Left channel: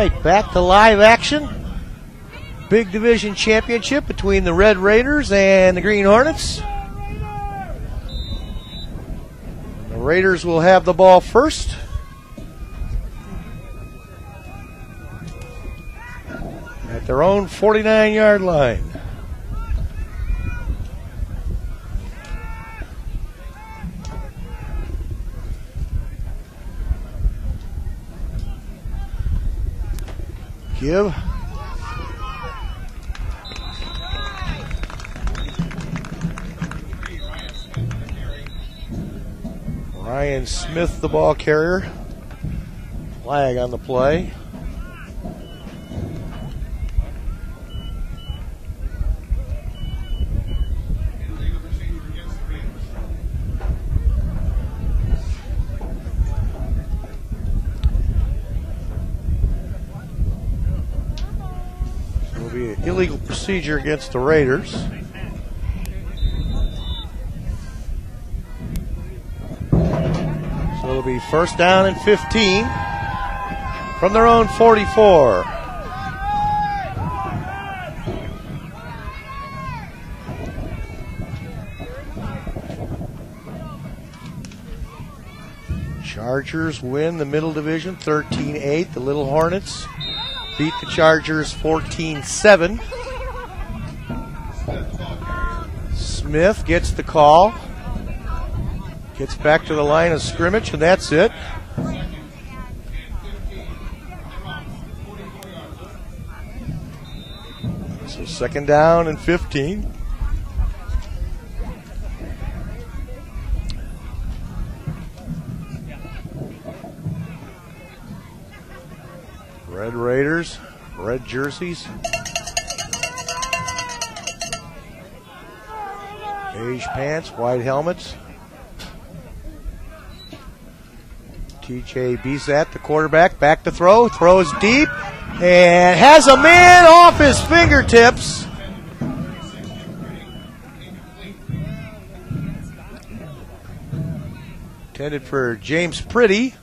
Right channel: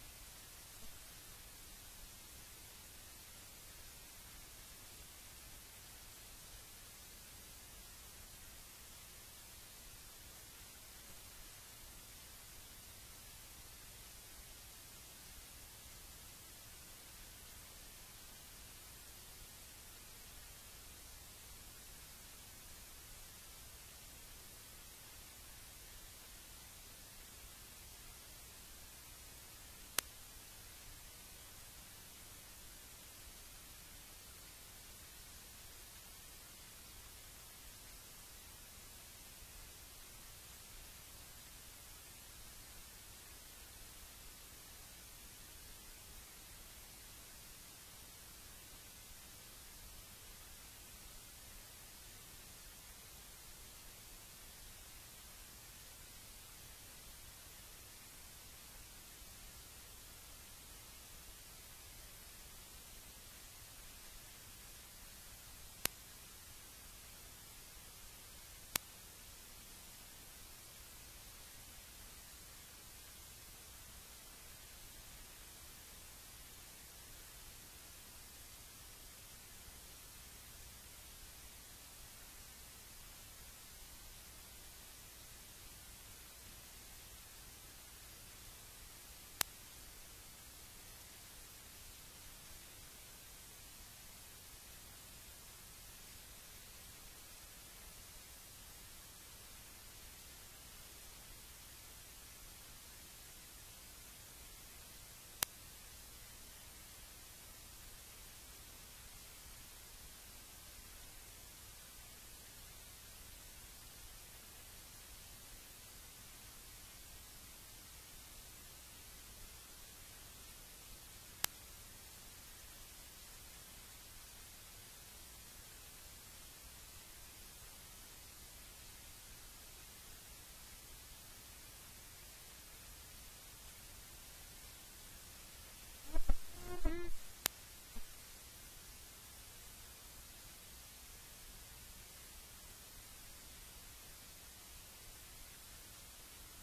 right, back to live action. Big division championship between the Red Raiders and the Green Hornets. The Raiders will have the ball first. At their own 49-yard line. Give. Ryan Smith, the ball carrier. Flag on the play. It will be an illegal procedure against the Raiders. It'll be first down and 15 from their own 44. Chargers win the Middle Division 13-8. The Little Hornets beat the Chargers 14-7. Smith gets the call. Gets back to the line of scrimmage, and that's it. So second down and 15. Red Raiders, red jerseys. Beige pants, white helmets. TJ Bizat, the quarterback, back to throw, throws deep, and has a man off his fingertips. Intended for James Pretty.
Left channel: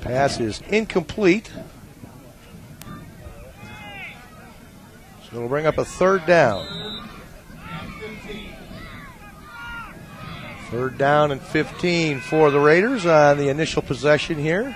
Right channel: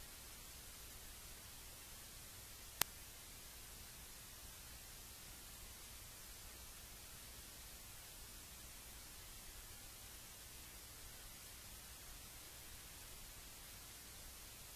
Pass is incomplete. So it'll bring up a third down. Third down and 15 for the Raiders on the initial possession here.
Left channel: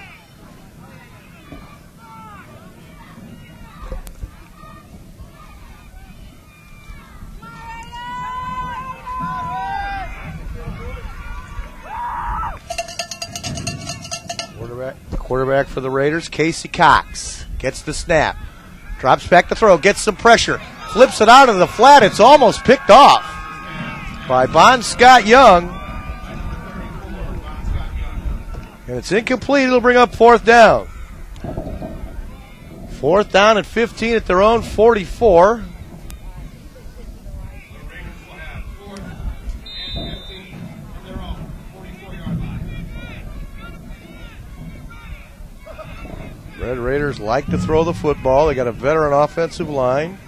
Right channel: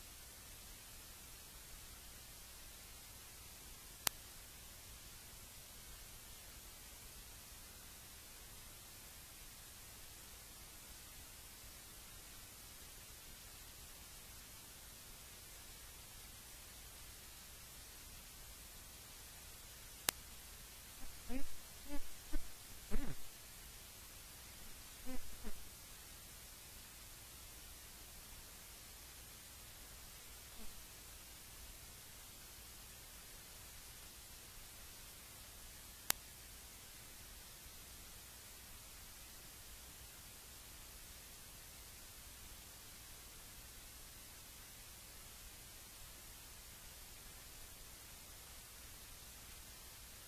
Quarterback for the Raiders, Casey Cox, gets the snap. Drops back to throw, gets some pressure. Flips it out of the flat. It's almost picked off by Bon Scott Young. And it's incomplete. It'll bring up fourth down. Fourth down and 15 at their own 44. Red Raiders like to throw the football. They got a veteran offensive line.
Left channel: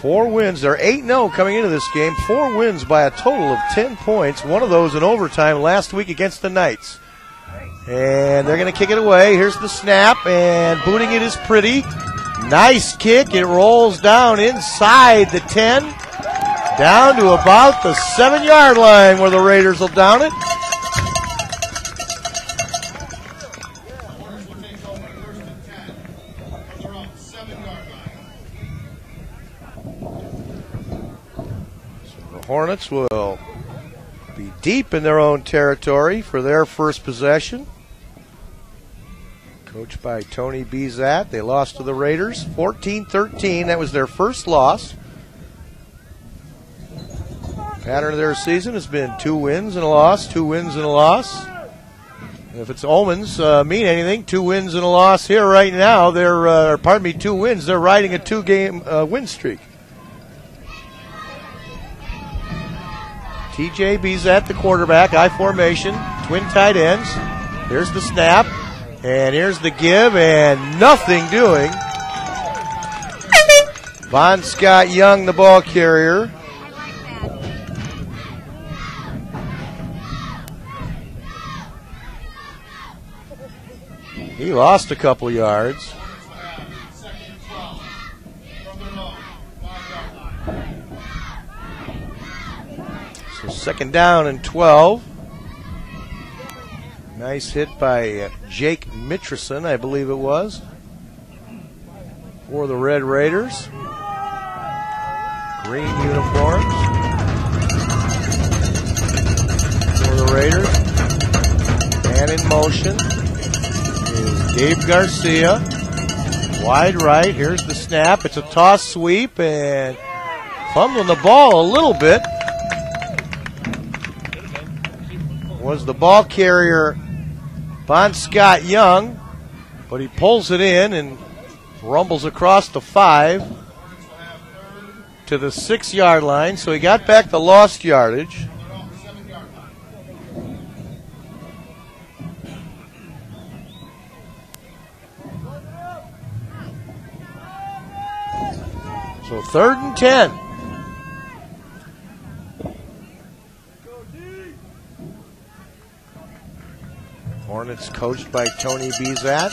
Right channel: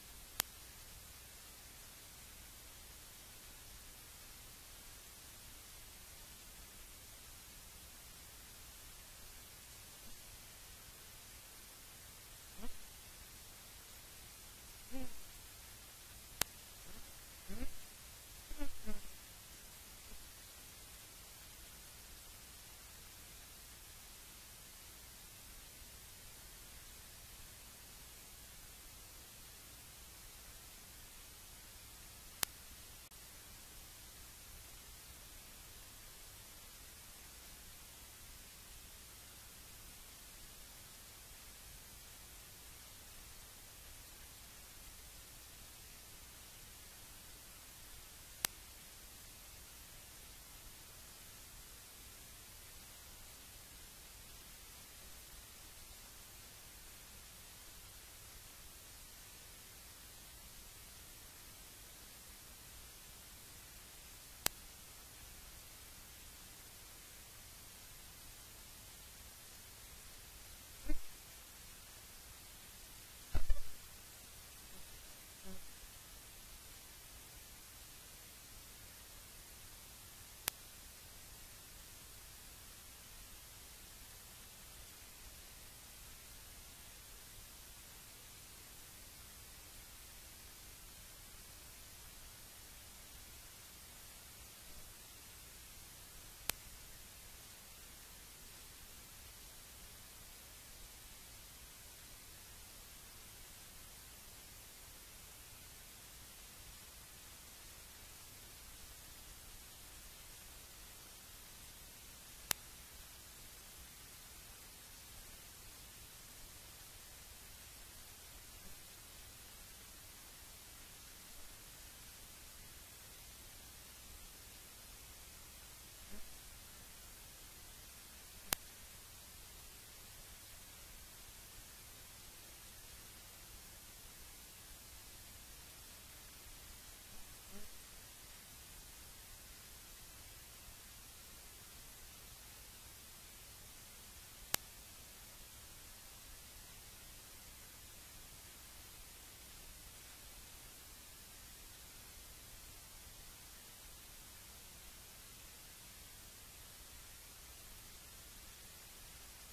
4 wins. They're 8-0 coming into this game. 4 wins by a total of 10 points. One of those in overtime last week against the Knights. And they're going to kick it away. Here's the snap, and booting it is Pretty. Nice kick. It rolls down inside the 10, down to about the 7-yard line where the Raiders will down it. So the Hornets will be deep in their own territory for their first possession. Coached by Tony Bizat. They lost to the Raiders 14-13. That was their first loss. Pattern of their season has been 2 wins and a loss, 2 wins and a loss. And if its omens mean anything, 2 wins and a loss here right now. They're, 2 wins. They're riding a 2-game win streak. TJ Bizat, the quarterback, I formation, twin tight ends. Here's the snap. And here's the give, and nothing doing. Bon Scott Young, the ball carrier. He lost a couple yards. So 2nd down and 12. Nice hit by Jake Mitchison, I believe it was, for the Red Raiders. Green uniforms for the Raiders. Man in motion is Gabe Garcia. Wide right. Here's the snap. It's a toss sweep and fumbling the ball a little bit was the ball carrier, Bon Scott Young, but he pulls it in and rumbles across the 5 to the 6-yard line. So he got back the lost yardage. So 3rd and 10. Hornets coached by Tony Bezat.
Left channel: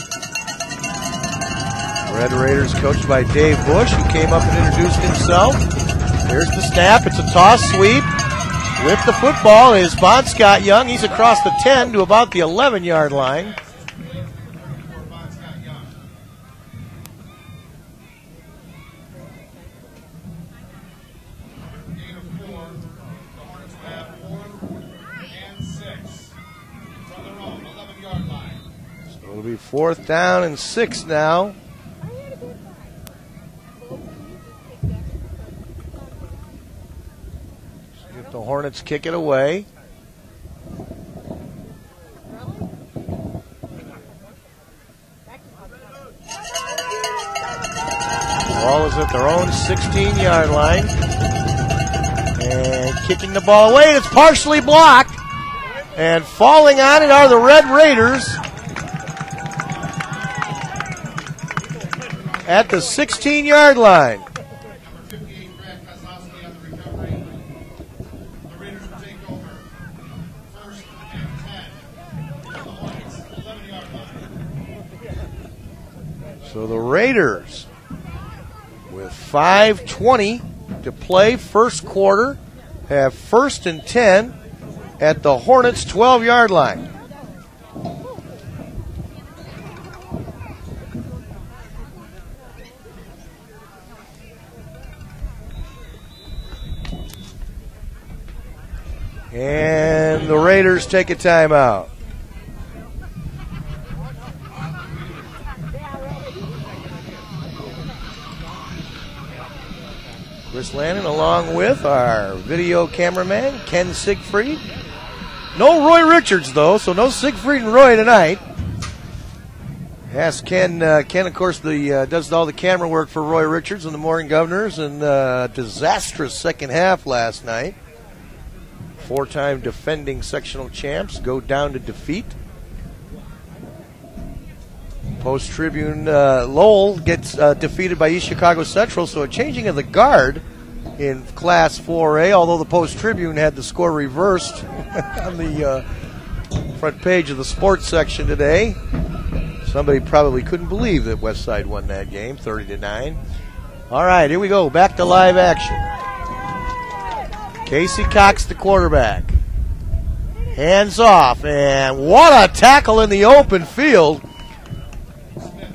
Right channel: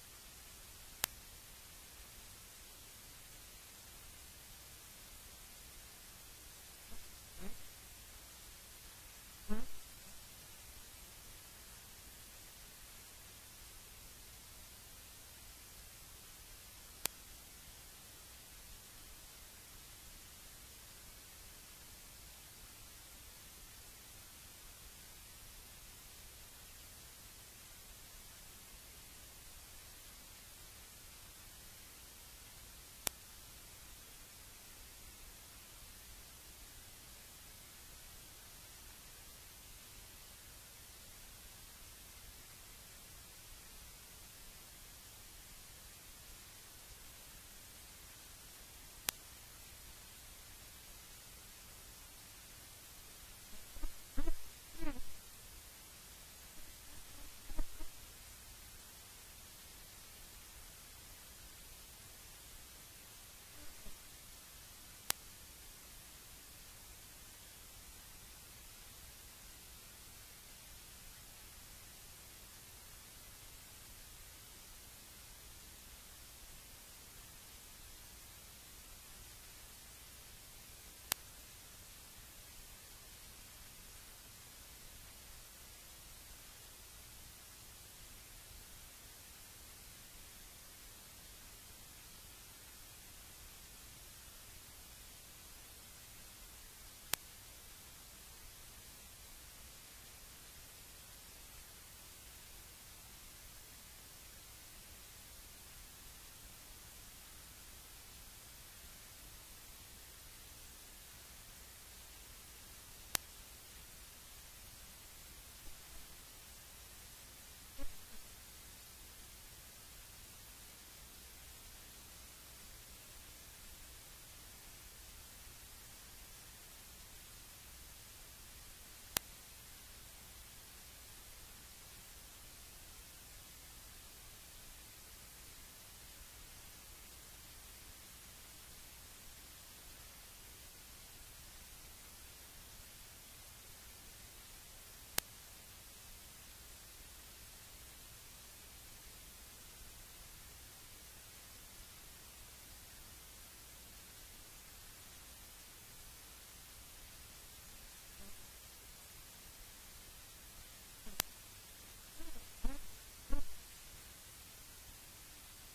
Red Raiders coached by Dave Bush, who came up and introduced himself. Here's the snap. It's a toss sweep. With the football is Bon Scott Young. He's across the 10 to about the 11-yard line. It'll be 4th down and 6 now. See if the Hornets kick it away. The ball is at their own 16-yard line. And kicking the ball away, and it's partially blocked. And falling on it are the Red Raiders at the 16-yard line. So the Raiders, with 5:20 to play, first quarter, have 1st and 10 at the Hornets' 12-yard line. And the Raiders take a timeout. Chris Lannon along with our video cameraman, Ken Siegfried. No Roy Richards, though, so no Siegfried and Roy tonight. Yes, Ken, of course, does all the camera work for Roy Richards and the Morgan Governors, and disastrous second half last night. 4-time defending sectional champs go down to defeat. Post-Tribune, Lowell gets defeated by East Chicago Central, so a changing of the guard in Class 4A, although the Post-Tribune had the score reversed on the front page of the sports section today. Somebody probably couldn't believe that Westside won that game, 30-9. All right, here we go, back to live action. Casey Cox, the quarterback. Hands off, and what a tackle in the open field.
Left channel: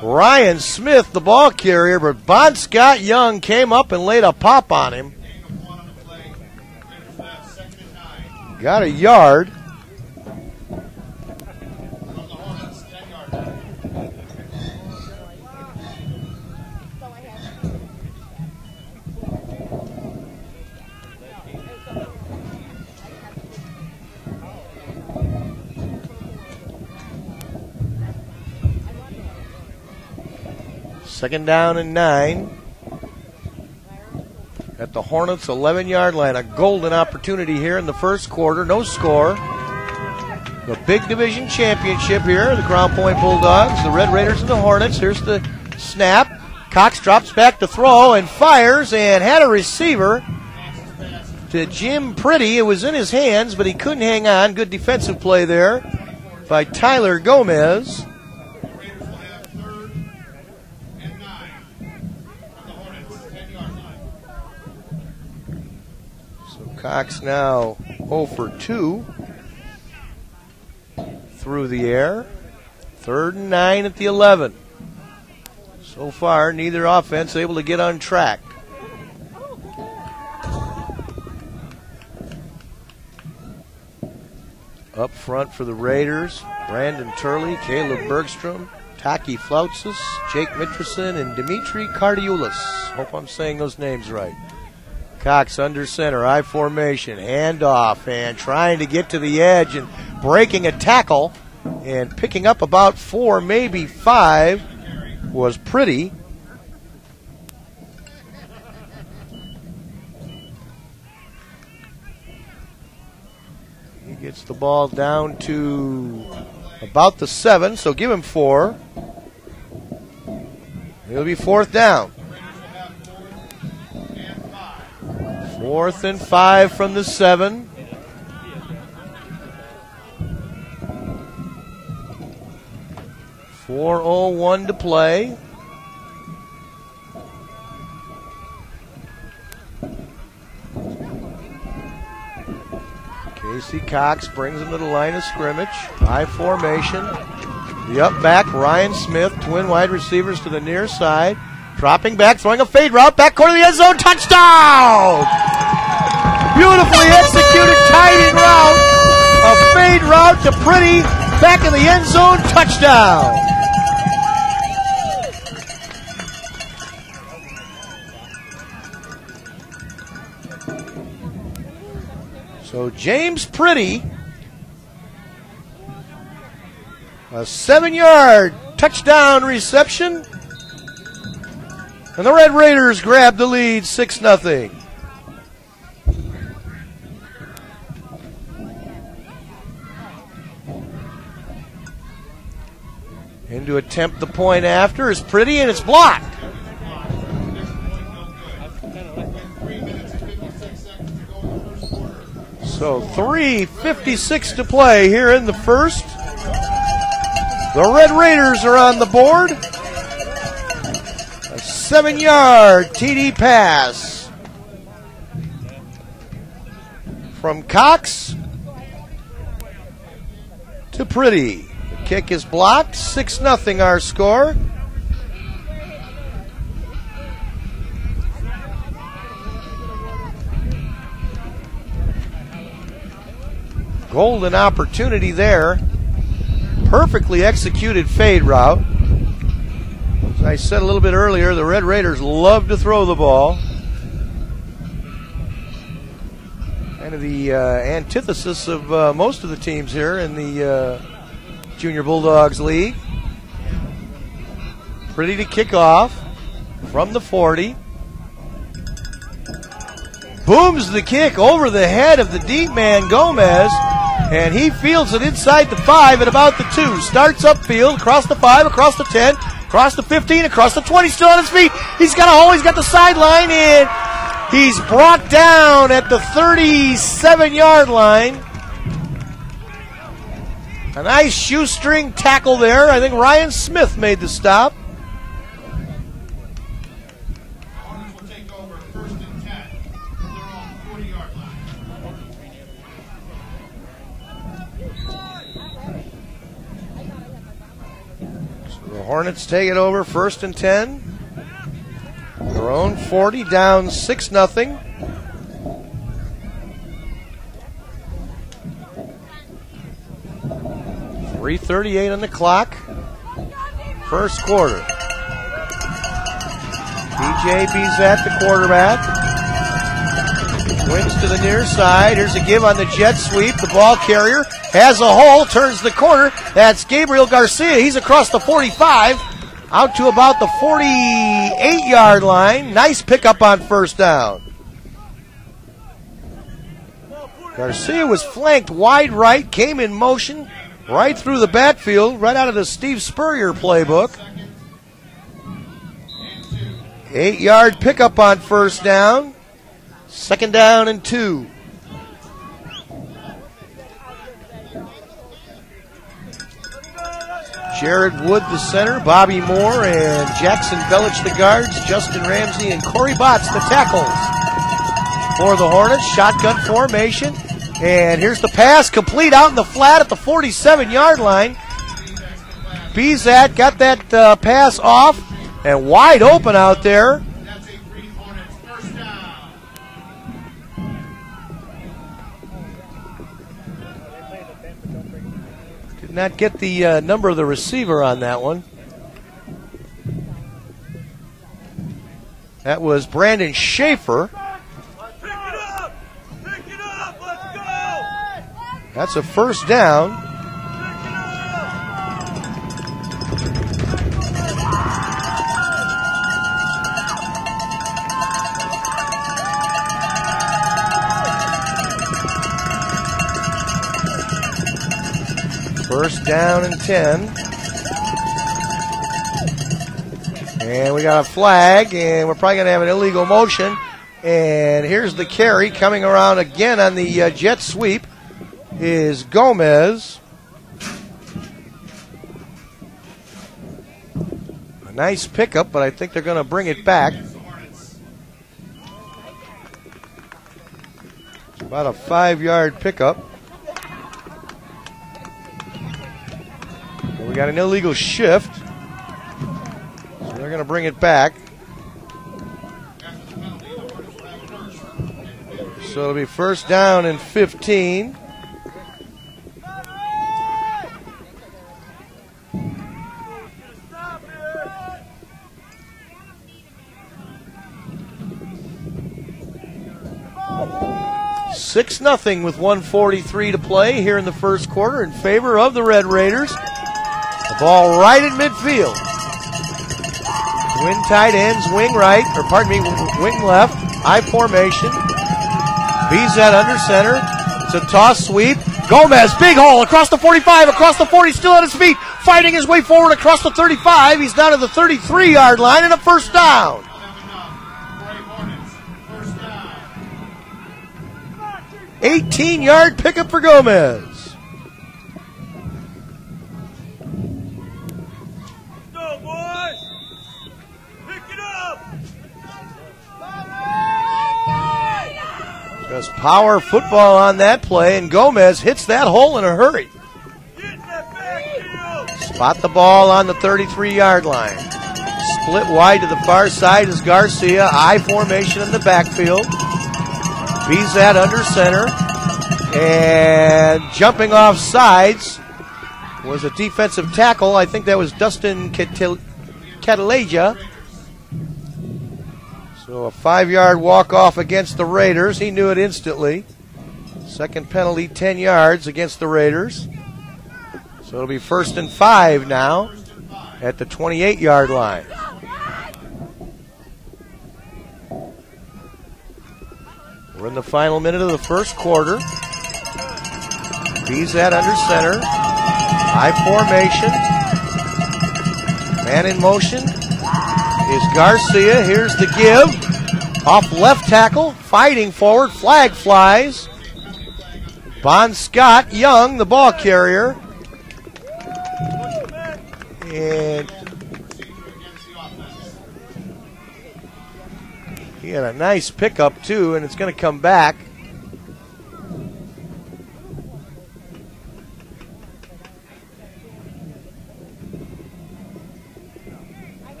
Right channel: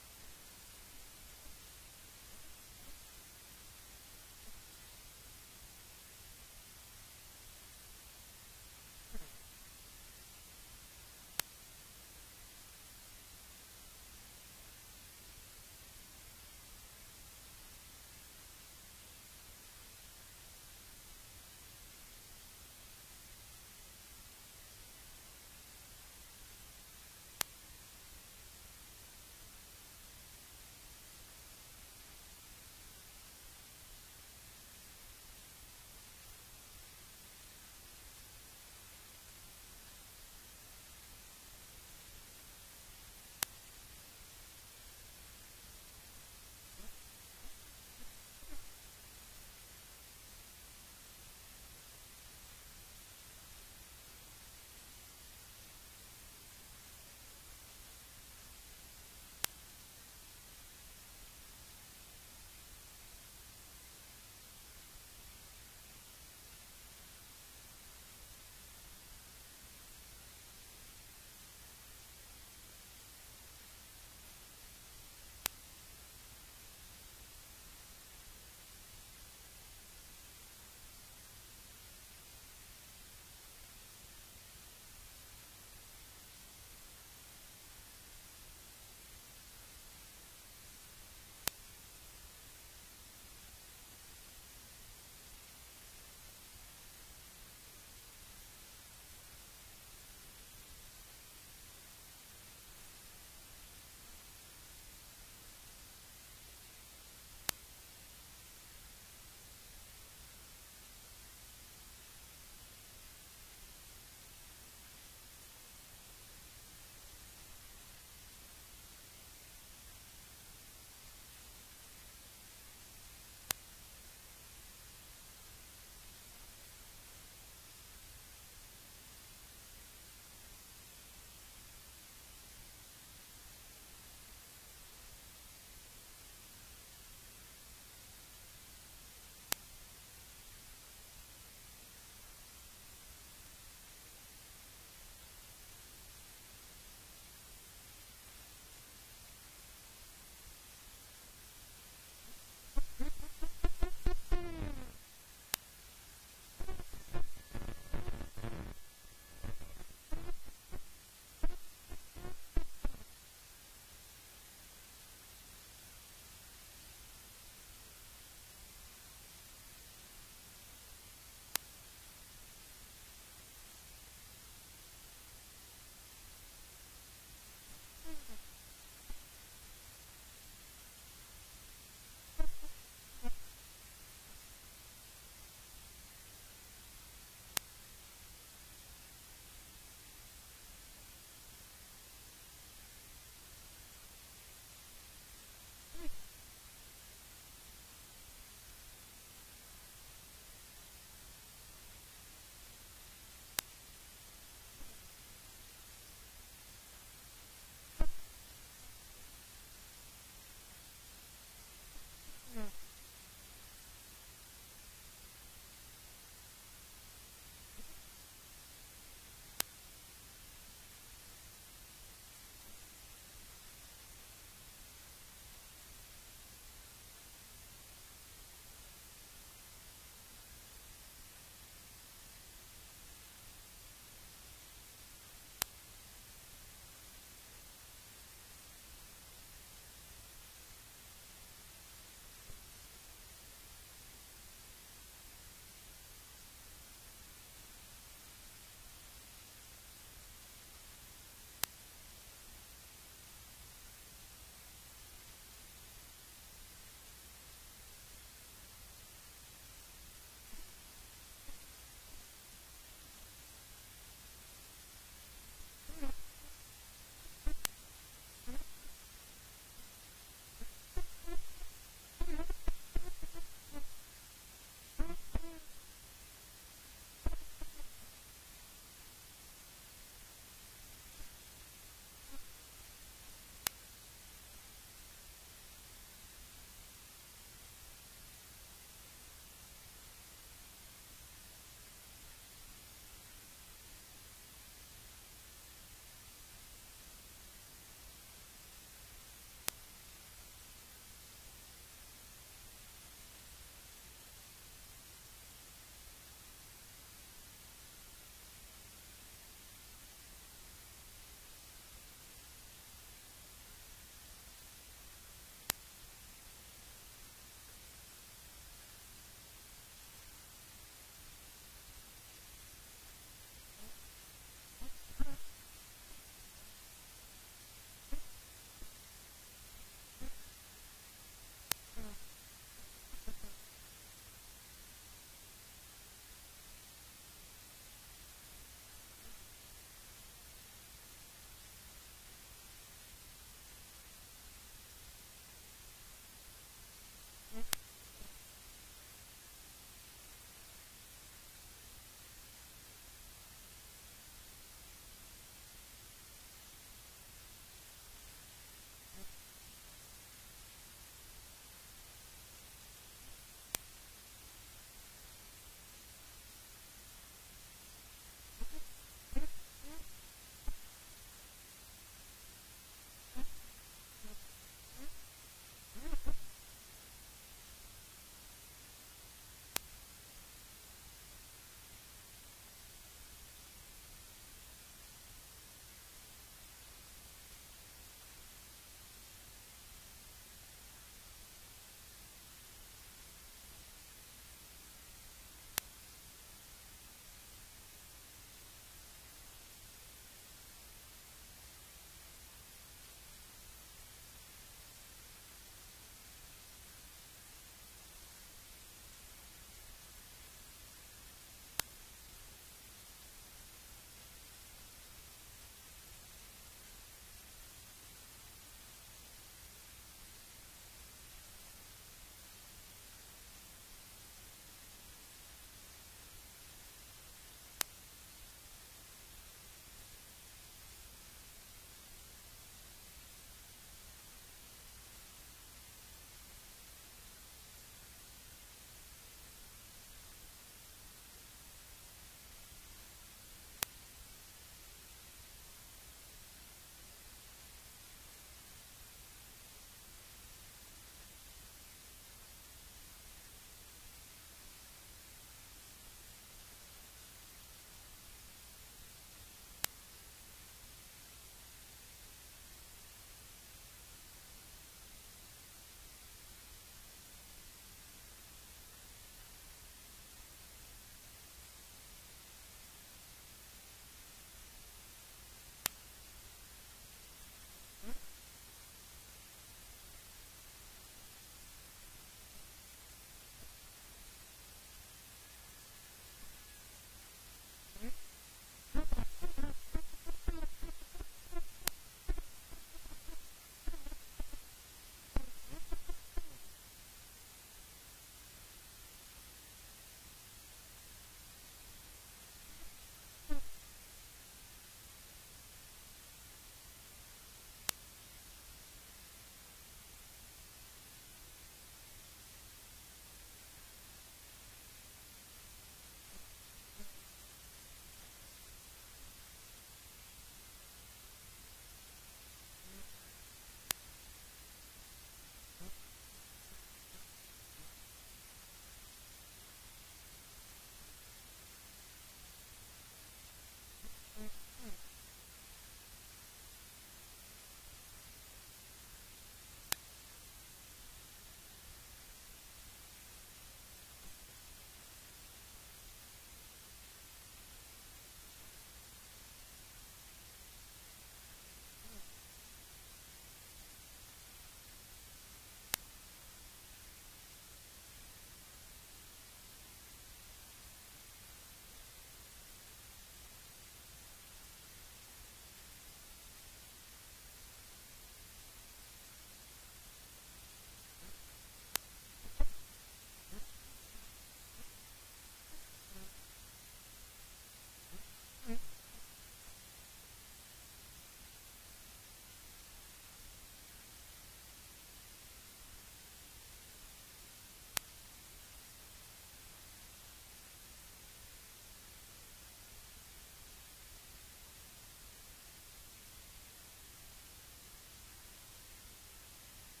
Ryan Smith, the ball carrier, but Bon Scott Young came up and laid a pop on him. Got a yard. Second down and 9 at the Hornets' 11-yard line. A golden opportunity here in the first quarter. No score. The big division championship here, the Crown Point Bulldogs, the Red Raiders, and the Hornets. Here's the snap. Cox drops back to throw and fires and had a receiver to Jim Pretty. It was in his hands, but he couldn't hang on. Good defensive play there by Tyler Gomez. Cox now 0 for 2 through the air. 3rd and 9 at the 11. So far, neither offense able to get on track. Up front for the Raiders, Brandon Turley, Caleb Bergstrom, Taki Flautsis, Jake Mitrison, and Dimitri Cardioulis. Hope I'm saying those names right. Cox under center, I formation, handoff, and trying to get to the edge and breaking a tackle and picking up about 4, maybe 5 was Pretty. He gets the ball down to about the 7, so give him 4. It'll be 4th down. 4th and 5 from the 7. .401 to play. Casey Cox brings him to the line of scrimmage. High formation. The up back, Ryan Smith, twin wide receivers to the near side. Dropping back, throwing a fade route, back corner of the end zone, touchdown! Beautifully executed tight route. A fade route to Pretty, back in the end zone, touchdown! So James Pretty, a 7-yard touchdown reception, and the Red Raiders grab the lead 6-0. In to attempt the point after is Pretty, and it's blocked. So 3:56 to play here in the first. The Red Raiders are on the board. A 7-yard TD pass from Cox to Pretty. The kick is blocked. 6-0 our score. Golden opportunity there. Perfectly executed fade route. As I said a little bit earlier, the Red Raiders love to throw the ball. Kind of the antithesis of most of the teams here in the Junior Bulldogs League. Pretty to kick off from the 40. Booms the kick over the head of the deep man Gomez, and he fields it inside the 5 at about the 2. Starts upfield, across the 5, across the 10, across the 15, across the 20, still on his feet. He's got a hole, he's got the sideline, and he's brought down at the 37-yard line. A nice shoestring tackle there. I think Ryan Smith made the stop. Hornets take it over, 1st and 10. Their own 40, down 6-0. .338 on the clock. First quarter. TJ Bezat, the quarterback. Wings to the near side. Here's a give on the jet sweep. The ball carrier has a hole, turns the corner. That's Gabriel Garcia. He's across the 45, out to about the 48-yard line. Nice pickup on 1st down. Garcia was flanked wide right, came in motion right through the backfield, right out of the Steve Spurrier playbook. 8-yard pickup on 1st down. 2nd down and 2. Jared Wood, the center, Bobby Moore, and Jackson Bellich, the guards, Justin Ramsey, and Corey Botts, the tackles. for the Hornets. Shotgun formation. And here's the pass, complete out in the flat at the 47-yard line. Bizat got that pass off and wide open out there. Did not get the number of the receiver on that one. That was Brandon Schaefer. That's a first down. First down and 10. And we got a flag, and we're probably going to have an illegal motion. And here's the carry coming around again on the jet sweep is Gomez. A nice pickup, but I think they're going to bring it back. It's about a 5-yard pickup. And we got an illegal shift. So they're going to bring it back. So it'll be first down and 15. Six 0 with 1:43 to play here in the first quarter in favor of the Red Raiders. The ball right at midfield. Twin tight ends, wing right, or pardon me, wing left, I formation. Bizat under center. It's a toss sweep. Gomez, big hole across the 45, across the 40, still on his feet, fighting his way forward across the 35. He's down to the 33-yard line and a first down. 18-yard pickup for Gomez. Go, boys! Pick it up! Just power football on that play, and Gomez hits that hole in a hurry. Spot the ball on the 33-yard line. Split wide to the far side is Garcia. I formation in the backfield. Bizat under center, and jumping off sides was a defensive tackle. I think that was Dustin Cataleja. So a 5-yard walk-off against the Raiders. He knew it instantly. Second penalty, 10 yards against the Raiders. So it'll be first and 5 now at the 28-yard line. We're in the final minute of the first quarter. Bizat under center. I formation. Man in motion is Garcia. Here's the give. Off left tackle. Fighting forward. Flag flies. Bon Scott Young, the ball carrier. And he had a nice pickup, too, and it's going to come back.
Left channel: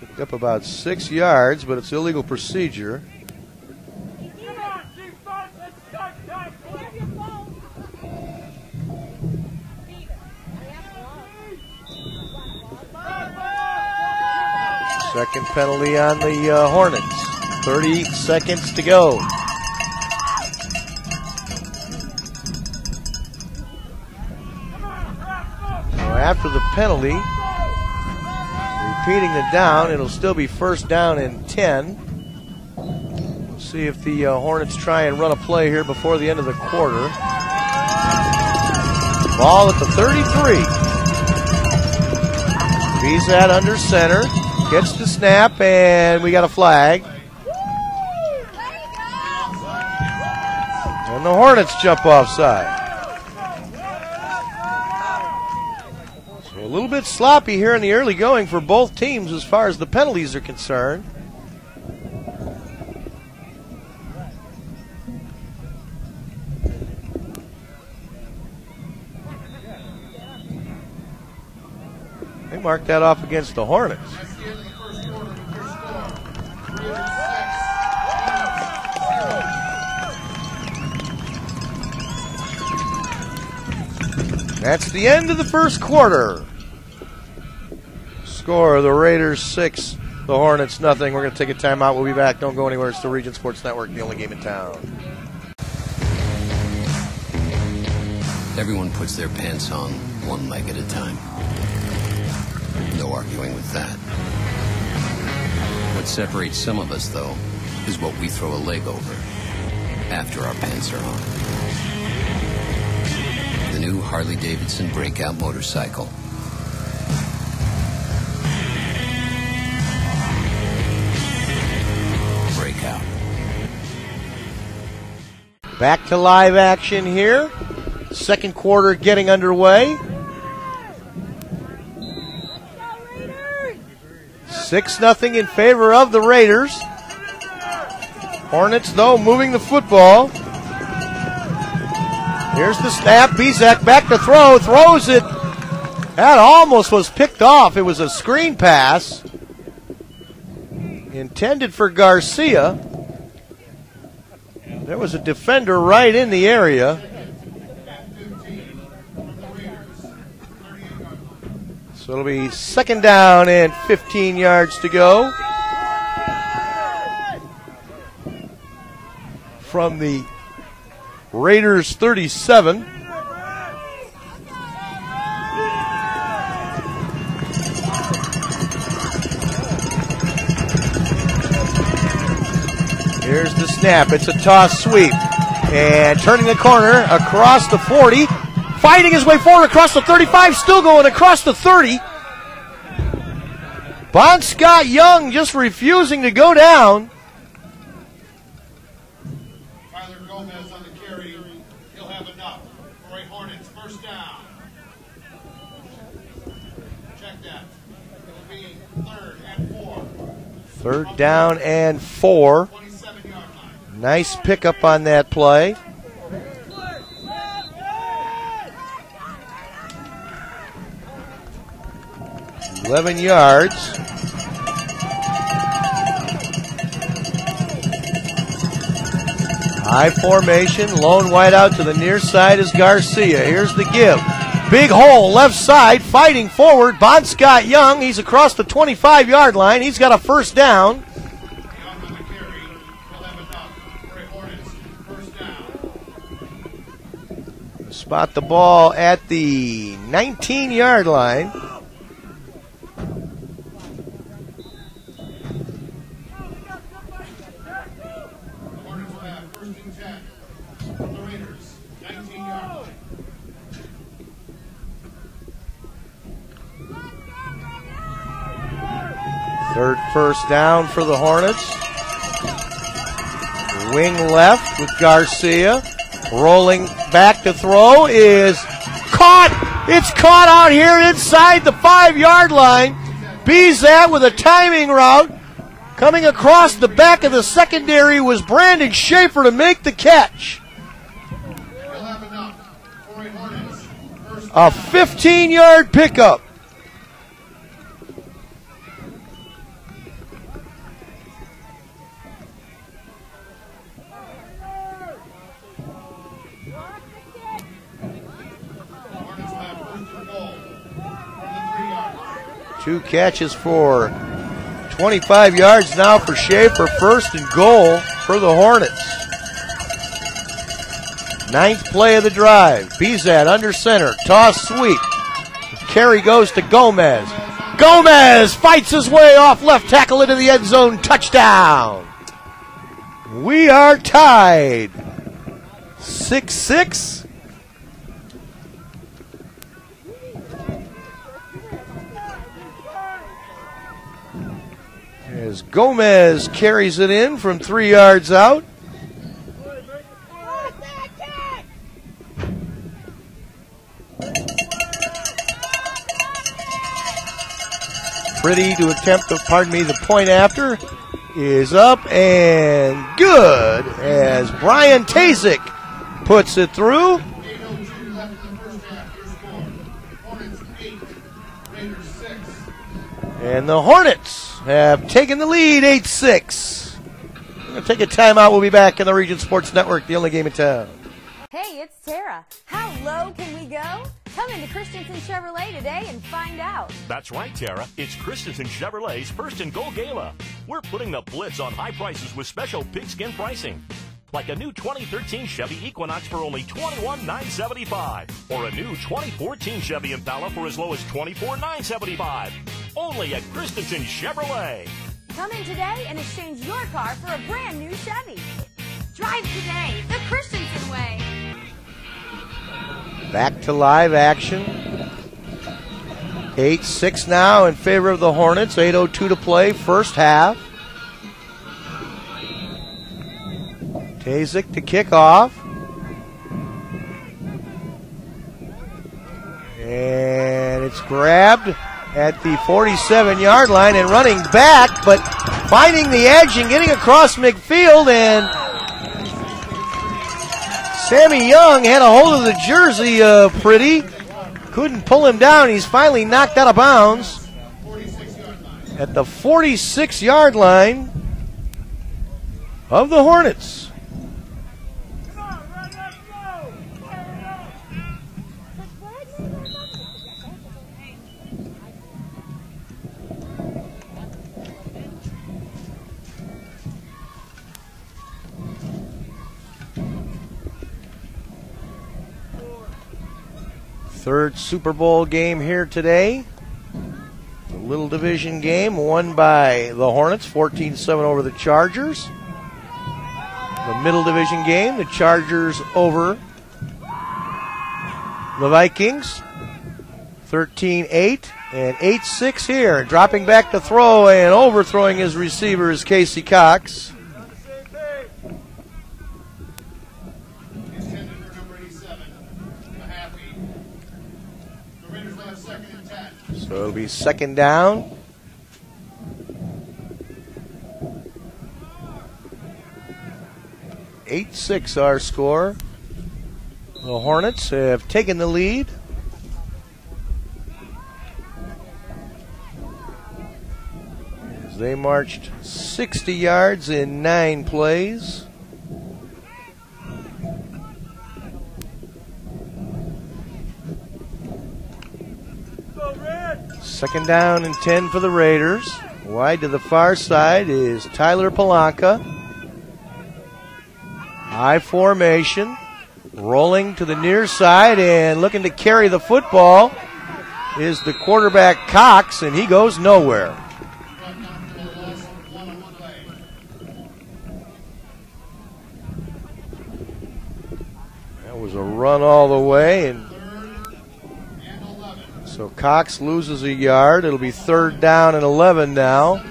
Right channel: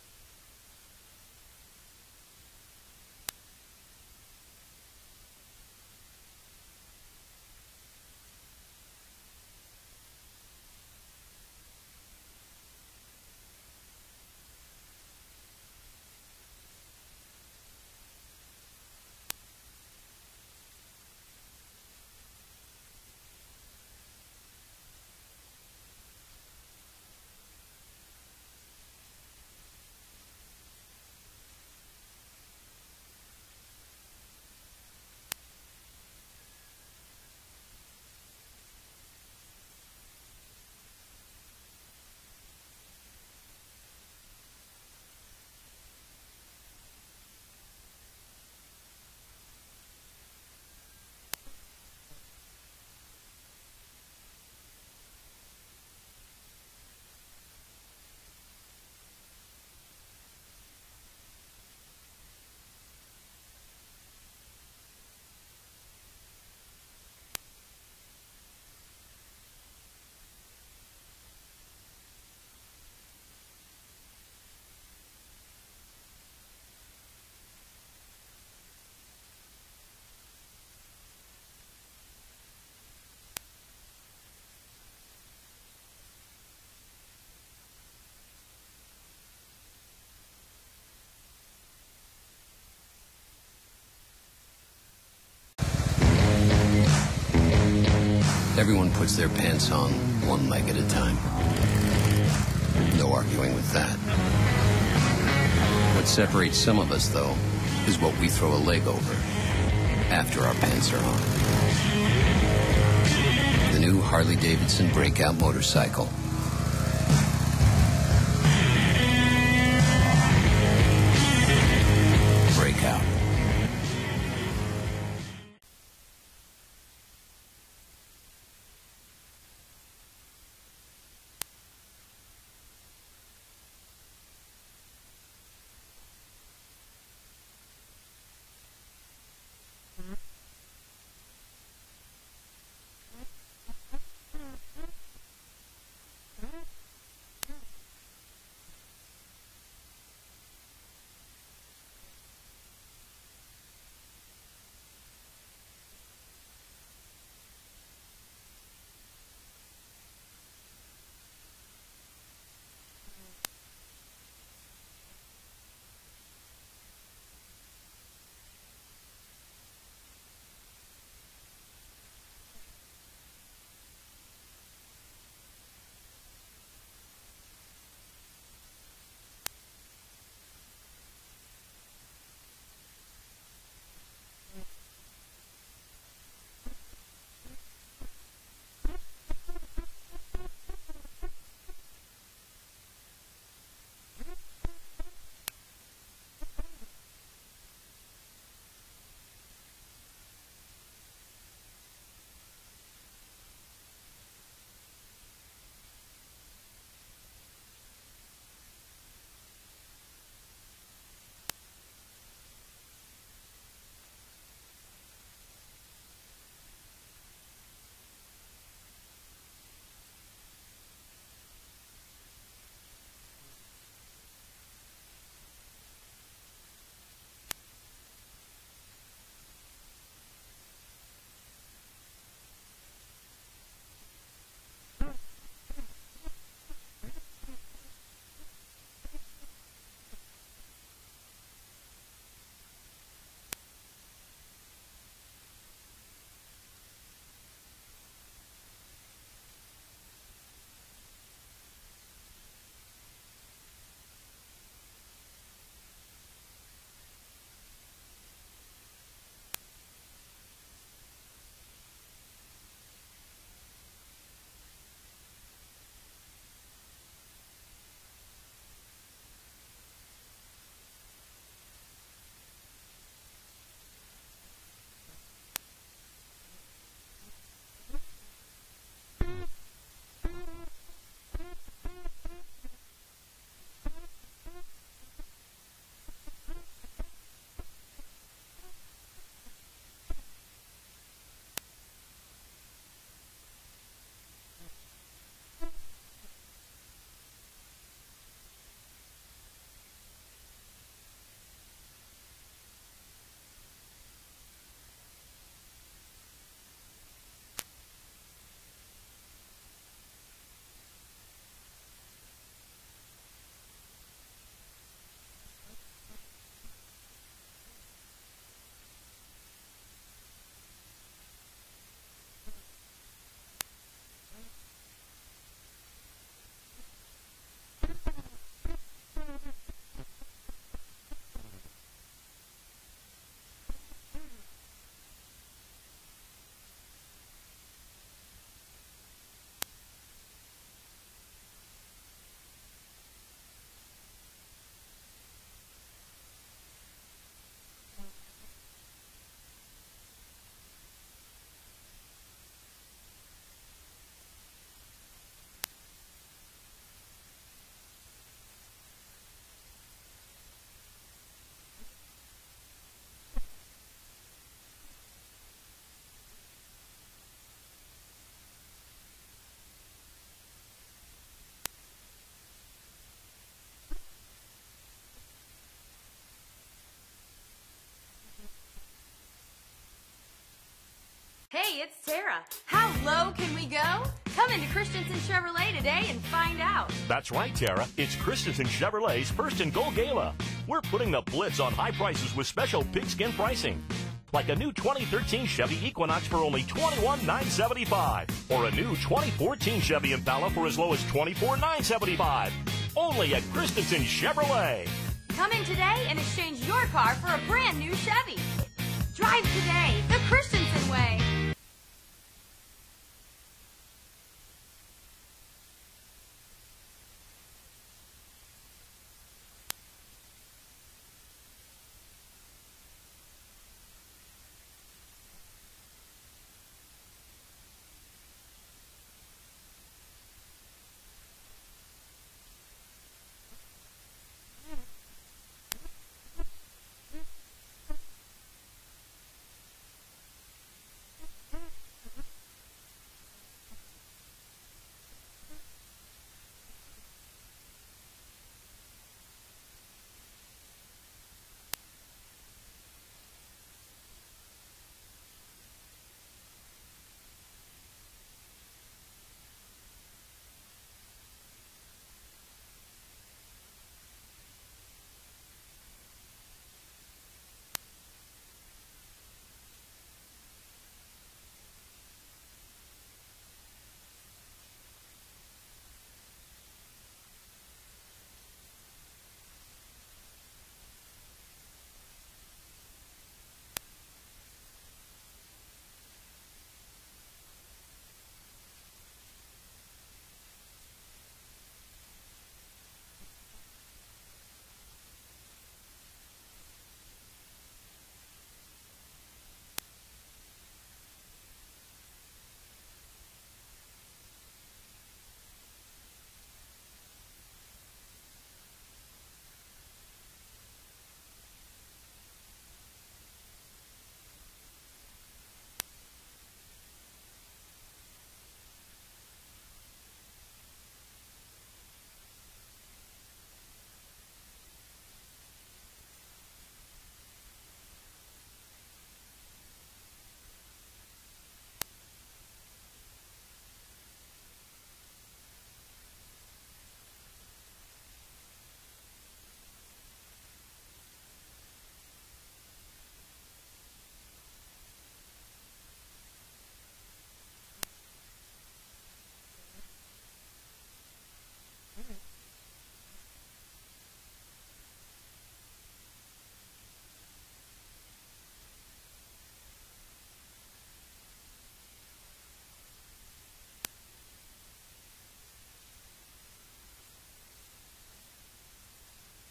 Picked up about 6 yards, but it's illegal procedure. Second penalty on the Hornets. 30 seconds to go. So after the penalty, repeating the down, it'll still be first down and 10. We'll see if the Hornets try and run a play here before the end of the quarter. Ball at the 33. Bizat under center. Gets the snap, and we got a flag. And the Hornets jump offside. So a little bit sloppy here in the early going for both teams as far as the penalties are concerned. mark that off against the Hornets. That's the end of the first quarter. Score, the Raiders 6, the Hornets nothing. We're going to take a timeout. We'll be back. Don't go anywhere. It's the Region Sports Network, the only game in town. Everyone puts their pants on one leg at a time. No arguing with that. What separates some of us, though, is what we throw a leg over after our pants are on. The new Harley-Davidson Breakout motorcycle. Breakout. Back to live action here. Second quarter getting underway. 6-0 in favor of the Raiders. Hornets, though, moving the football. Here's the snap. Bizak back to throw. Throws it. That almost was picked off. It was a screen pass intended for Garcia. There was a defender right in the area. So it'll be second down and 15 yards to go from the Raiders 37. Here's the snap. It's a toss sweep. And turning the corner across the 40. Fighting his way forward across the 35. Still going across the 30. Bon Scott Young just refusing to go down. Third down and 4. Nice pickup on that play. $11 yards. High formation, lone wide out to the near side is Garcia. Here's the give. Big hole, left side, fighting forward. Bon Scott Young, he's across the 25-yard line. He's got a first down. Spot the ball at the 19-yard line. Third first down for the Hornets. Wing left with Garcia. Rolling back to throw is caught. It's caught out here inside the 5-yard line. Bizat with a timing route. Coming across the back of the secondary was Brandon Schaefer to make the catch. A 15-yard pickup. Two catches for 25 yards now for Schaefer. First and goal for the Hornets. Ninth play of the drive. Bizat under center. Toss sweep. Carry goes to Gomez. Gomez fights his way off left tackle into the end zone. Touchdown. We are tied. 6-6. As Gomez carries it in from 3 yards out. Pretty to attempt the, the point after is up and good as Brian Tazik puts it through. And the Hornets have taken the lead 8-6. We're going to take a timeout. We'll be back in the Region Sports Network, the only game in town. Hey, it's Tara. How low can we go? Come into Christensen Chevrolet today and find out. That's right, Tara. It's Christensen Chevrolet's First and Goal Gala. We're putting the blitz on high prices with special pigskin pricing. Like a new 2013 Chevy Equinox for only $21,975. Or a new 2014 Chevy Impala for as low as $24,975. Only at Christensen Chevrolet. Come in today and exchange your car for a brand new Chevy. Drive today, the Christensen way. Back to live action. 8-6 now in favor of the Hornets. 8:02 to play, first half. Tazik to kick off. And it's grabbed at the 47-yard line and running back, but finding the edge and getting across midfield, and Sammy Young had a hold of the jersey pretty. Couldn't pull him down. He's finally knocked out of bounds at the 46-yard line of the Hornets. Third Super Bowl game here today. The Little Division game won by the Hornets, 14-7 over the Chargers. The Middle Division game, the Chargers over the Vikings, 13-8 and 8-6 here. Dropping back to throw and overthrowing his receiver is Casey Cox. So it'll be second down. (8-6) our score. The Hornets have taken the lead. As they marched 60 yards in 9 plays. Second down and 10 for the Raiders. Wide to the far side is Tyler Palanca. High formation. Rolling to the near side and looking to carry the football is the quarterback Cox, and he goes nowhere. That was a run all the way, and so Cox loses a yard. It'll be third down and 11 now.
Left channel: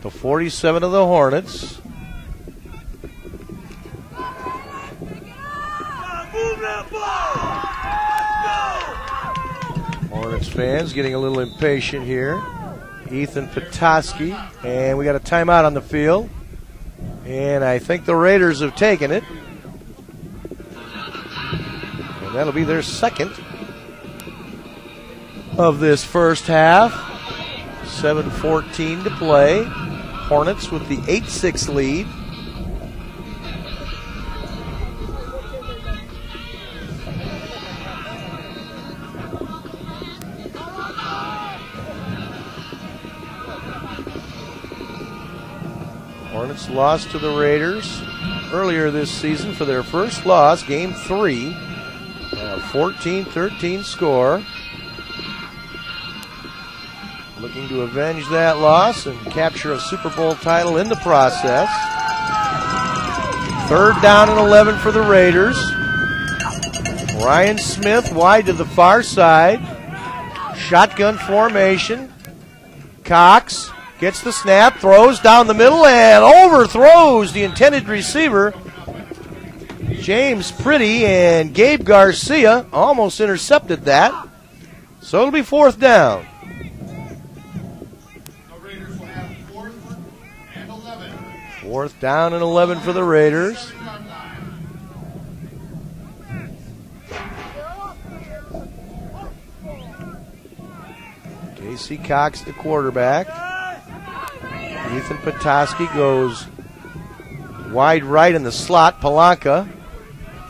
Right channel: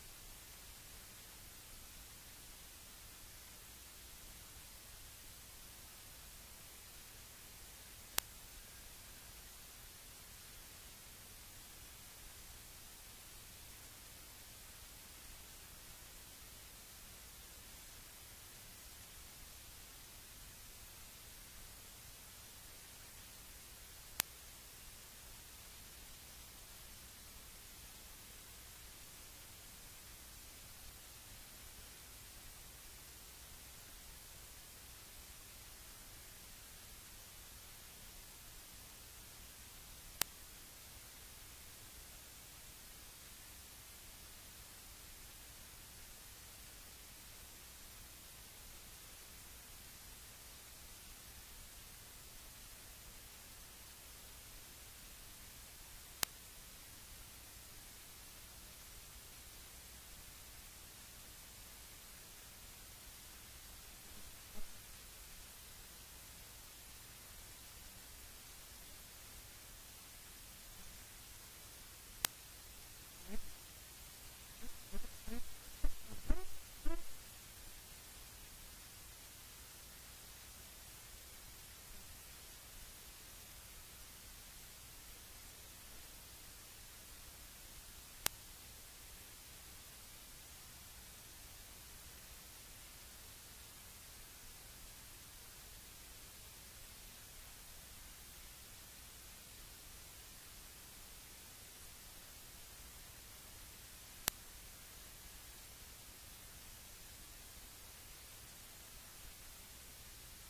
The 47 of the Hornets. Hornets fans getting a little impatient here. Ethan Petoskey, and we got a timeout on the field. And I think the Raiders have taken it. And that'll be their second of this first half. 7:14 to play. Hornets with the 8-6 lead. Hornets lost to the Raiders earlier this season for their first loss, game 3. 14-13 score. Looking to avenge that loss and capture a Super Bowl title in the process. Third down and 11 for the Raiders. Ryan Smith wide to the far side. Shotgun formation. Cox gets the snap, throws down the middle, and overthrows the intended receiver. James Pretty and Gabe Garcia almost intercepted that. So it'll be fourth down. Fourth down and 11 for the Raiders. Casey Cox, the quarterback. Ethan Petoskey goes wide right in the slot. Palanca.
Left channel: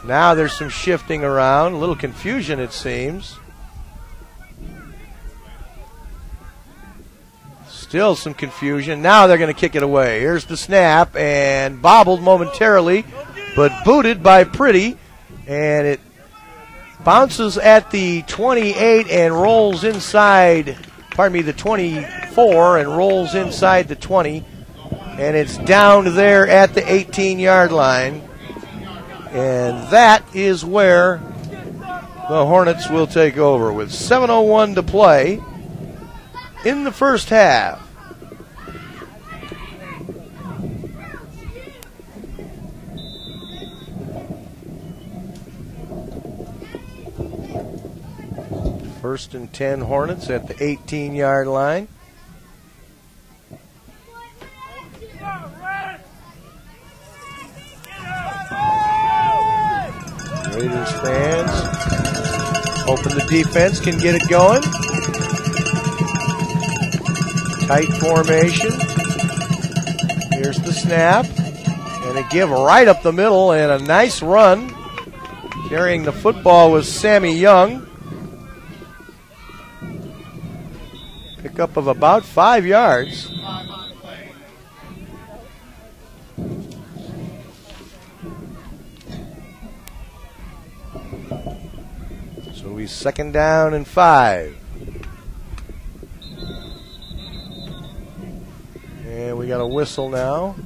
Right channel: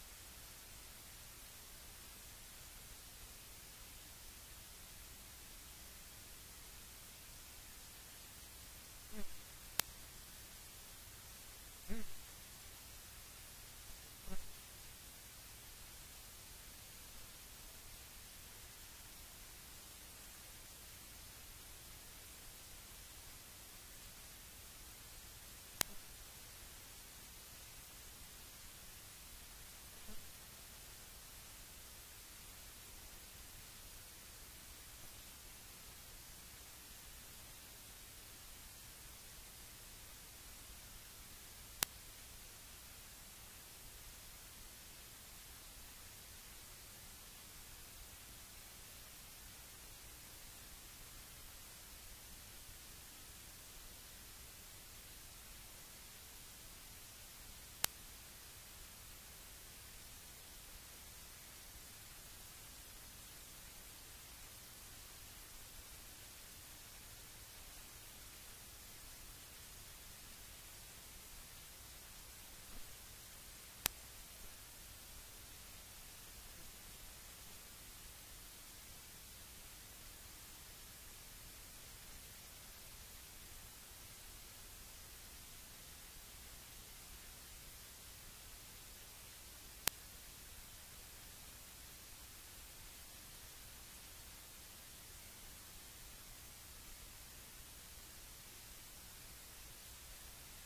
Now there's some shifting around. A little confusion, it seems. Still some confusion. Now they're going to kick it away. Here's the snap, and bobbled momentarily, but booted by Pretty. And it bounces at the 28 and rolls inside, the 24, and rolls inside the 20. And it's down there at the 18-yard line. And that is where the Hornets will take over with 7:01 to play in the first half. First and 10 Hornets at the 18-yard line. Raiders fans hoping the defense can get it going. Tight formation. Here's the snap. And a give right up the middle and a nice run. Carrying the football was Sammy Young. Pickup of about 5 yards. So we 2nd down and 5. And we got a whistle now.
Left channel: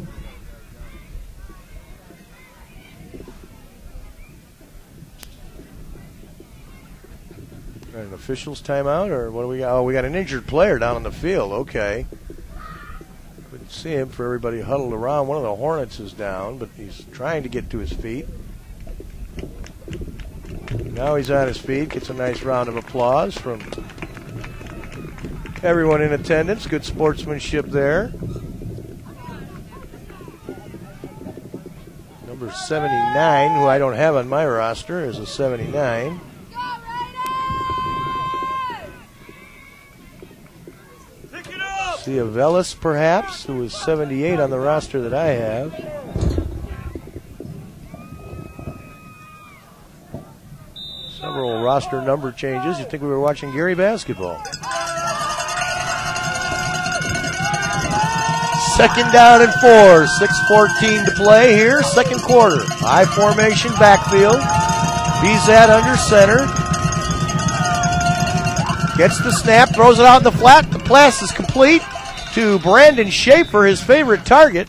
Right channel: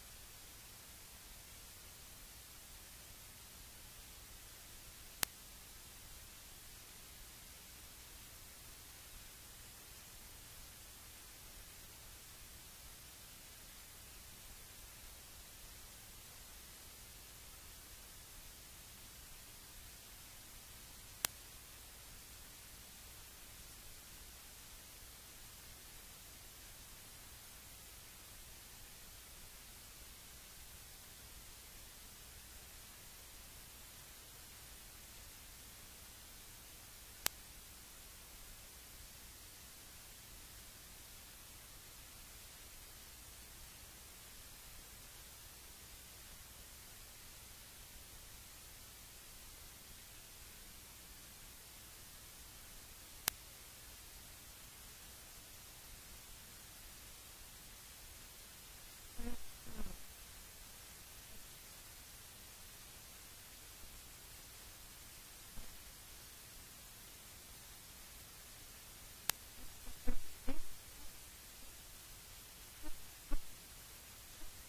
An official's timeout, or what do we got? Oh, we got an injured player down on the field. Okay. Couldn't see him for everybody huddled around. One of the Hornets is down, but he's trying to get to his feet. Now he's on his feet. Gets a nice round of applause from everyone in attendance. Good sportsmanship there. Number 79, who I don't have on my roster, is a 79. Velis, perhaps, who is 78 on the roster that I have. Several roster number changes. You'd think we were watching Gary basketball. 2nd down and 4. 6:14 to play here. 2nd quarter. I formation backfield. Bizat under center. Gets the snap, throws it out in the flat. The pass is complete to Brandon Schaefer, his favorite target,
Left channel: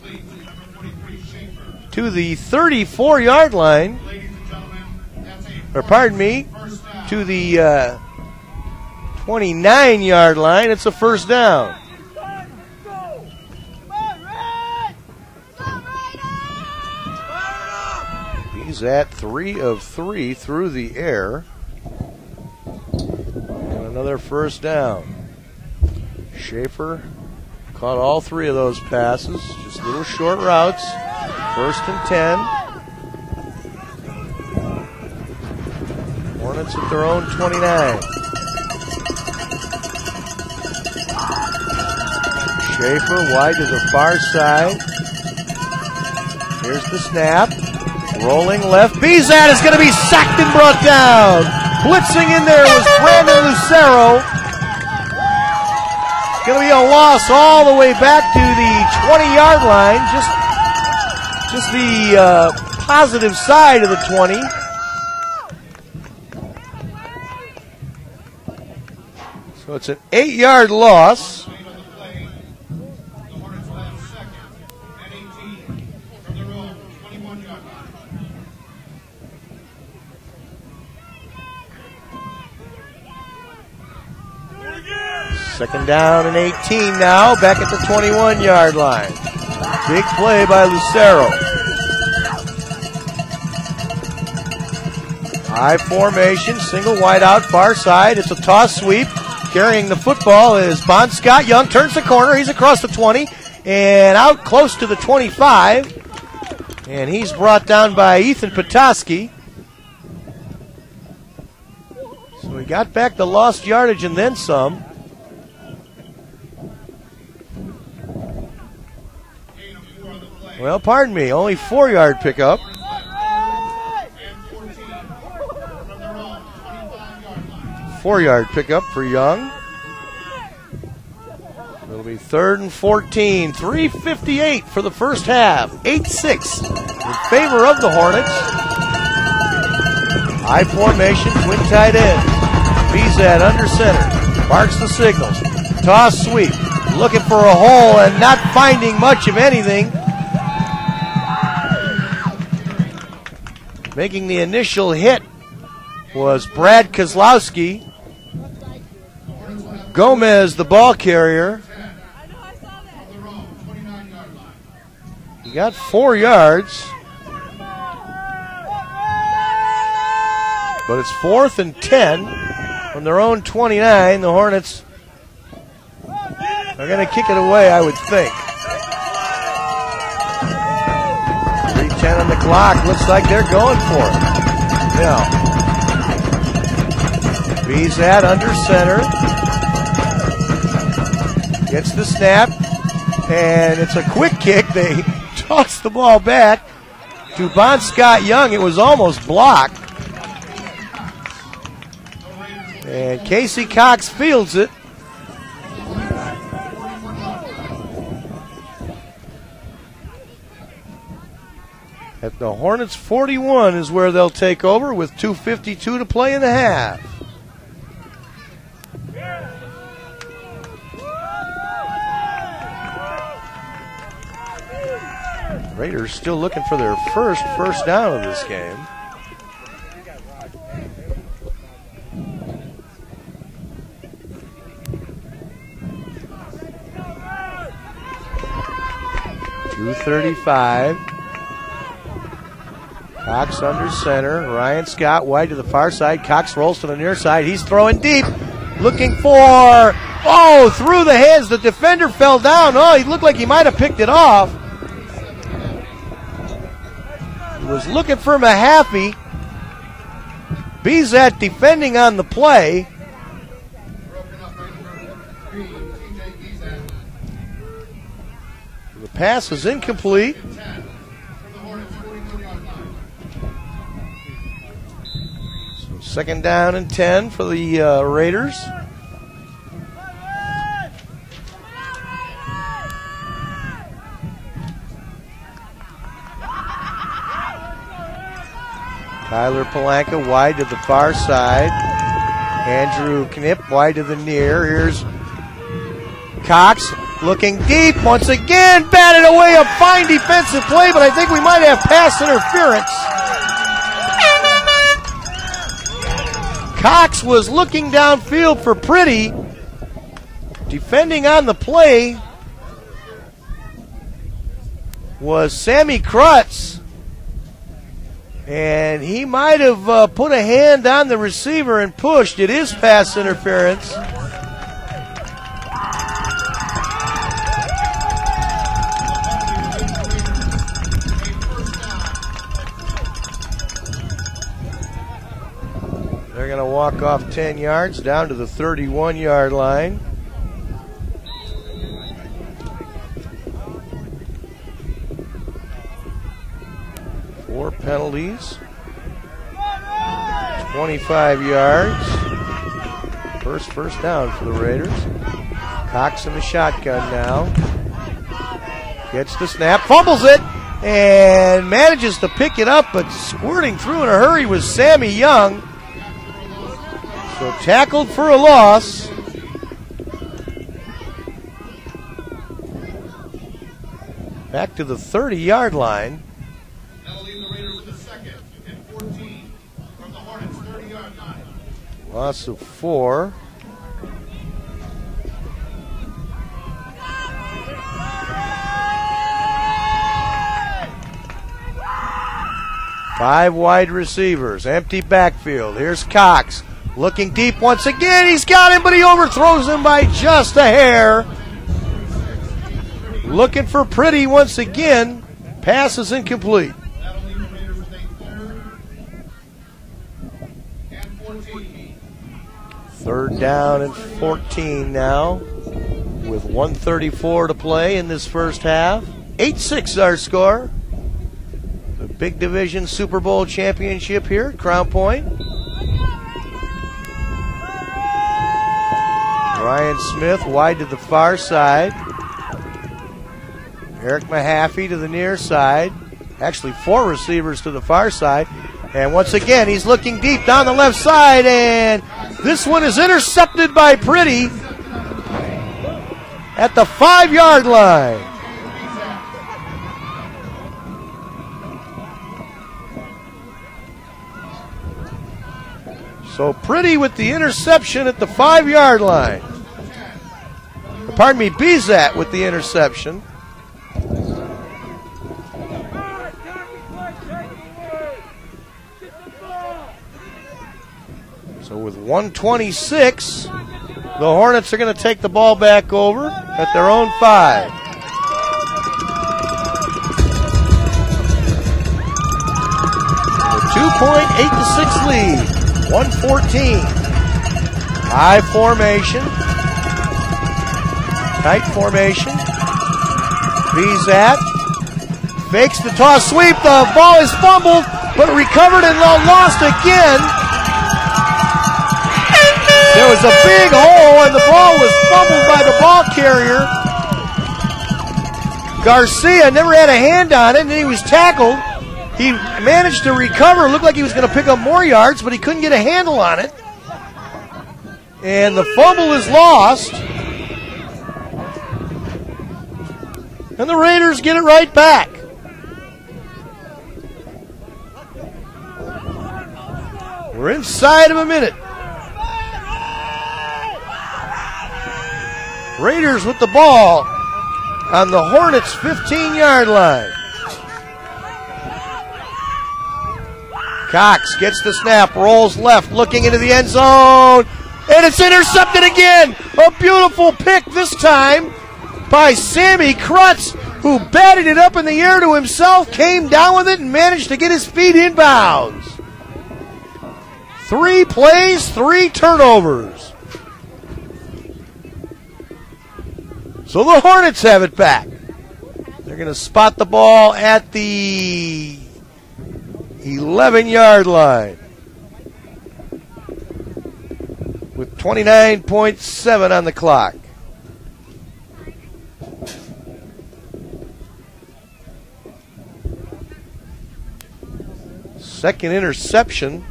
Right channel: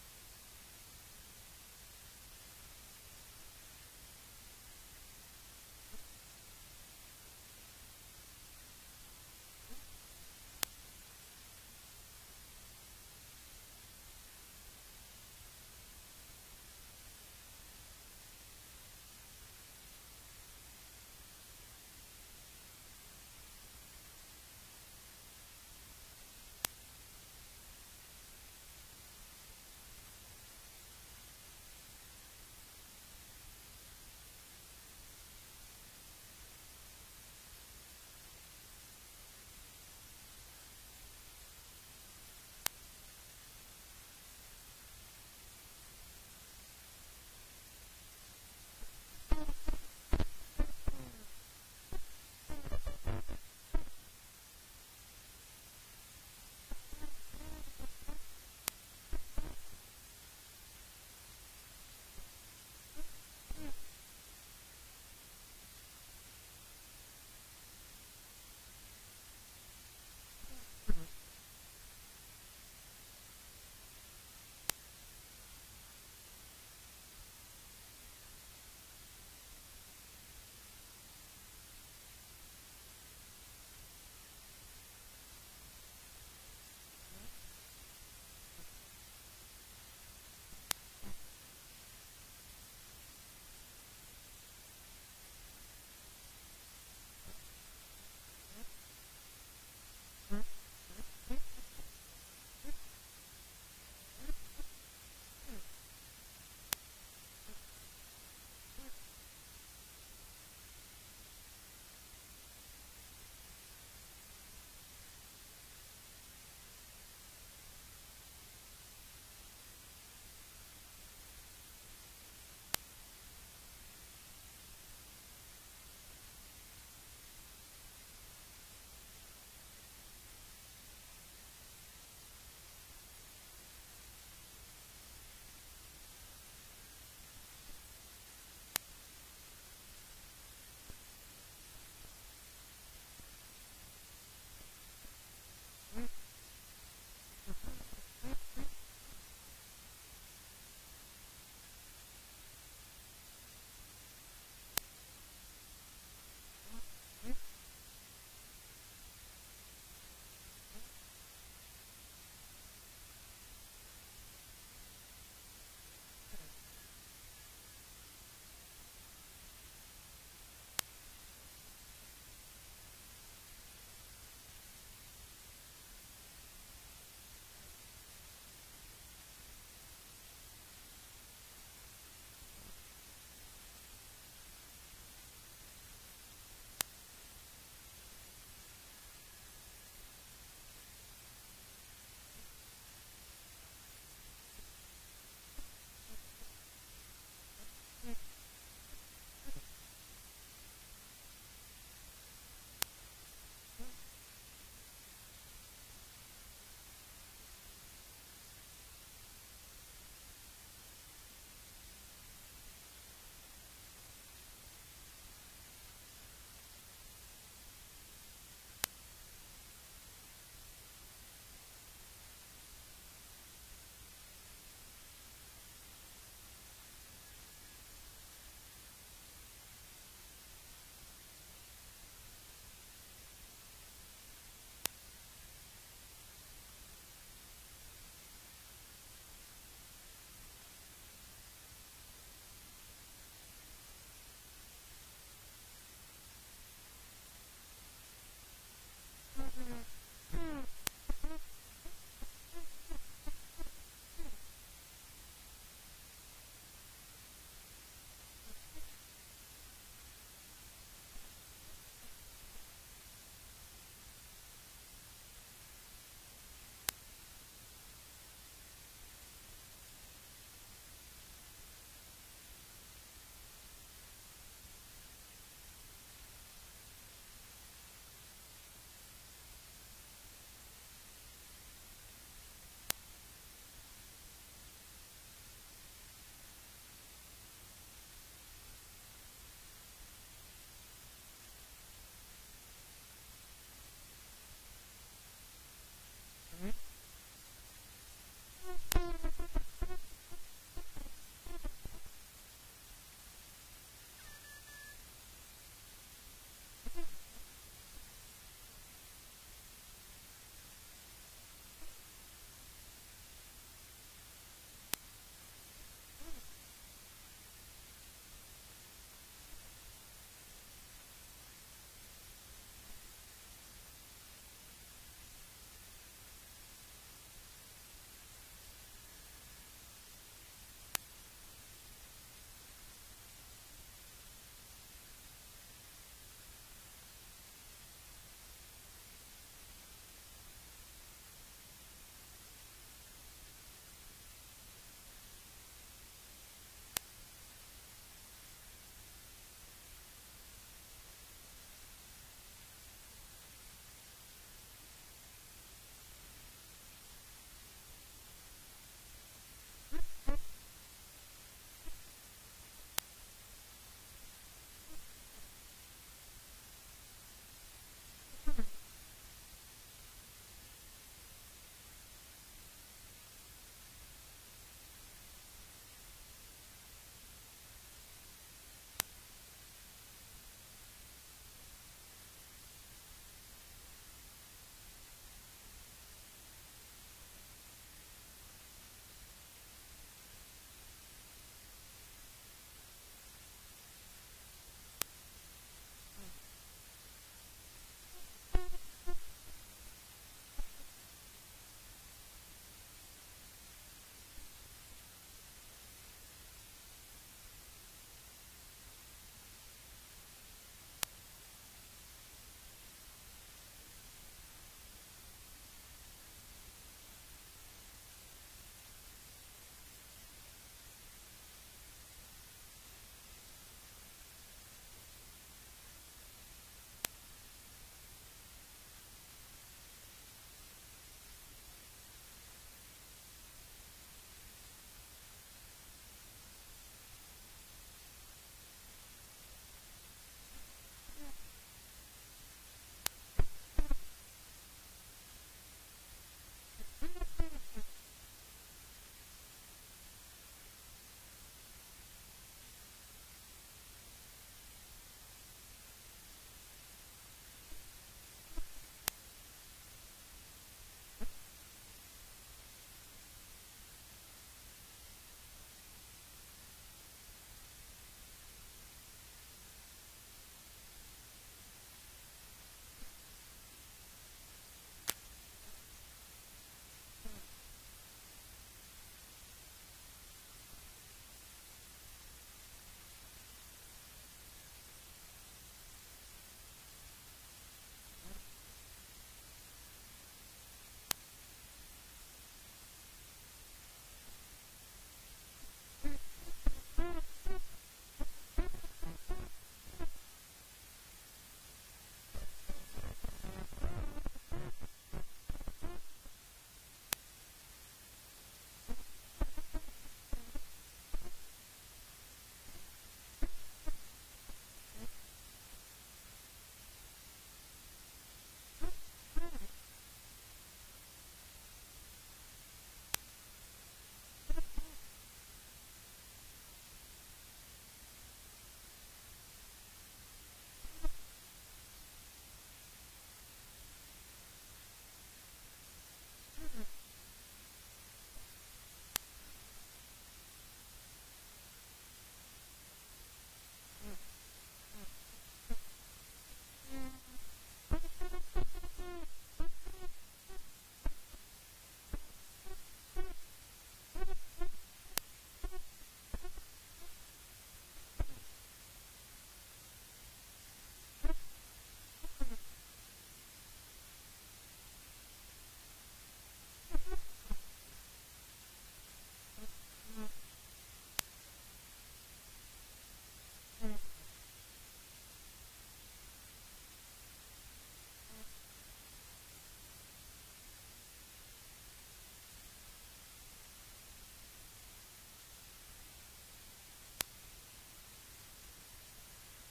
to the 34-yard line. Or pardon me, to the 29-yard line. It's a 1st down. He's at 3 of 3 through the air. And another 1st down. Schaefer caught all 3 of those passes. Just little short routes. 1st and 10. Hornets at their own 29. Schaefer wide to the far side. Here's the snap. Rolling left. Bizat is going to be sacked and brought down. Blitzing in there was Brandon Lucero. It's going to be a loss all the way back to the 20-yard line. Just the positive side of the 20. So it's an 8-yard loss. Second down and 18 now, back at the 21-yard line. Big play by Lucero. High formation, single wide out, far side. It's a toss sweep. Carrying the football is Bon Scott Young. Turns the corner. He's across the 20 and out close to the 25. And he's brought down by Ethan Petoskey. So he got back the lost yardage and then some. Well, pardon me, only 4-yard pickup. Four-yard pickup for Young. It'll be 3rd and 14. 3:58 for the first half. 8-6 in favor of the Hornets. High formation, twin tight end. Bezat under center. Barks the signals. Toss sweep. Looking for a hole and not finding much of anything. Making the initial hit was Brad Kozlowski. Gomez, the ball carrier. He got 4 yards. But it's 4th and 10 from their own 29. The Hornets are going to kick it away, I would think. 3:10 on the clock. Looks like they're going for it. Now, Bezat under center. Gets the snap, and it's a quick kick. They toss the ball back to Bon Scott Young. It was almost blocked. And Casey Cox fields it. At the Hornets 41 is where they'll take over with 2:52 to play in the half. Raiders still looking for their first down of this game. .235. Cox under center. Ryan Scott wide to the far side. Cox rolls to the near side. He's throwing deep. Looking for, through the hands. The defender fell down. He looked like he might have picked it off. Was looking for Mahaffey. Bezat defending on the play. The pass is incomplete. So 2nd down and 10 for the Raiders. Tyler Palanca wide to the far side. Andrew Knipp wide to the near. Here's Cox looking deep once again. Batted away, a fine defensive play, but I think we might have pass interference. Cox was looking downfield for Pretty. Defending on the play was Sammy Krutz. And he might have put a hand on the receiver and pushed. It is pass interference. They're going to walk off 10 yards down to the 31-yard line. Four penalties, 25 yards. First down for the Raiders. Cox in the shotgun now. Gets the snap, fumbles it, and manages to pick it up, but squirting through in a hurry was Sammy Young. So tackled for a loss. Back to the 30-yard line. Loss of 4. Five wide receivers, empty backfield. Here's Cox looking deep once again. He's got him, but he overthrows him by just a hair. Looking for Pretty once again. Pass is incomplete. Third down and 14 now with 1:34 to play in this first half. 8-6 our score. The big division Super Bowl championship here at Crown Point. Ryan Smith wide to the far side. Eric Mahaffey to the near side. Actually, 4 receivers to the far side. And once again, he's looking deep down the left side, and this one is intercepted by Pretty at the 5-yard line. So Pretty with the interception at the 5-yard line. Pardon me, Bizat with the interception. So with 1:26, the Hornets are going to take the ball back over at their own 5. A 2.8-6 lead, 114. High formation, tight formation. Bizat fakes the toss sweep. The ball is fumbled, but recovered and lost again. There was a big hole, and the ball was fumbled by the ball carrier. Garcia never had a hand on it, and he was tackled. He managed to recover. Looked like he was going to pick up more yards, but he couldn't get a handle on it. And the fumble is lost. And the Raiders get it right back. We're inside of a minute. Raiders with the ball on the Hornets' 15-yard line. Cox gets the snap, rolls left, looking into the end zone, and it's intercepted again. A beautiful pick this time by Sammy Krutz, who batted it up in the air to himself, came down with it, and managed to get his feet inbounds. 3 plays, 3 turnovers. So the Hornets have it back. They're going to spot the ball at the 11-yard line with 29.7 on the clock. Second interception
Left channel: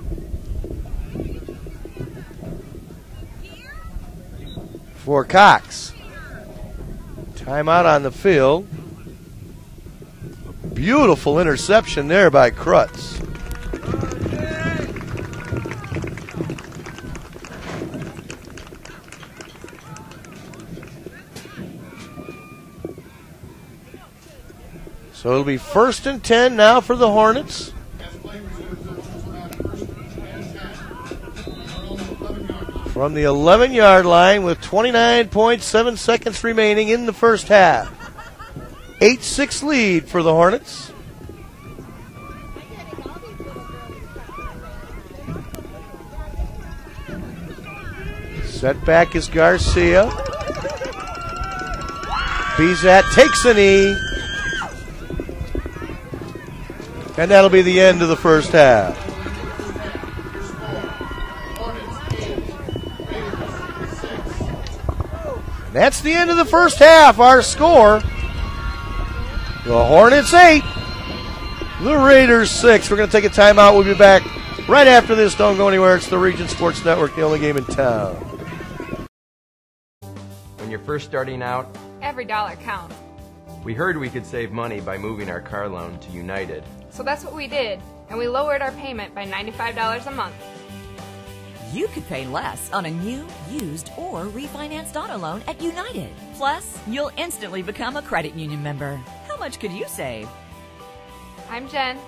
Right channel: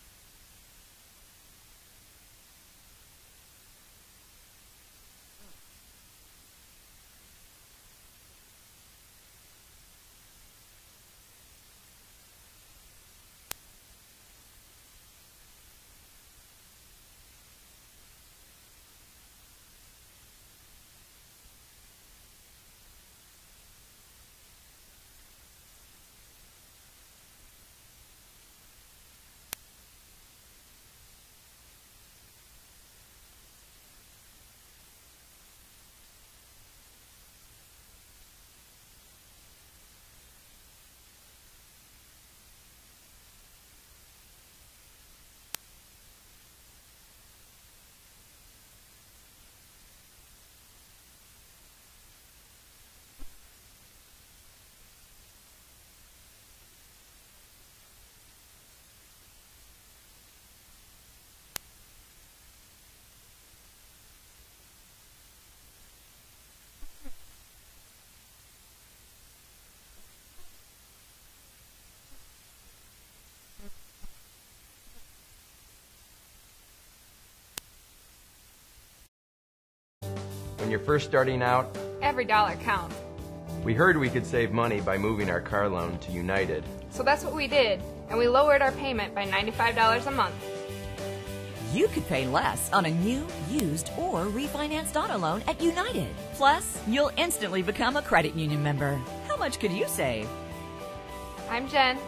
for Cox. Timeout on the field. Beautiful interception there by Krutz. So it'll be 1st and 10 now for the Hornets. From the 11-yard line with 29.7 seconds remaining in the first half. 8-6 lead for the Hornets. Setback is Garcia. Bizat takes a knee. And that'll be the end of the first half. That's the end of the first half. Our score, the Hornets 8, the Raiders 6. We're going to take a timeout. We'll be back right after this. Don't go anywhere. It's the Region Sports Network, the only game in town. When you're first starting out, every dollar counts. We heard we could save money by moving our car loan to United. So that's what we did, and we lowered our payment by $95 a month. You could pay less on a new, used, or refinanced auto loan at United. Plus, you'll instantly become a credit union member. How much could you save? I'm Jen.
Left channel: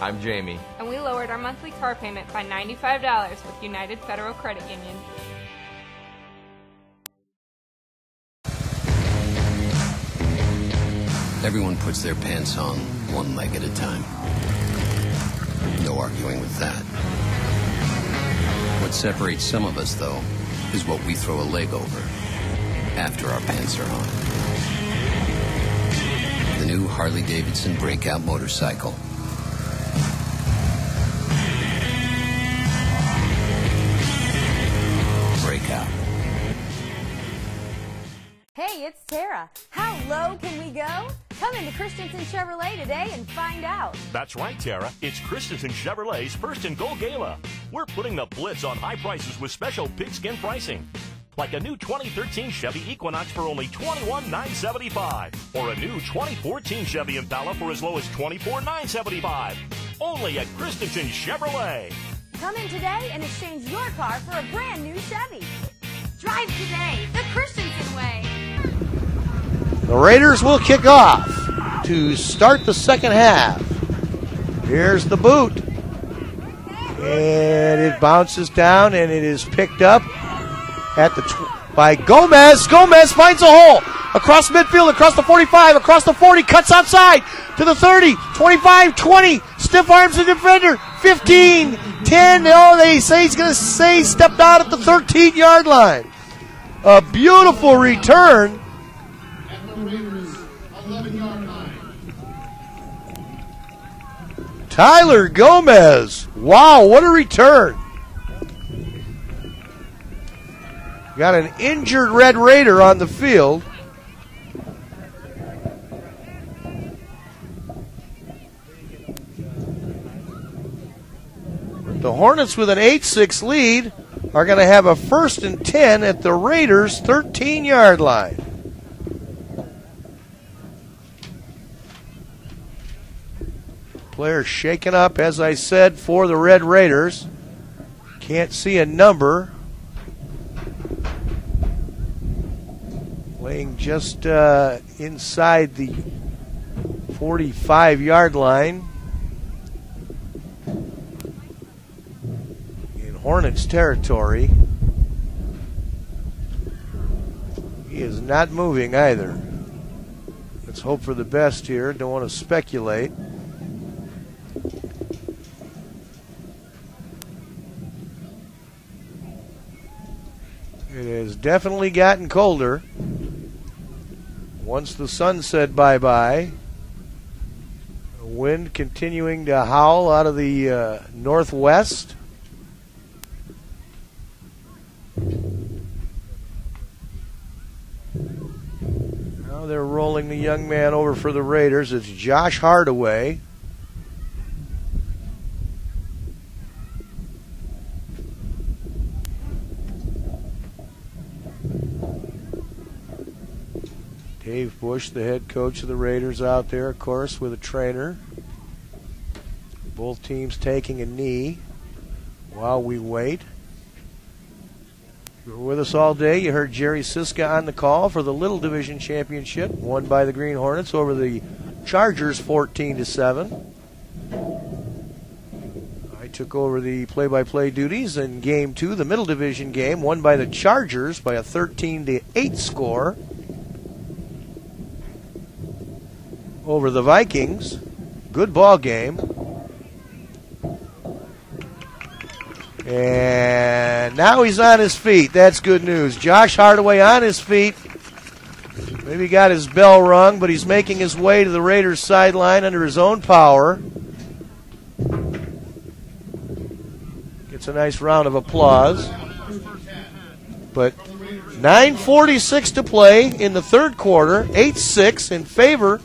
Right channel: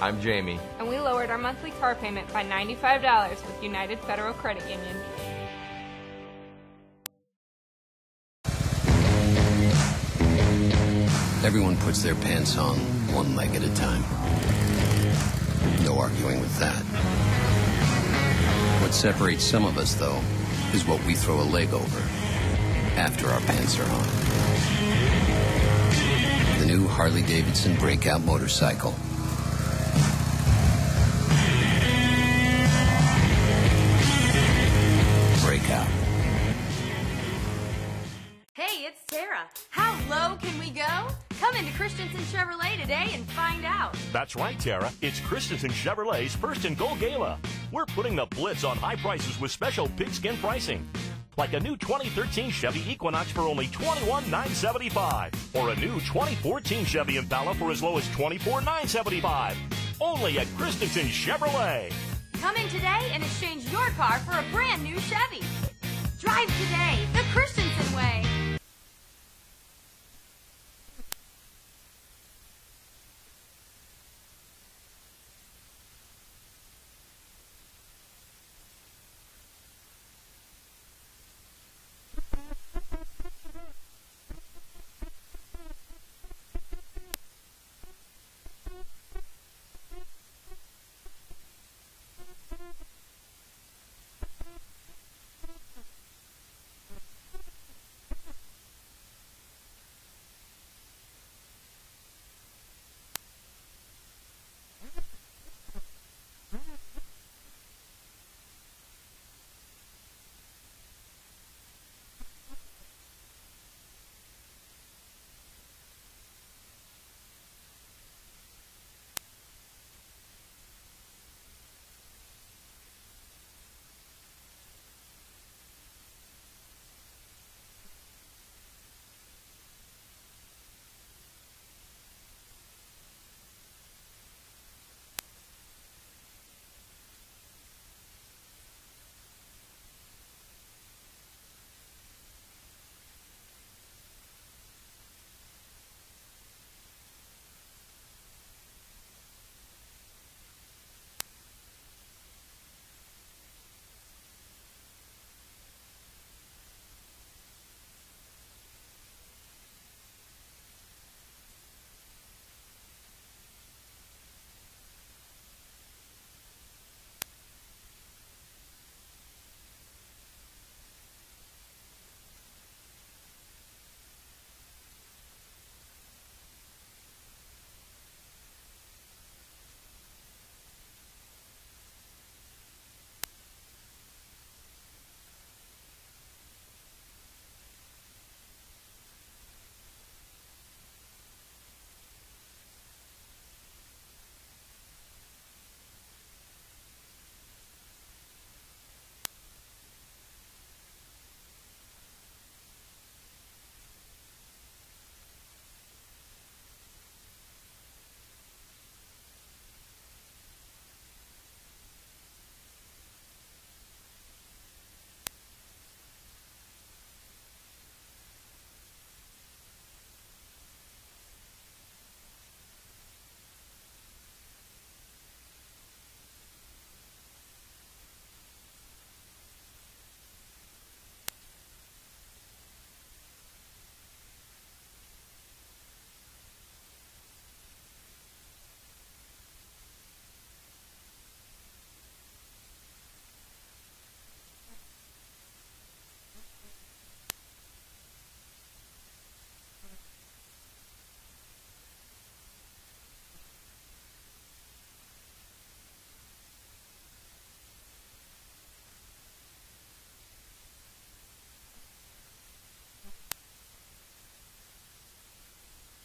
I'm Jamie. And we lowered our monthly car payment by $95 with United Federal Credit Union. Everyone puts their pants on one leg at a time. No arguing with that. What separates some of us, though, is what we throw a leg over after our pants are on. The new Harley-Davidson breakout motorcycle. Breakout. Hey, it's Tara. How low can we go? Come into Christensen Chevrolet today and find out. That's right, Tara. It's Christensen Chevrolet's First and Goal Gala. We're putting the blitz on high prices with special pigskin pricing. Like a new 2013 Chevy Equinox for only $21,975. Or a new 2014 Chevy Impala for as low as $24,975. Only at Christensen Chevrolet. Come in today and exchange your car for a brand new Chevy. Drive today the Christensen way. The Raiders will kick off to start the second half. Here's the boot. And it bounces down and it is picked up at by Gomez. Gomez finds a hole across midfield, across the 45, across the 40, cuts outside to the 30, 25, 20, stiff arms the defender, 15, 10. Oh, they say he's going to say stepped out at the 13-yard line. A beautiful return. Tyler Gomez. Wow, what a return. Got an injured Red Raider on the field. The Hornets with an 8-6 lead are going to have a 1st and 10 at the Raiders' 13-yard line. Players shaken up, as I said, for the Red Raiders. Can't see a number. Playing just inside the 45-yard line. In Hornets territory. He is not moving either. Let's hope for the best here. Don't want to speculate. It has definitely gotten colder. Once the sun said bye-bye, the wind continuing to howl out of the northwest. Now they're rolling the young man over for the Raiders. It's Josh Hardaway. Dave Bush, the head coach of the Raiders, out there, of course, with a trainer. Both teams taking a knee while we wait. If you were with us all day, you heard Jerry Siska on the call for the Little Division Championship, won by the Green Hornets over the Chargers 14-7. I took over the play-by-play duties in Game 2, the Middle Division game, won by the Chargers by a 13-8 score over the Vikings. Good ball game. And now he's on his feet. That's good news. Josh Hardaway on his feet. Maybe got his bell rung, but he's making his way to the Raiders sideline under his own power. Gets a nice round of applause. But 9:46 to play in the third quarter. 8-6 in favor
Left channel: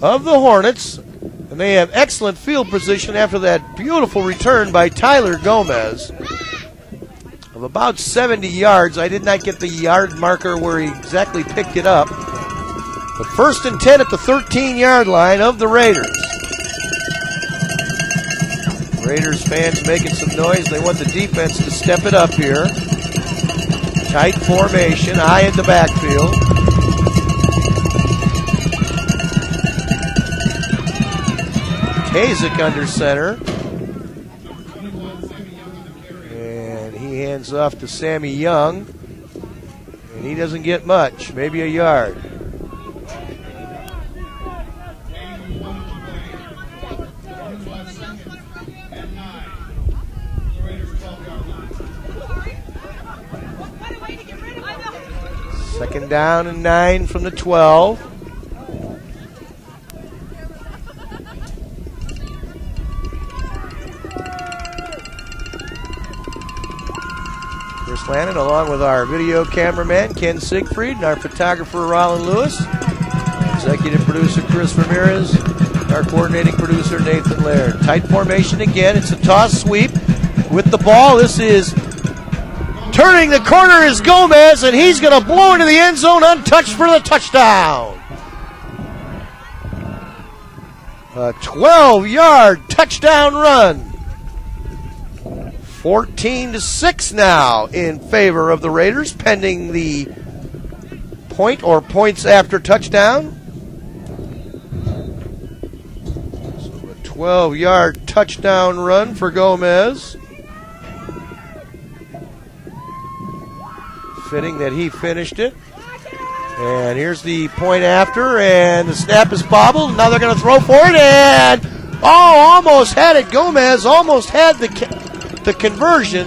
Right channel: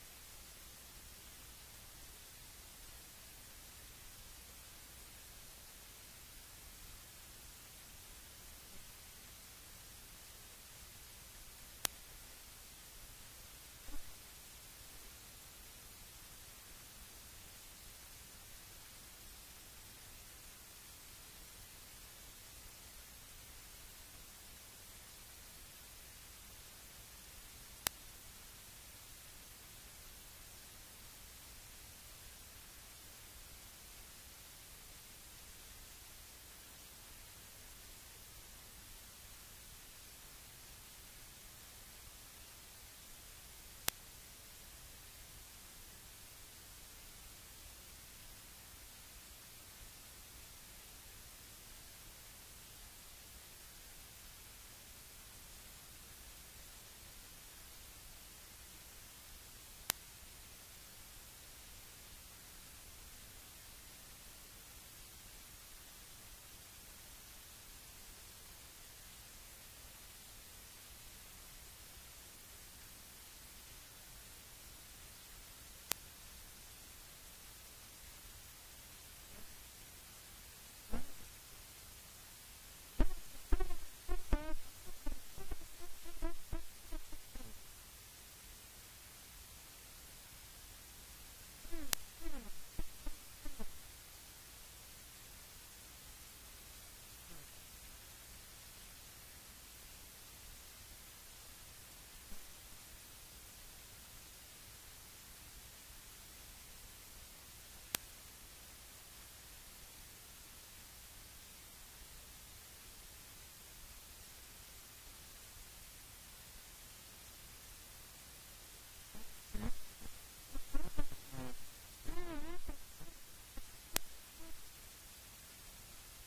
of the Hornets. And they have excellent field position after that beautiful return by Tyler Gomez of about 70 yards. I did not get the yard marker where he exactly picked it up. But 1st and 10 at the 13-yard line of the Raiders. Raiders fans making some noise. They want the defense to step it up here. Tight formation, high in the backfield. Kazik under center. And he hands off to Sammy Young. And he doesn't get much, maybe a yard. Second down and 9 from the 12. Chris Lannon, along with our video cameraman, Ken Siegfried, and our photographer, Rollin Lewis. Executive producer, Chris Ramirez. Our coordinating producer, Nathan Laird. Tight formation again. It's a toss sweep with the ball. This is turning the corner is Gomez, and he's going to blow into the end zone untouched for the touchdown. A 12-yard touchdown run. 14-6 now in favor of the Raiders, pending the point or points after touchdown. So a 12-yard touchdown run for Gomez. Fitting that he finished it. And here's the point after, and the snap is bobbled. Now they're going to throw for it, and almost had it. Gomez almost had the conversion.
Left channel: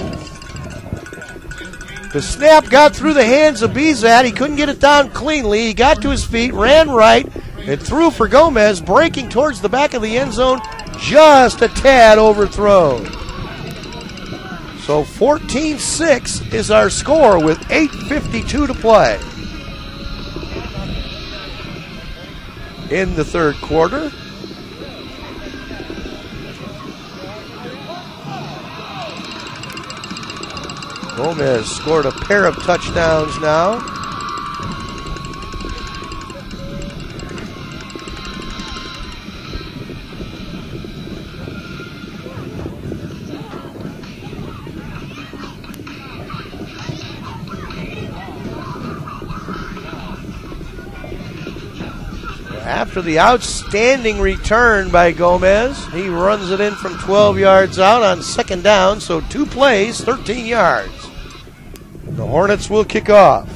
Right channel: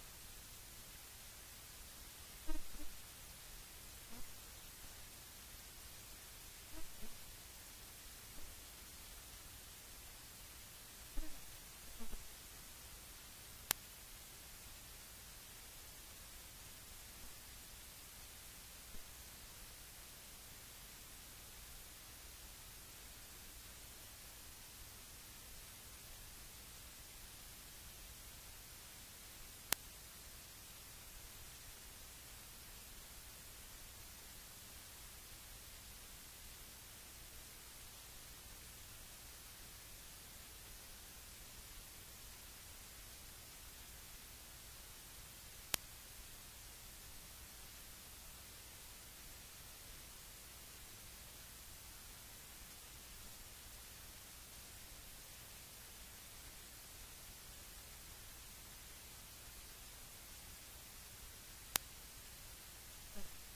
The snap got through the hands of Bizat. He couldn't get it down cleanly. He got to his feet, ran right, and threw for Gomez, breaking towards the back of the end zone, just a tad overthrown. So 14-6 is our score with 8:52 to play in the third quarter. Gomez scored a pair of touchdowns now. After the outstanding return by Gomez, he runs it in from 12 yards out on second down, so 2 plays, 13 yards. The Hornets will kick off.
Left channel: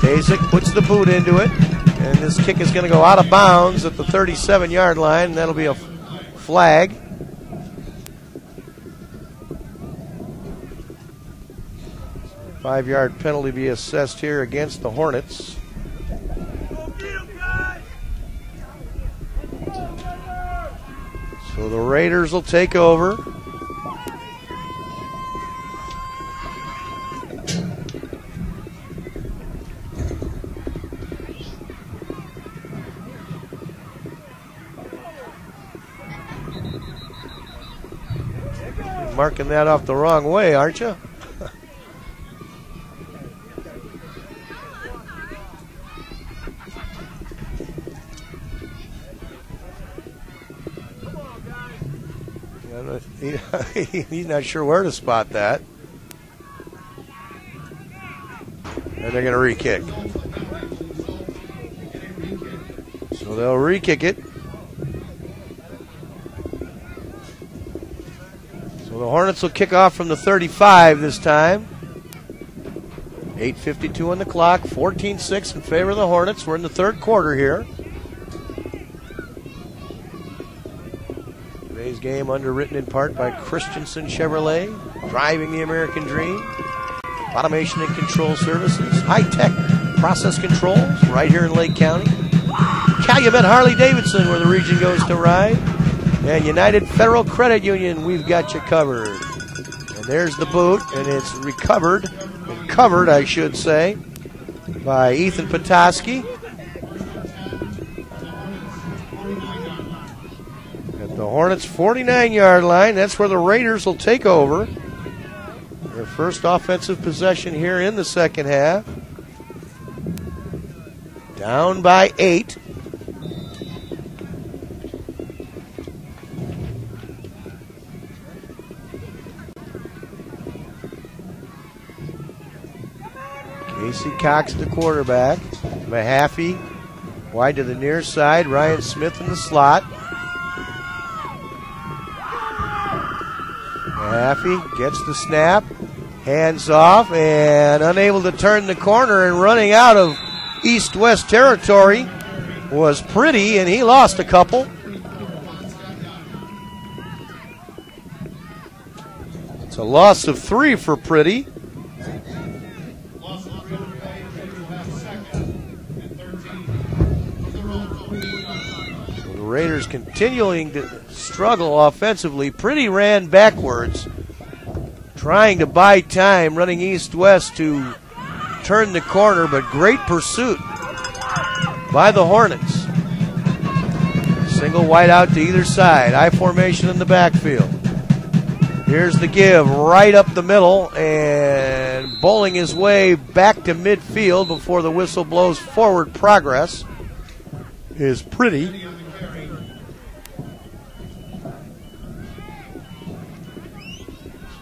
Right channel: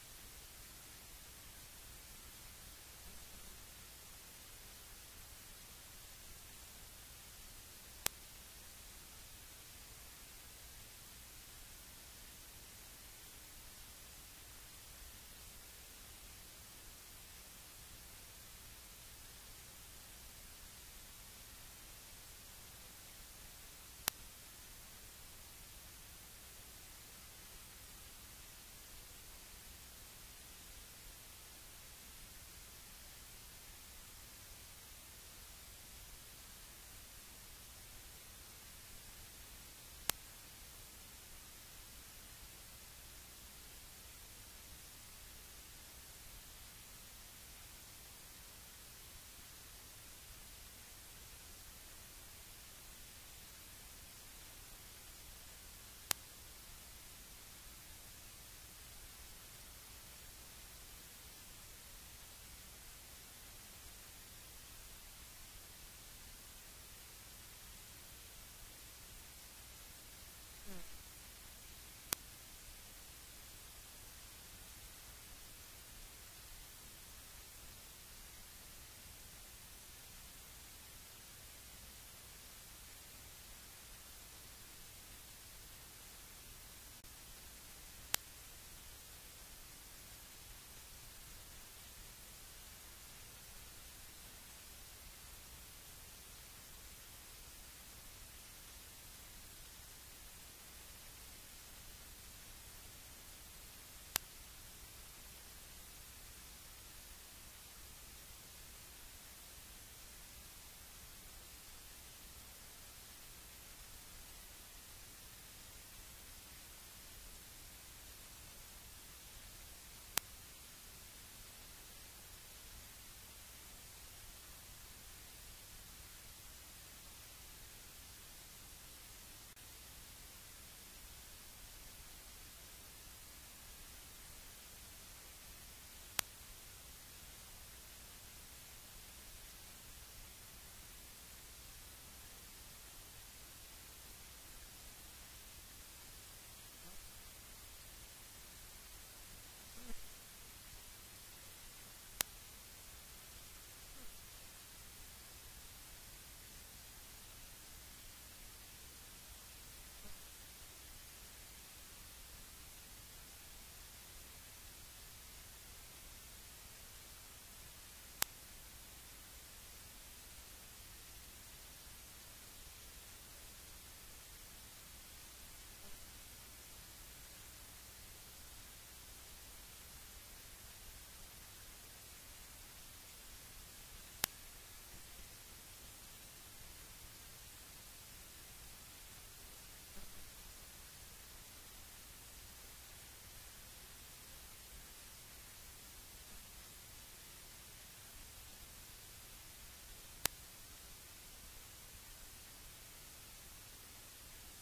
Kasich puts the boot into it, and this kick is going to go out of bounds at the 37-yard line, and that'll be a flag. Five-yard penalty be assessed here against the Hornets. So the Raiders will take over. You're marking that off the wrong way, aren't you? He's not sure where to spot that. And they're going to re-kick. So they'll re-kick it. So the Hornets will kick off from the 35 this time. 8:52 on the clock, 14-6 in favor of the Hornets. We're in the third quarter here. Today's game underwritten in part by Christensen Chevrolet, driving the American dream. Automation and control services, high-tech process controls right here in Lake County. Calumet Harley-Davidson, where the region goes to ride. And United Federal Credit Union, we've got you covered. And there's the boot, and it's recovered, and covered, I should say, by Ethan Petoskey. At the Hornets' 49-yard line, that's where the Raiders will take over. Their first offensive possession here in the second half. Down by 8. Casey Cox, the quarterback. Mahaffey wide to the near side. Ryan Smith in the slot. Mahaffey gets the snap. Hands off and unable to turn the corner, and running out of east-west territory was Pretty, and he lost a couple. It's a loss of 3 for Pretty. The Raiders continuing to struggle offensively. Pretty ran backwards, trying to buy time, running east-west to turn the corner, but great pursuit by the Hornets. Single wide out to either side. I formation in the backfield. Here's the give right up the middle and bowling his way back to midfield before the whistle blows forward progress is Pretty.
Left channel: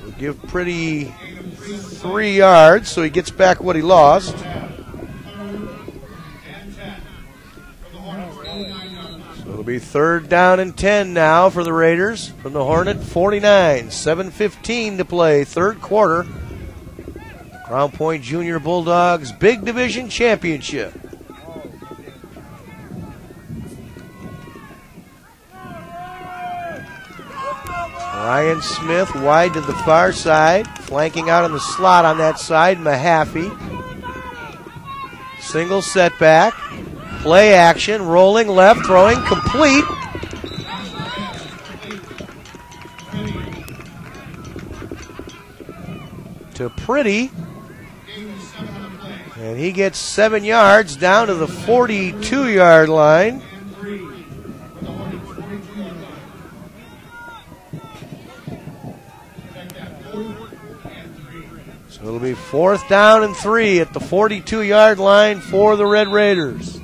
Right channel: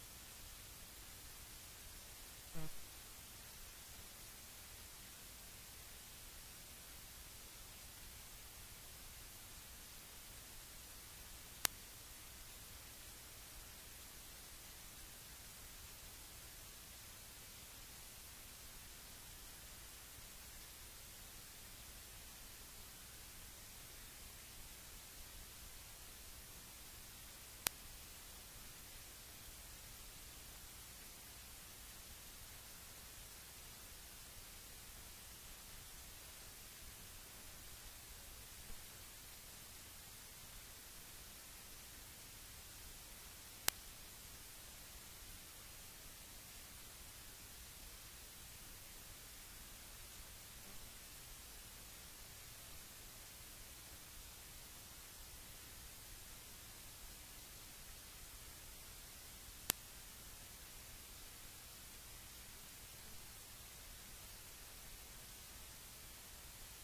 So give Pretty 3 yards so he gets back what he lost. It'll be 3rd down and 10 now for the Raiders from the Hornet 49. 7:15 to play, 3rd quarter. Crown Point Jr Bulldogs Big Division Championship. Ryan Smith wide to the far side, flanking out in the slot on that side, Mahaffey. Single setback. Play action, rolling left, throwing, complete. To Pretty. And he gets 7 yards down to the 42-yard line. So it'll be 4th down and 3 at the 42-yard line for the Red Raiders.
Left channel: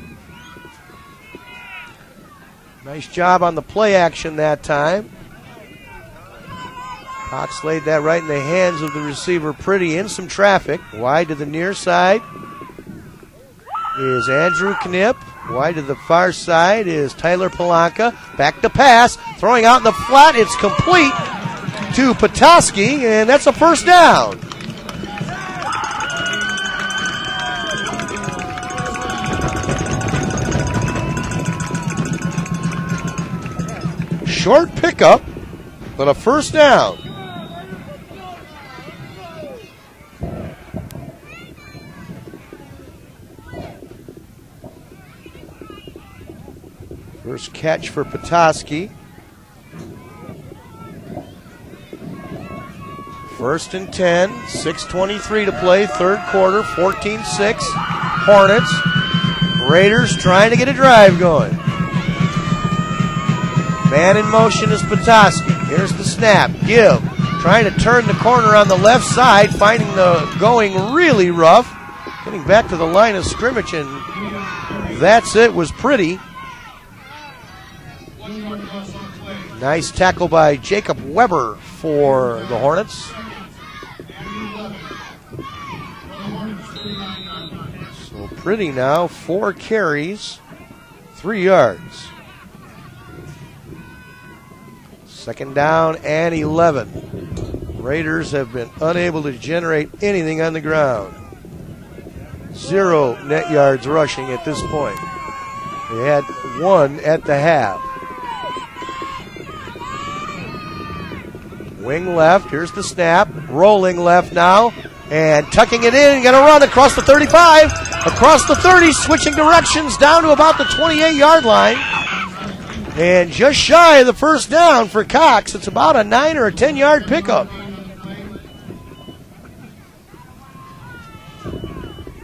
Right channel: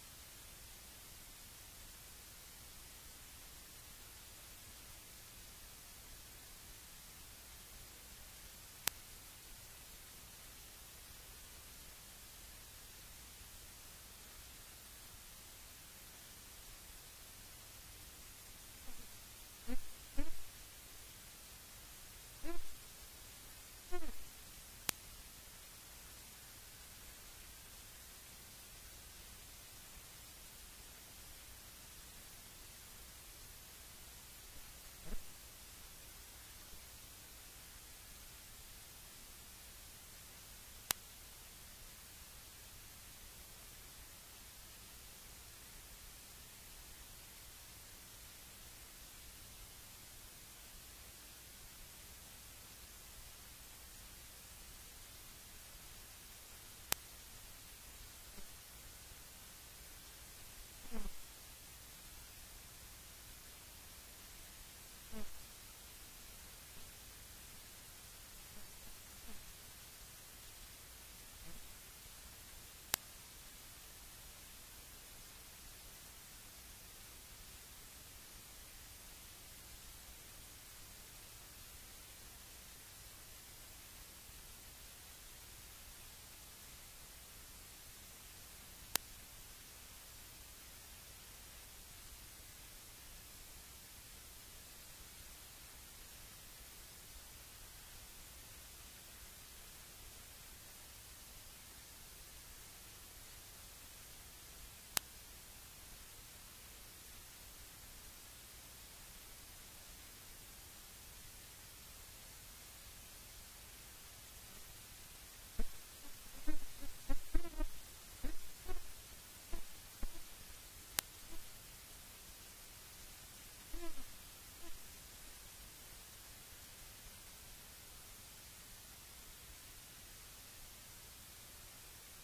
Nice job on the play action that time. Cox laid that right in the hands of the receiver Pretty in some traffic. Wide to the near side is Andrew Knipp. Wide to the far side is Tyler Palanca. Back to pass. Throwing out in the flat. It's complete to Petoskey, and that's a 1st down. Short pickup, but a 1st down. First catch for Petoskey. 1st and 10, 6:23 to play, 3rd quarter, 14-6. Hornets. Raiders trying to get a drive going. Man in motion is Petoskey. Here's the snap. Give. Trying to turn the corner on the left side, finding the going really rough. Getting back to the line of scrimmage, and that's it. Was Pretty. Nice tackle by Jacob Weber for the Hornets. So Pretty now, 4 carries, 3 yards. 2nd down and 11. Raiders have been unable to generate anything on the ground. 0 net yards rushing at this point. They had 1 at the half. Wing left, here's the snap. Rolling left now, and tucking it in. Gonna run across the 35, across the 30, switching directions down to about the 28-yard line. And just shy of the 1st down for Cox. It's about a 9 or a 10-yard pickup.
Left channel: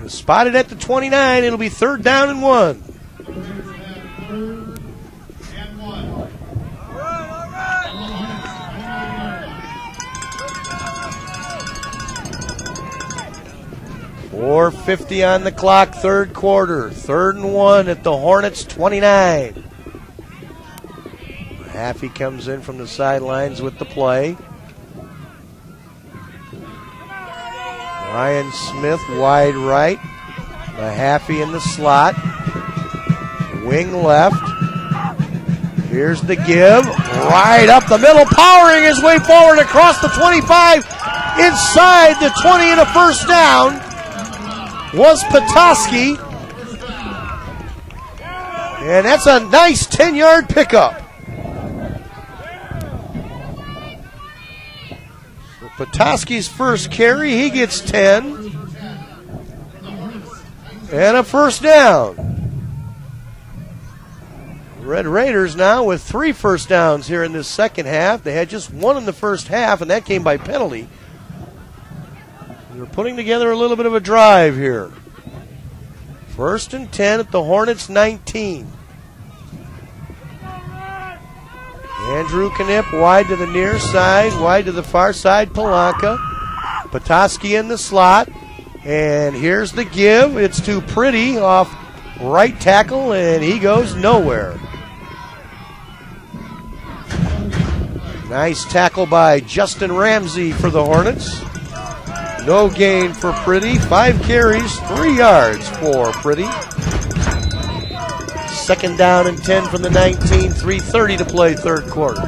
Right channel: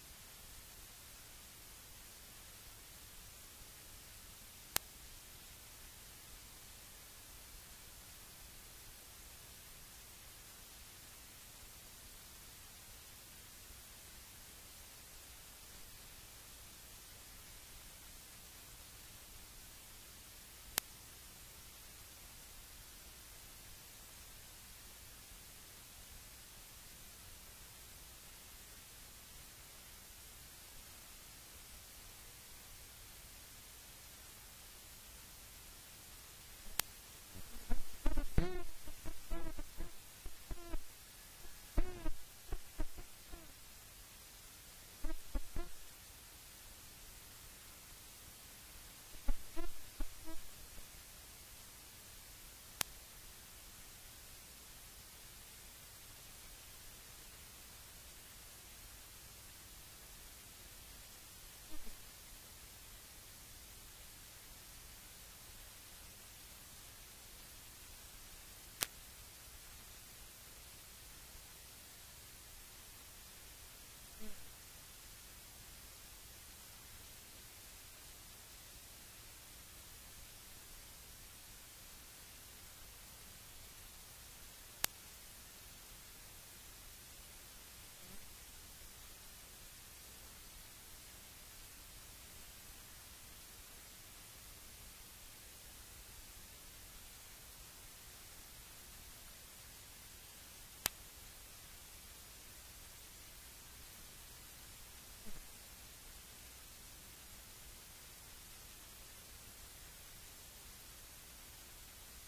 Spotted at the 29. It'll be 3rd down and 1. .450 on the clock, 3rd quarter. 3rd and 1 at the Hornets 29. Mahaffey comes in from the sidelines with the play. Ryan Smith wide right. Mahaffey in the slot. Wing left. Here's the give. Right up the middle, powering his way forward across the 25. Inside the 20 and a 1st down was Petoskey. And that's a nice 10-yard pickup. Petoskey's first carry, he gets 10. And a 1st down. Red Raiders now with 3 first downs here in this second half. They had just 1 in the first half, and that came by penalty. They're putting together a little bit of a drive here. 1st and 10 at the Hornets 19. Andrew Knipp wide to the near side, wide to the far side, Palanka. Petoskey in the slot. And here's the give. It's to Pretty off right tackle, and he goes nowhere. Nice tackle by Justin Ramsey for the Hornets. No gain for Pretty. 5 carries, 3 yards for Pretty. 2nd down and 10 from the 19, 3:30 to play, 3rd quarter.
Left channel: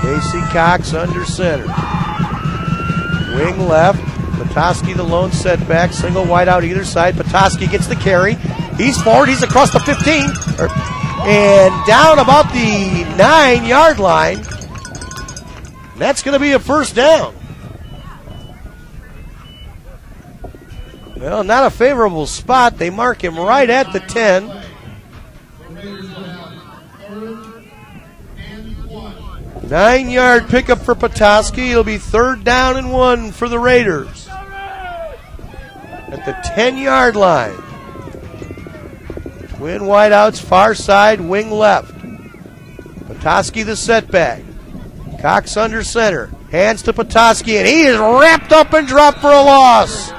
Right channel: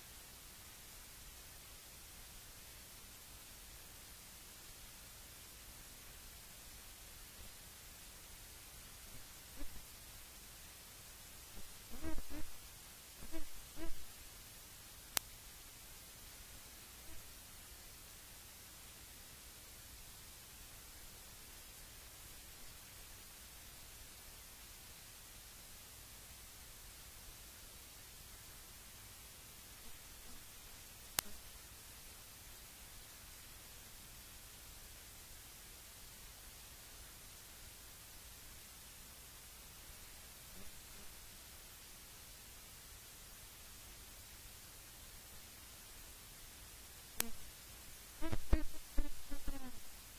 Casey Cox under center. Wing left. Petoskey the lone setback. Single wide out either side. Petoskey gets the carry. He's forward. He's across the 15. And down about the 9-yard line. That's going to be a 1st down. Well, not a favorable spot. They mark him right at the 10. Nine-yard pickup for Petoskey. It'll be 3rd down and 1 for the Raiders. At the 10-yard line. Twin wideouts, far side, wing left. Petoskey the setback. Cox under center. Hands to Petoskey, and he is wrapped up and dropped for a loss.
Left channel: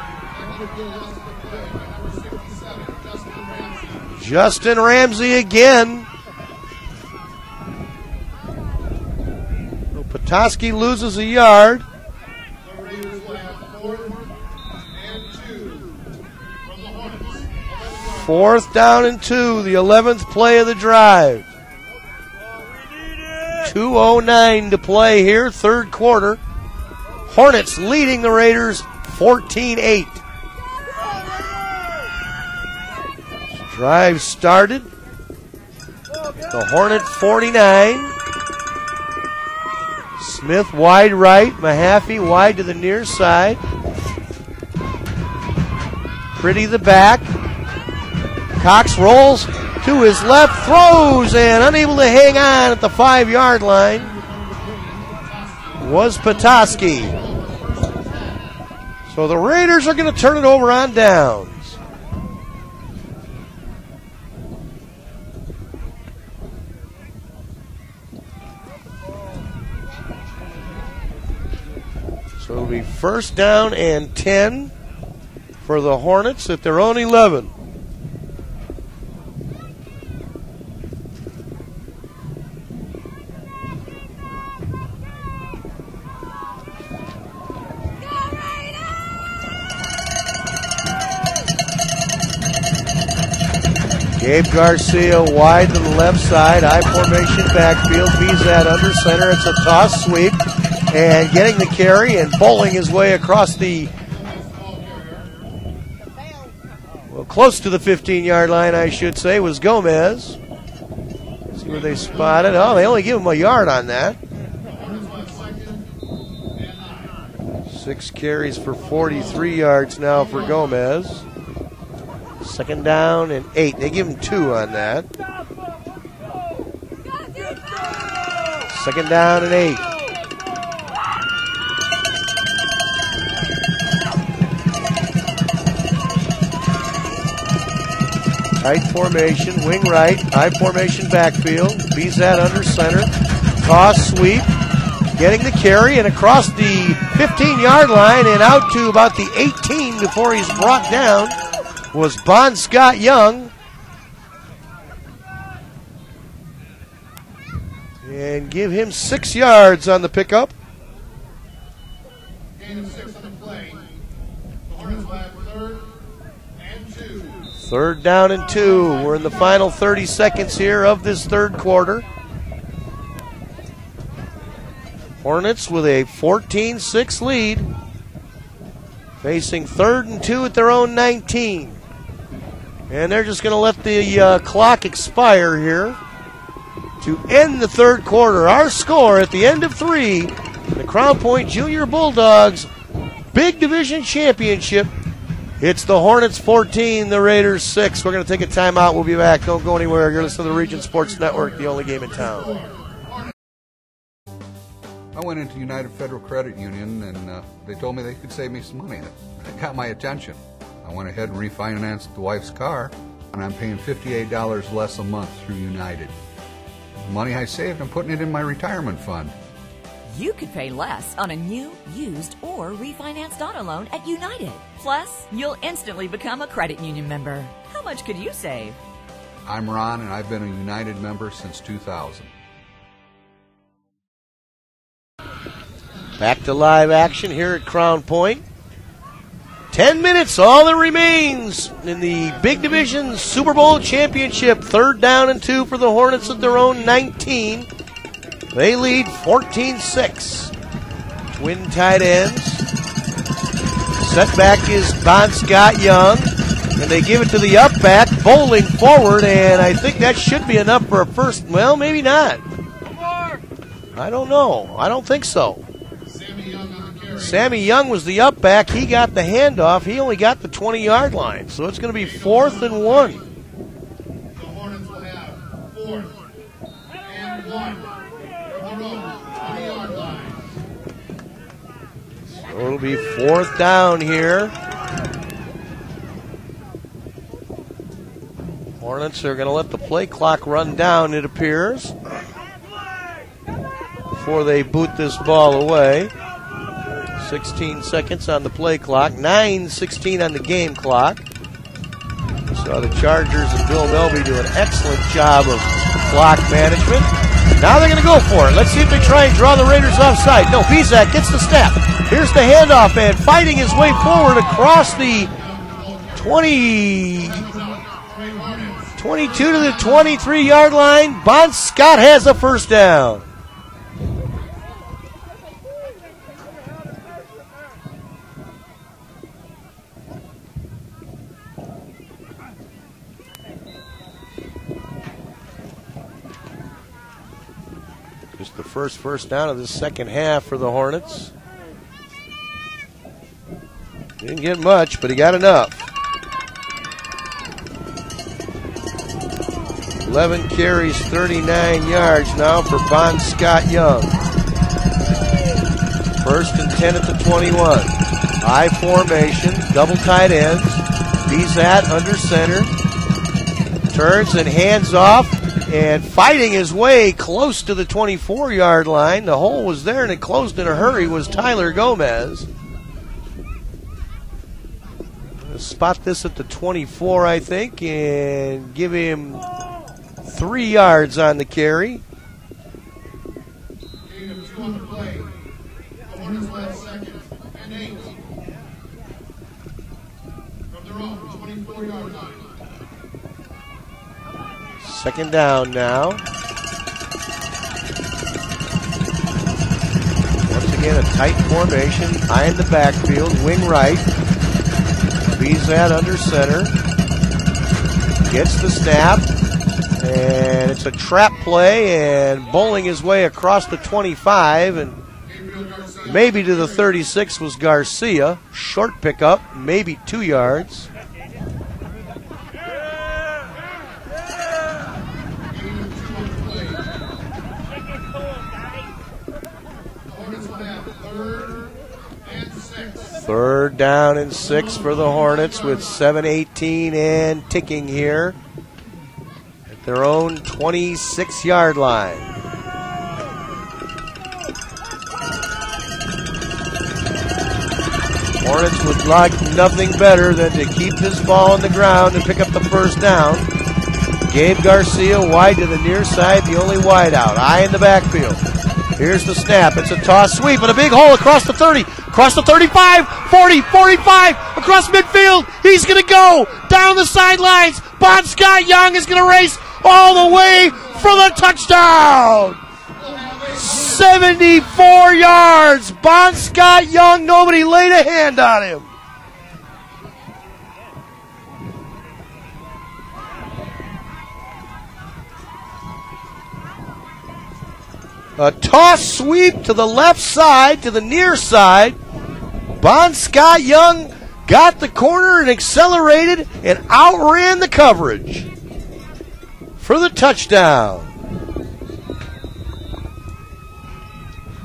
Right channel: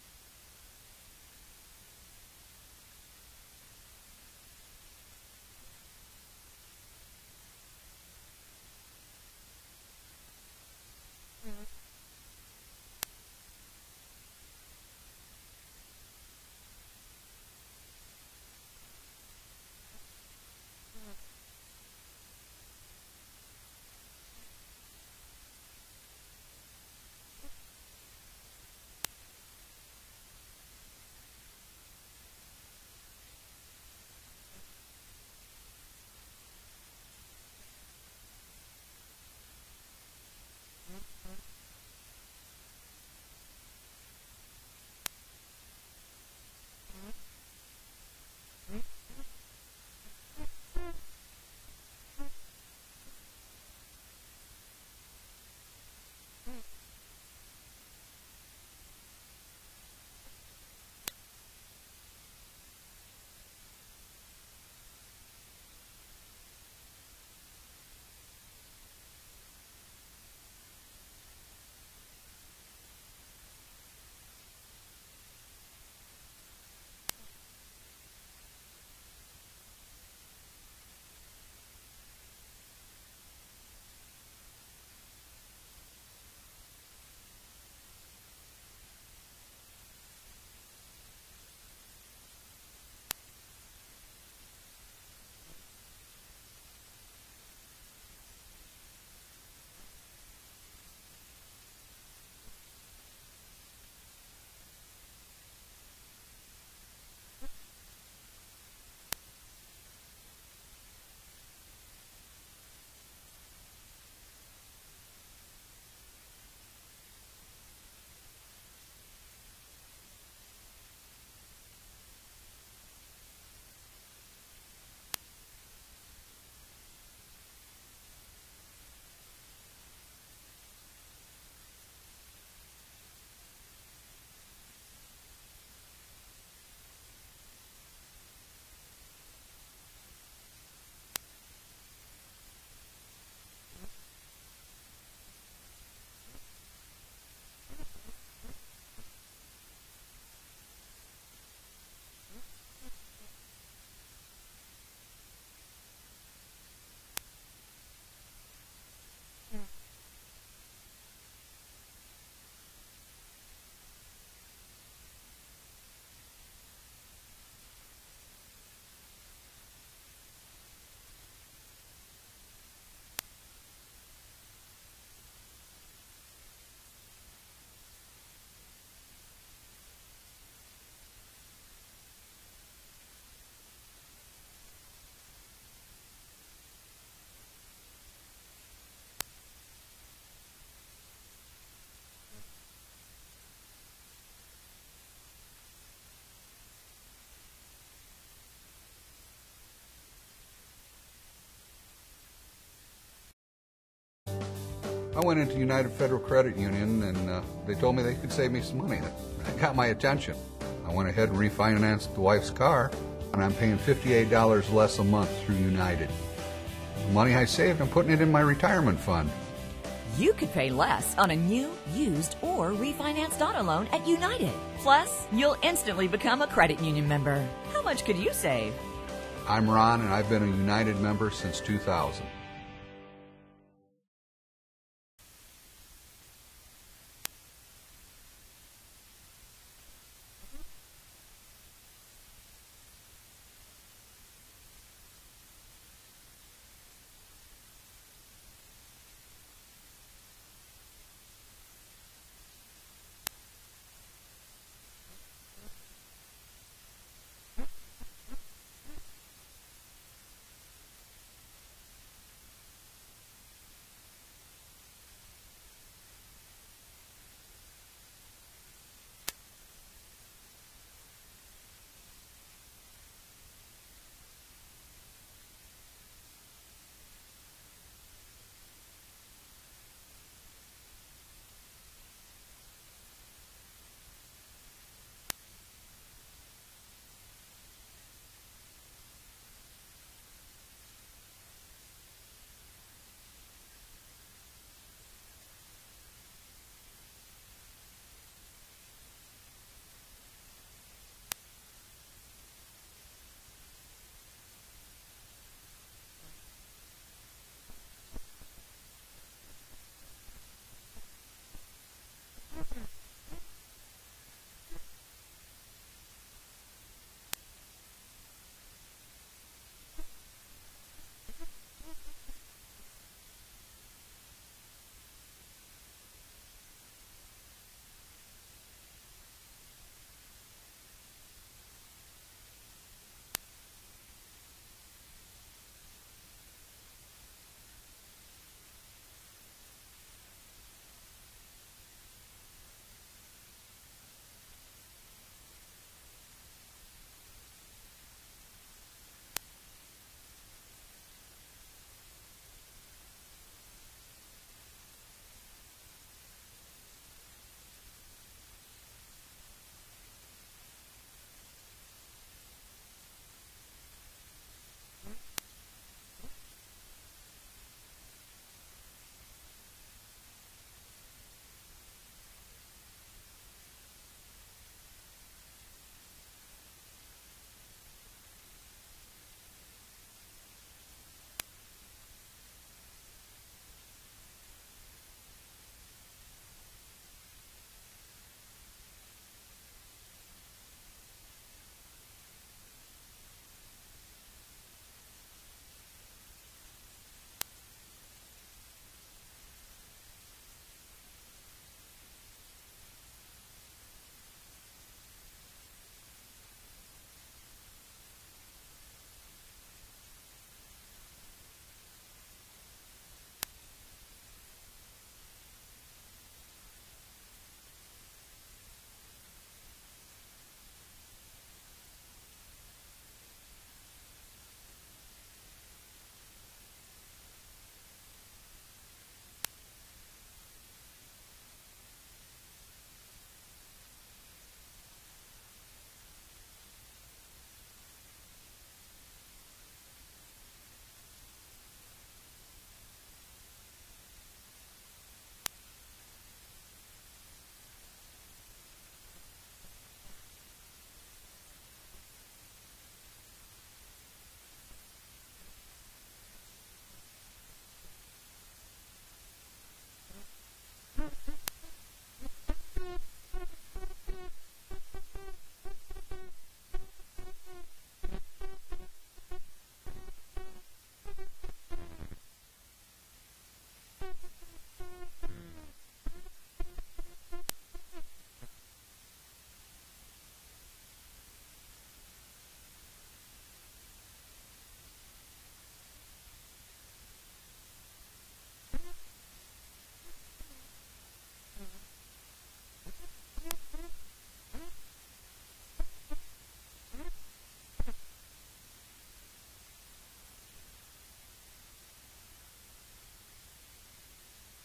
Justin Ramsey again. Petoskey loses a yard. 4th down and 2, the 11th play of the drive. 2:09 to play here, 3rd quarter. Hornets leading the Raiders 14-8. Drive started. The Hornet 49. Smith wide right, Mahaffey wide to the near side. Pretty the back. Cox rolls to his left, throws, and unable to hang on at the 5-yard line was Petoskey. So the Raiders are going to turn it over on downs. So it'll be 1st down and 10 for the Hornets at their own 11. Gabe Garcia wide to the left side, I formation backfield, Bizat under center. It's a toss sweep, and getting the carry and bowling his way across the, well, close to the 15-yard line, I should say, was Gomez. See where they spotted. Oh, they only give him a yard on that. 6 carries for 43 yards now for Gomez. 2nd down and 8. They give him 2 on that. 2nd down and 8. Tight formation, wing right, high formation backfield. Bizat under center. Toss sweep. Getting the carry and across the 15-yard line and out to about the 18 before he's brought down was Bon Scott Young. And give him 6 yards on the pickup. Gain of 6 on the play. The Hornets have 3rd and 2. 3rd down and 2. We're in the final 30 seconds here of this 3rd quarter. Hornets with a 14-6 lead. Facing 3rd and 2 at their own 19. And they're just going to let the clock expire here to end the 3rd quarter. Our score at the end of 3, the Crown Point Jr Bulldogs Big Division Championship It's the Hornets 14, the Raiders 6. We're going to take a timeout. We'll be back. Don't go anywhere. You're listening to the Region Sports Network, the only game in town. I went into United Federal Credit Union, and they told me they could save me some money. That got my attention. I went ahead and refinanced the wife's car, and I'm paying $58 less a month through United. The money I saved, I'm putting it in my retirement fund. You could pay less on a new, used, or refinanced auto loan at United. Plus, you'll instantly become a credit union member. How much could you save? I'm Ron, and I've been a United member since 2000. Back to live action here at Crown Point. 10 minutes, all that remains in the Big Division Super Bowl Championship. 3rd down and 2 for the Hornets at their own 19. They lead 14-6. Twin tight ends. Setback is Bon Scott Young. And they give it to the up back, bowling forward, and I think that should be enough for a first. Well, maybe not. I don't know. I don't think so. Sammy Young was the up back. He got the handoff. He only got the 20-yard line. So it's going to be 4th and 1. The Hornets will have 4th and 1 from the road, 20-yard line. So it'll be 4th down here. Hornets are going to let the play clock run down, it appears, before they boot this ball away. 16 seconds on the play clock, 9:16 on the game clock. So the Chargers and Bill Melby do an excellent job of clock management. Now they're going to go for it. Let's see if they try and draw the Raiders offside. No, Bizak gets the snap. Here's the handoff, and fighting his way forward across the 22 to the 23-yard line. Bon Scott has a first down. Just the first down of the second half for the Hornets. Didn't get much, but he got enough. 11 carries, 39 yards now for Bon Scott Young. 1st and 10 at the 21. I formation, double tight ends. Bizak under center. Turns and hands off. And fighting his way close to the 24-yard line. The hole was there and it closed in a hurry was Tyler Gomez. I'll spot this at the 24, I think, and give him 3 yards on the carry. Gain of 2 on the play. The Hornets will have 2nd and 8 from their own 24-yard line. 2nd down now. Once again, a tight formation. High in the backfield, wing right. Bizak under center. Gets the snap. And it's a trap play and bowling his way across the 25 and maybe to the 36 was Garcia. Short pickup, maybe 2 yards. Third down and 6 for the Hornets with 7:18 and ticking here at their own 26-yard line. Hornets would like nothing better than to keep this ball on the ground and pick up the first down. Gabe Garcia wide to the near side, the only wide out. Eye in the backfield. Here's the snap. It's a toss sweep and a big hole across the 30, across the 35, 40, 45, across midfield. He's going to go down the sidelines. Bon Scott Young is going to race all the way for the touchdown. 74 yards. Bon Scott Young, nobody laid a hand on him. A toss sweep to the left side, to the near side. Bon Scott Young got the corner and accelerated and outran the coverage for the touchdown.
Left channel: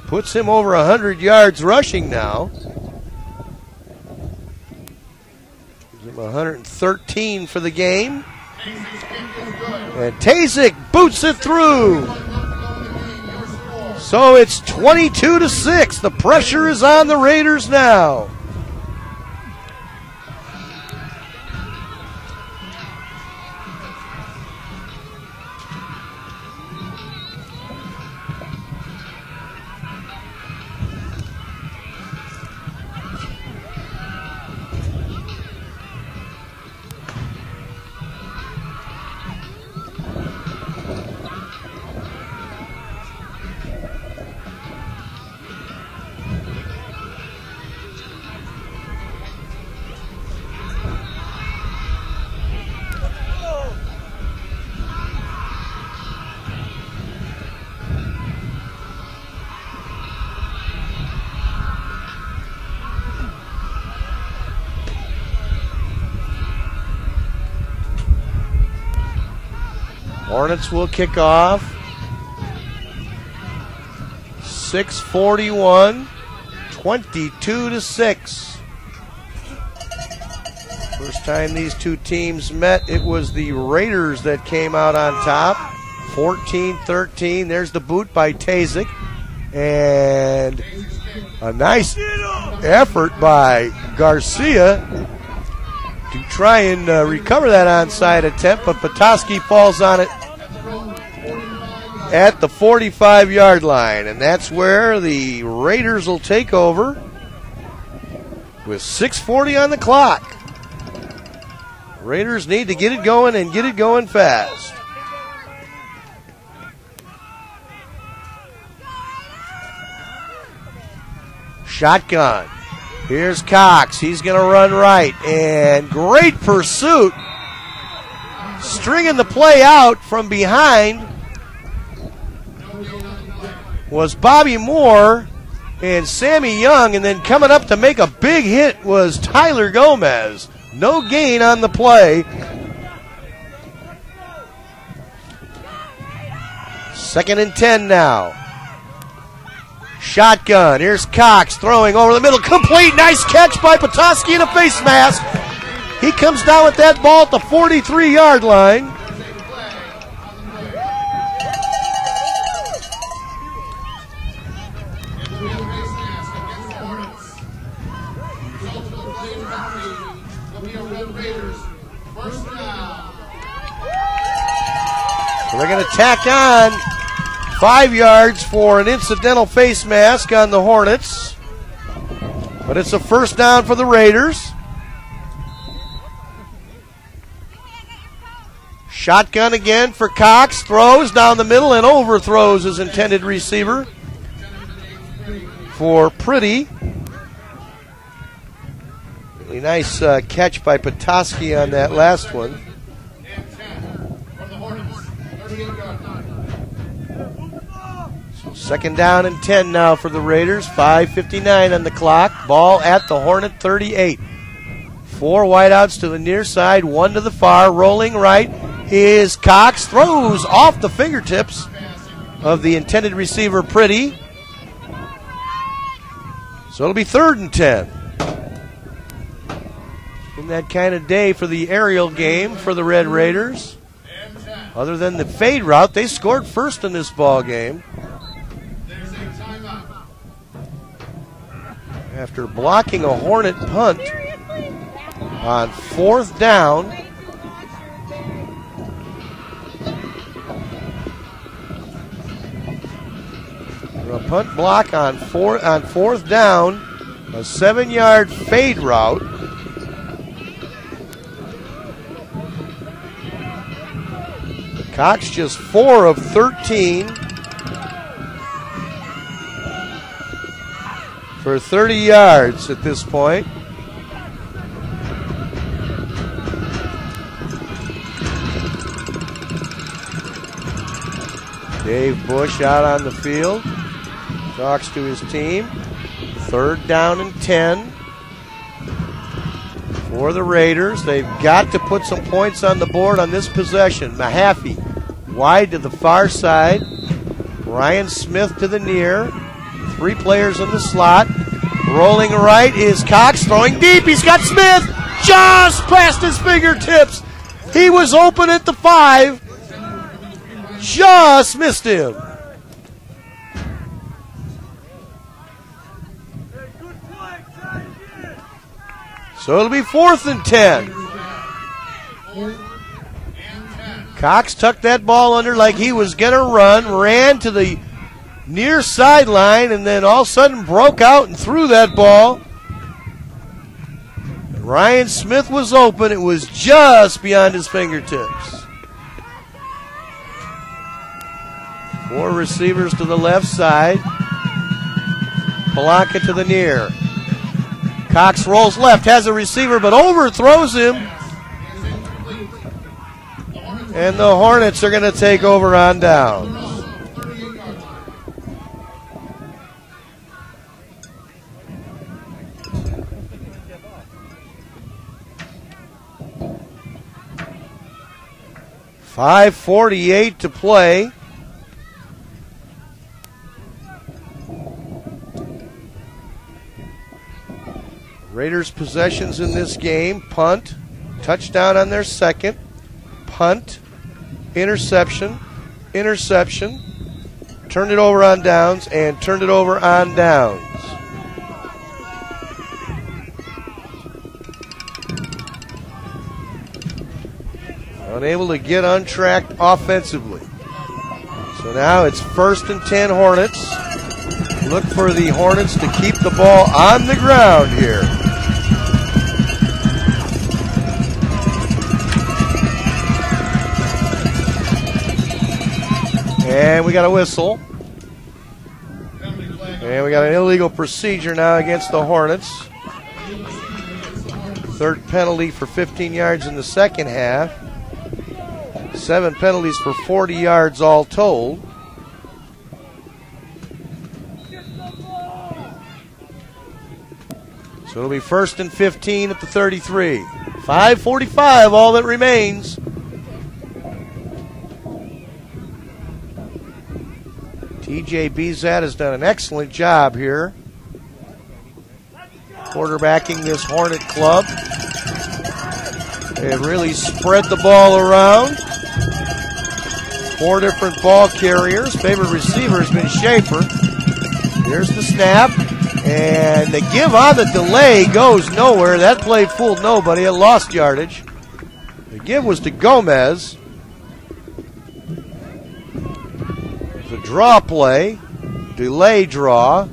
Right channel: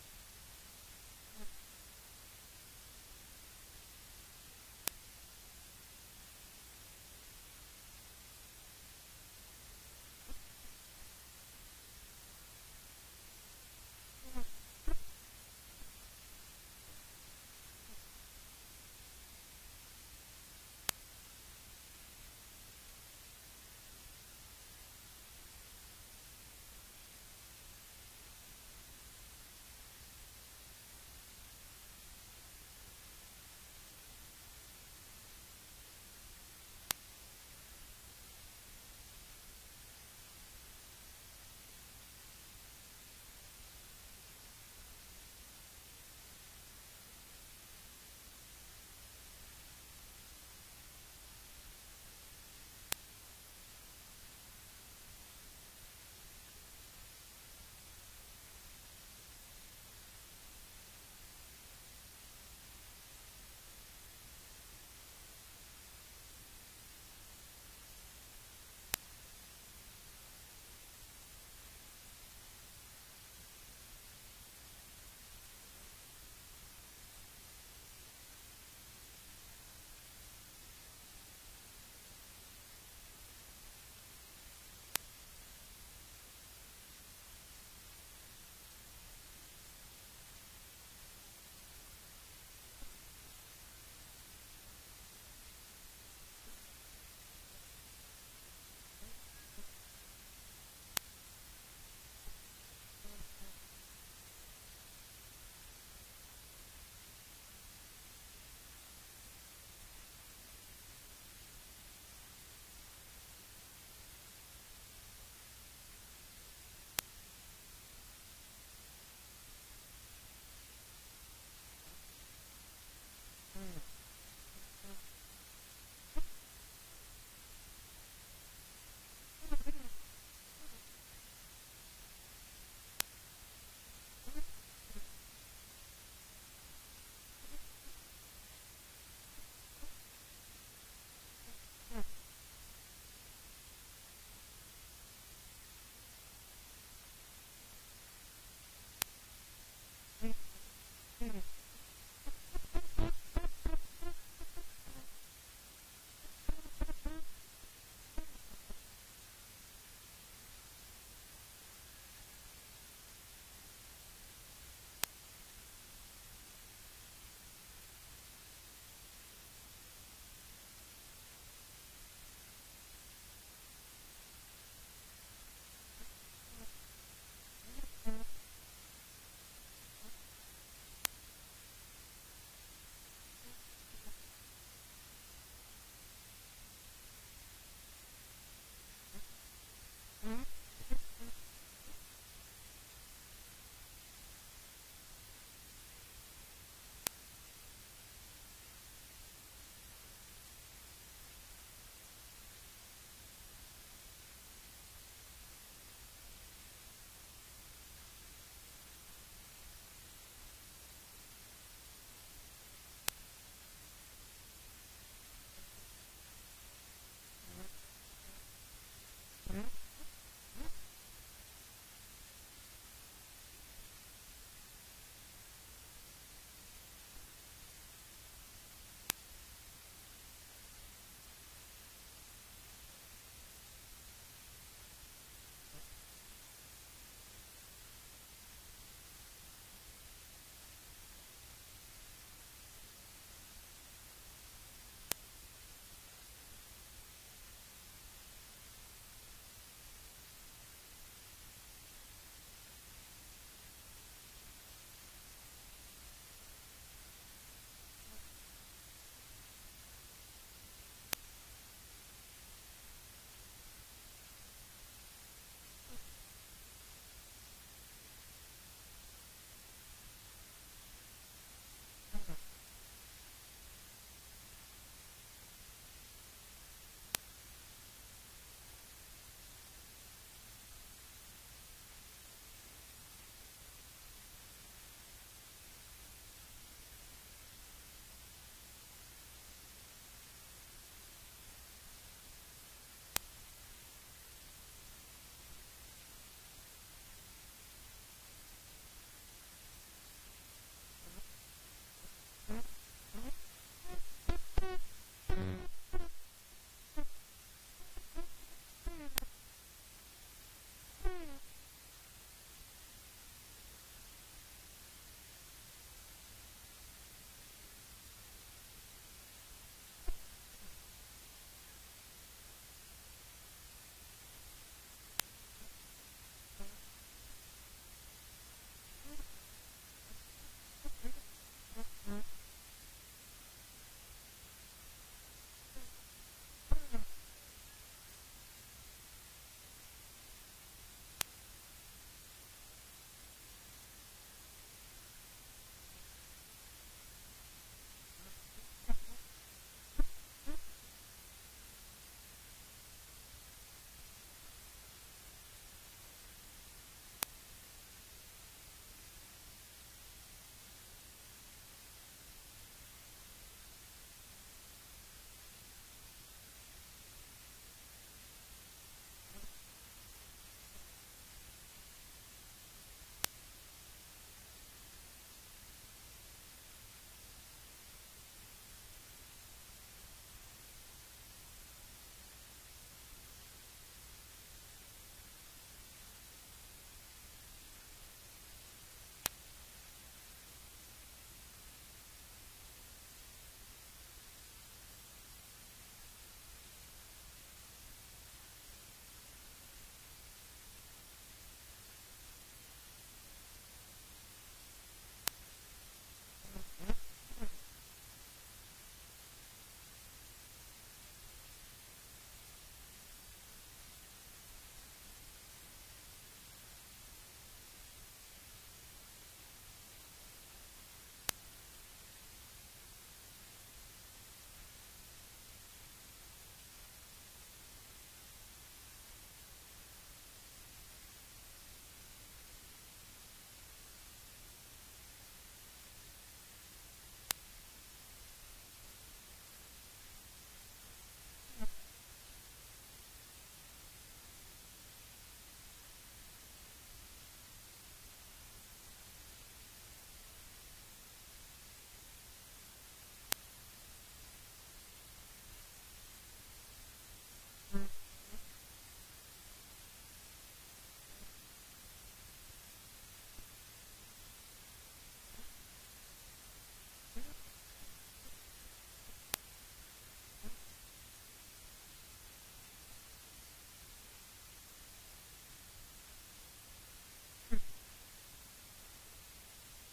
Puts him over 100 yards rushing now. Gives him 113 for the game. And Tazik boots it through. So it's 22-6. The pressure is on the Raiders now. Hornets will kick off. 6:41, 22-6. First time these two teams met, it was the Raiders that came out on top. 14-13. There's the boot by Tazik. And a nice effort by Garcia to try and recover that onside attempt, but Petoskey falls on it at the 45-yard line, and that's where the Raiders will take over with 6:40 on the clock. Raiders need to get it going and get it going fast. Shotgun. Here's Cox. He's going to run right, and great pursuit. Stringing the play out from behind was Bobby Moore and Sammy Young, and then coming up to make a big hit was Tyler Gomez. No gain on the play. Second and 10 now. Shotgun. Here's Cox throwing over the middle. Complete. Nice catch by Petoskey in a face mask. He comes down with that ball at the 43-yard line. So they're going to tack on 5 yards for an incidental face mask on the Hornets. But it's a first down for the Raiders. Shotgun again for Cox. Throws down the middle and overthrows his intended receiver for Pretty. Really nice catch by Petoskey on that last one. Second down and 10 now for the Raiders. 5:59 on the clock. Ball at the Hornet 38. 4 wideouts to the near side, 1 to the far. Rolling right is Cox. Throws off the fingertips of the intended receiver, Pretty. So it'll be 3rd and 10. In that kind of day for the aerial game for the Red Raiders. Other than the fade route, they scored first in this ball game. After blocking a Hornet punt on 4th down. A punt block on 4th down, a 7-yard fade route. Cox just 4 of 13. For 30 yards at this point. Dave Bush out on the field. Talks to his team. 3rd down and 10. for the Raiders. They've got to put some points on the board on this possession. Mahaffey wide to the far side. Ryan Smith to the near. 3 players in the slot. Rolling right is Cox, throwing deep. He's got Smith just past his fingertips. He was open at the 5. Just missed him. So it'll be 4th and 10. Cox tucked that ball under like he was going to run, ran to the near sideline, and then all of a sudden broke out and threw that ball. Ryan Smith was open. It was just beyond his fingertips. 4 receivers to the left side. Polanka to the near. Cox rolls left, has a receiver, but overthrows him. And the Hornets are going to take over on downs. .548 to play. Raiders possessions in this game: punt, touchdown on their second, punt, interception, interception, turned it over on downs, and turned it over on downs. Unable to get untracked offensively. So now it's 1st and 10 Hornets. Look for the Hornets to keep the ball on the ground here. And we got a whistle. And we got an illegal procedure now against the Hornets. 3rd penalty for 15 yards in the second half. 7 penalties for 40 yards all told. So it'll be 1st and 15 at the 33. 5:45, all that remains. TJ Bezat has done an excellent job here quarterbacking this Hornet club. They have really spread the ball around. 4 different ball carriers. Favorite receiver has been Schaefer. Here's the snap. And the give on the delay goes nowhere. That play fooled nobody. It lost yardage. The give was to Gomez. The draw play. Delay draw.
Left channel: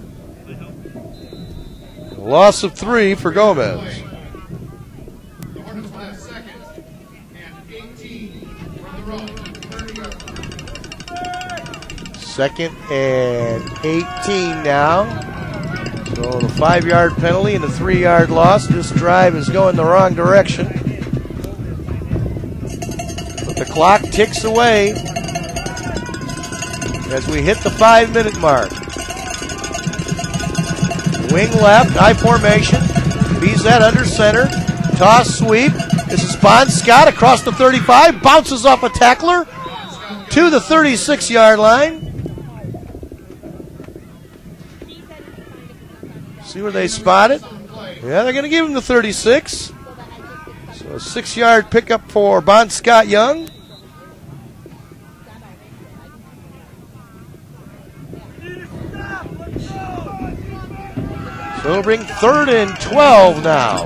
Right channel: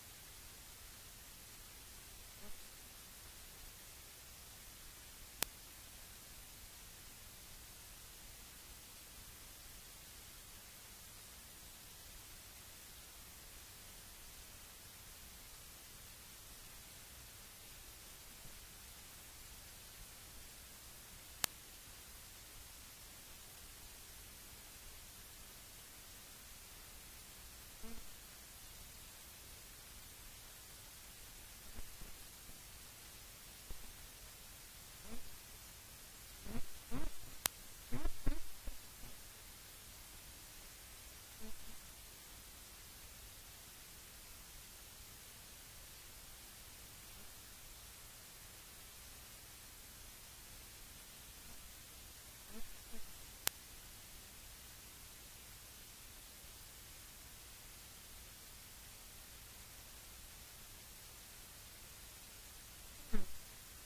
Loss of 3 for Gomez. 2nd and 18 now. So the 5-yard penalty and the 3-yard loss. This drive is going the wrong direction. But the clock ticks away as we hit the 5-minute mark. Wing left, I formation. Bezat under center. Toss sweep. This is Bon Scott across the 35. Bounces off a tackler to the 36-yard line. See where they spot it? Yeah, they're going to give him the 36. So a 6-yard pickup for Bon Scott Young. So it'll bring 3rd and 12 now.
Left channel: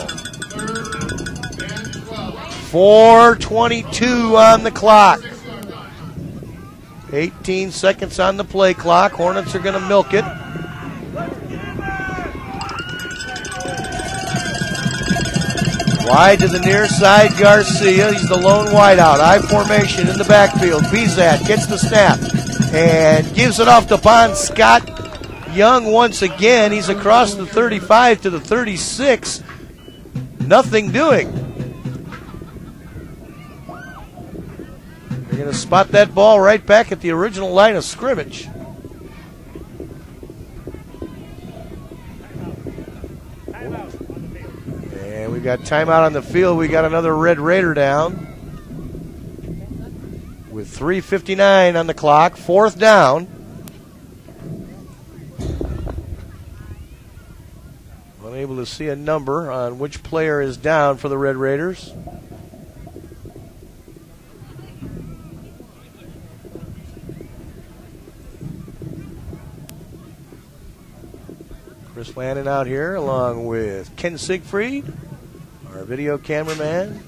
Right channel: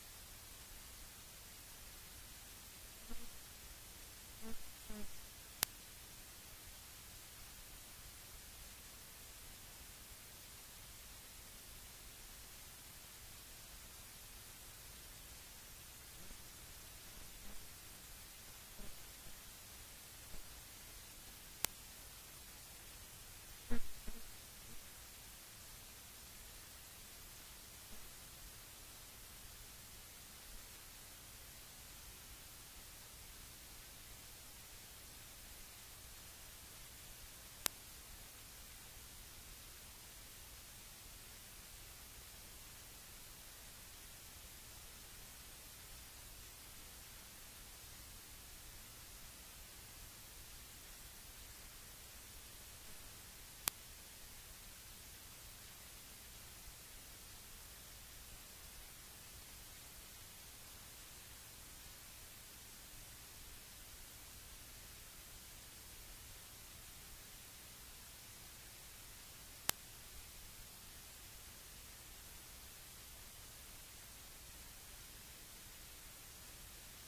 4:22 on the clock. 18 seconds on the play clock. Hornets are going to milk it. Wide to the near side, Garcia. He's the lone wideout. I formation in the backfield. Bezat gets the snap and gives it off to Bon Scott Young once again. He's across the 35 to the 36. Nothing doing. They're going to spot that ball right back at the original line of scrimmage. And we've got timeout on the field. We got another Red Raider down with 3:59 on the clock. 4th down. Unable to see a number on which player is down for the Red Raiders. Chris Lannon out here along with Ken Siegfried, our video cameraman,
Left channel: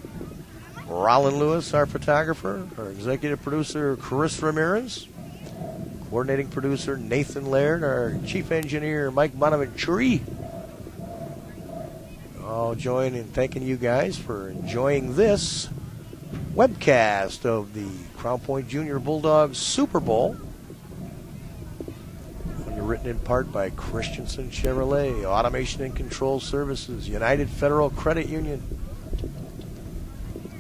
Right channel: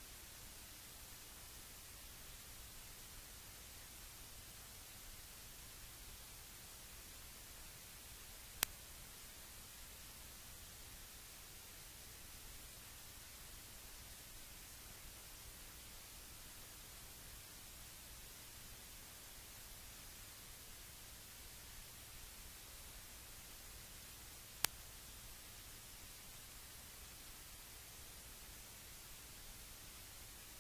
Rollin Lewis, our photographer, our executive producer, Chris Ramirez, coordinating producer, Nathan Laird, our chief engineer, Mike Bonaventure. All join in thanking you guys for enjoying this webcast of the Crown Point Jr Bulldogs Super Bowl. Written in part by Christensen Chevrolet, Automation and Control Services, United Federal Credit Union,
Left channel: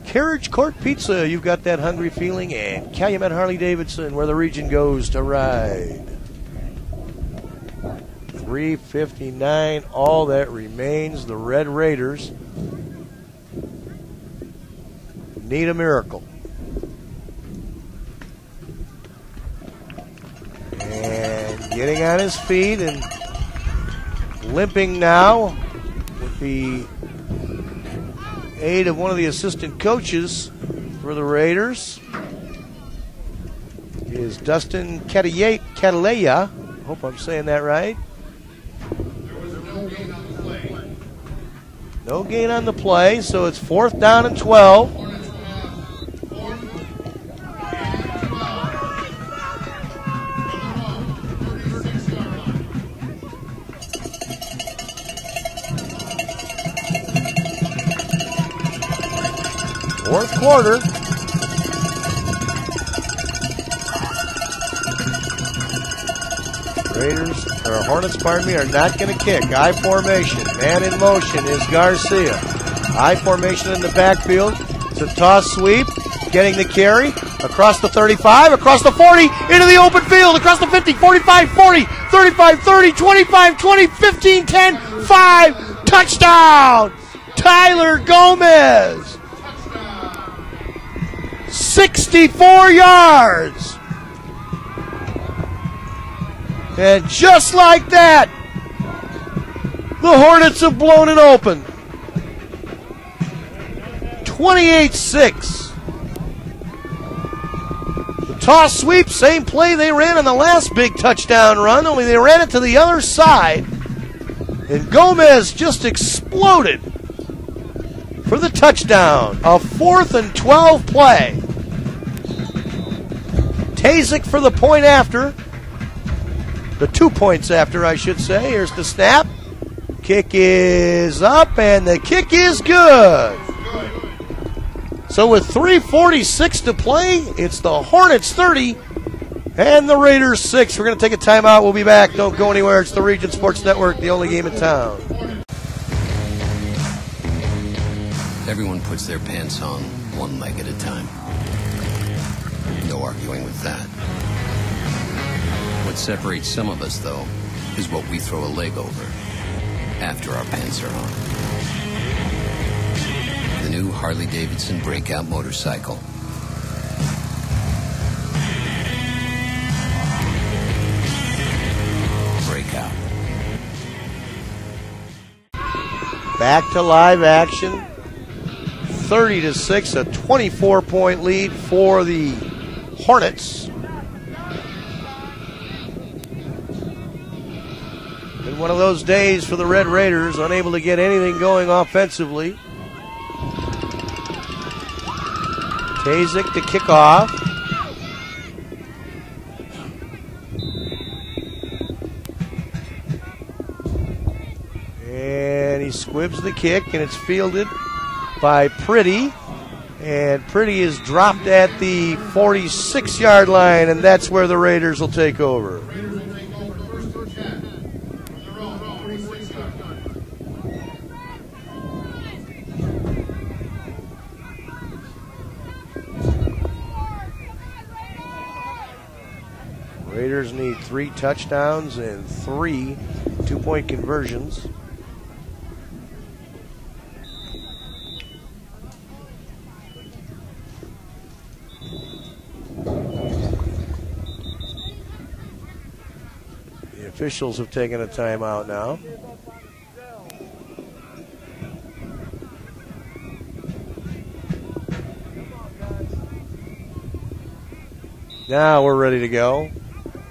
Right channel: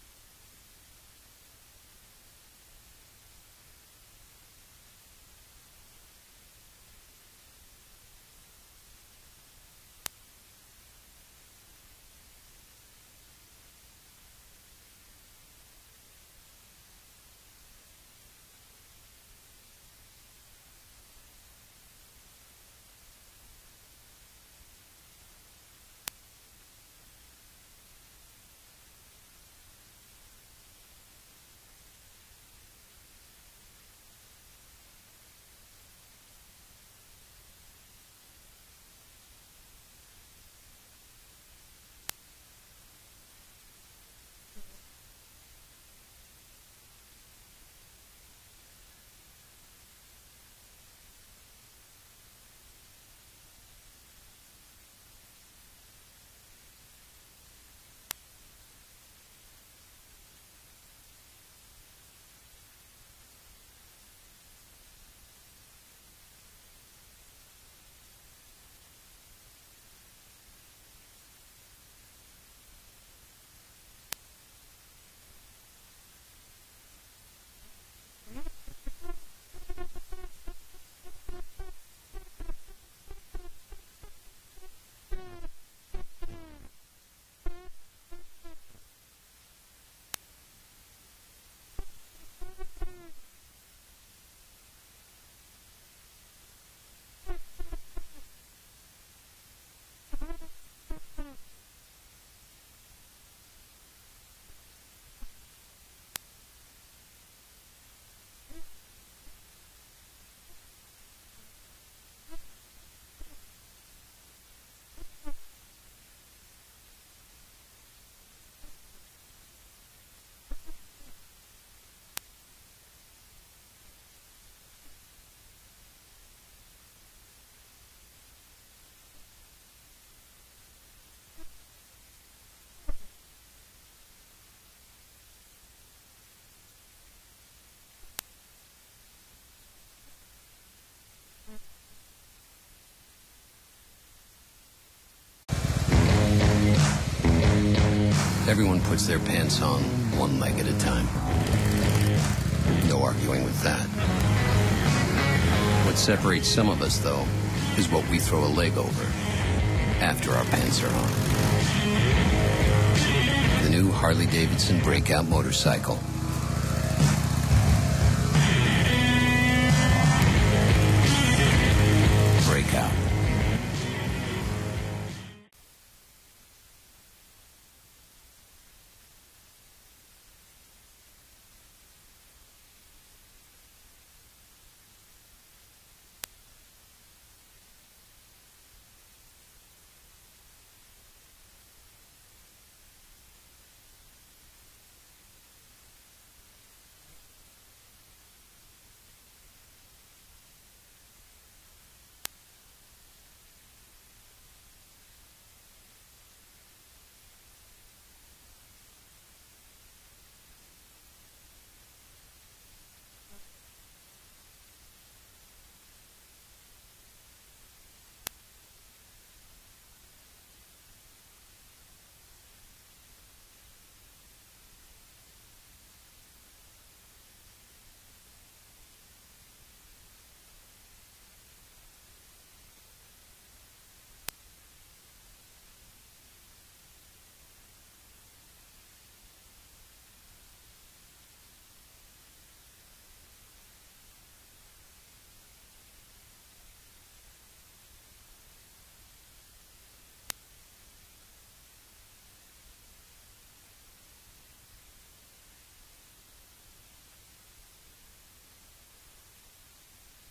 Carriage Court Pizza, you've got that hungry feeling, and Calumet Harley-Davidson, where the region goes to ride. 3:59, all that remains. The Red Raiders need a miracle. And getting on his feet and limping now with the aid of one of the assistant coaches for the Raiders is Dustin Cataleya. Hope I'm saying that right. No gain on the play, so it's 4th down and 12. Fourth quarter. Hornets, are not going to kick. I formation. Man in motion is Garcia. I formation in the backfield. It's a toss sweep. Getting the carry. Across the 35, across the 40, into the open field, across the 50, 45, 40, 35, 30, 25, 20, 15, 10, 5. Touchdown! Tyler Gomez. 64 yards. And just like that, the Hornets have blown it open. 28-6. The toss sweep, same play they ran on the last big touchdown run, only they ran it to the other side. And Gomez just exploded for the touchdown. A 4th and 12 play. Tazik for the point after. The 2 points after, I should say. Here's the snap. Kick is up, and the kick is good. So with 3:46 to play, it's the Hornets 30 and the Raiders 6. We're going to take a timeout. We'll be back. Don't go anywhere. It's the Region Sports Network, the only game in town. Everyone puts their pants on one leg at a time. No arguing with that. What separates some of us, though, is what we throw a leg over after our pants are on. The new Harley-Davidson Breakout motorcycle. Breakout. Back to live action. 30-6, a 24-point lead for the Hornets. Been one of those days for the Red Raiders, unable to get anything going offensively. Tazik to kick off. And he squibs the kick, and it's fielded by Pretty. And Pretty is dropped at the 46-yard line, and that's where the Raiders will take over. Raiders need 3 touchdowns and 3 two-point conversions. officials have taken a timeout now. Now we're ready to go.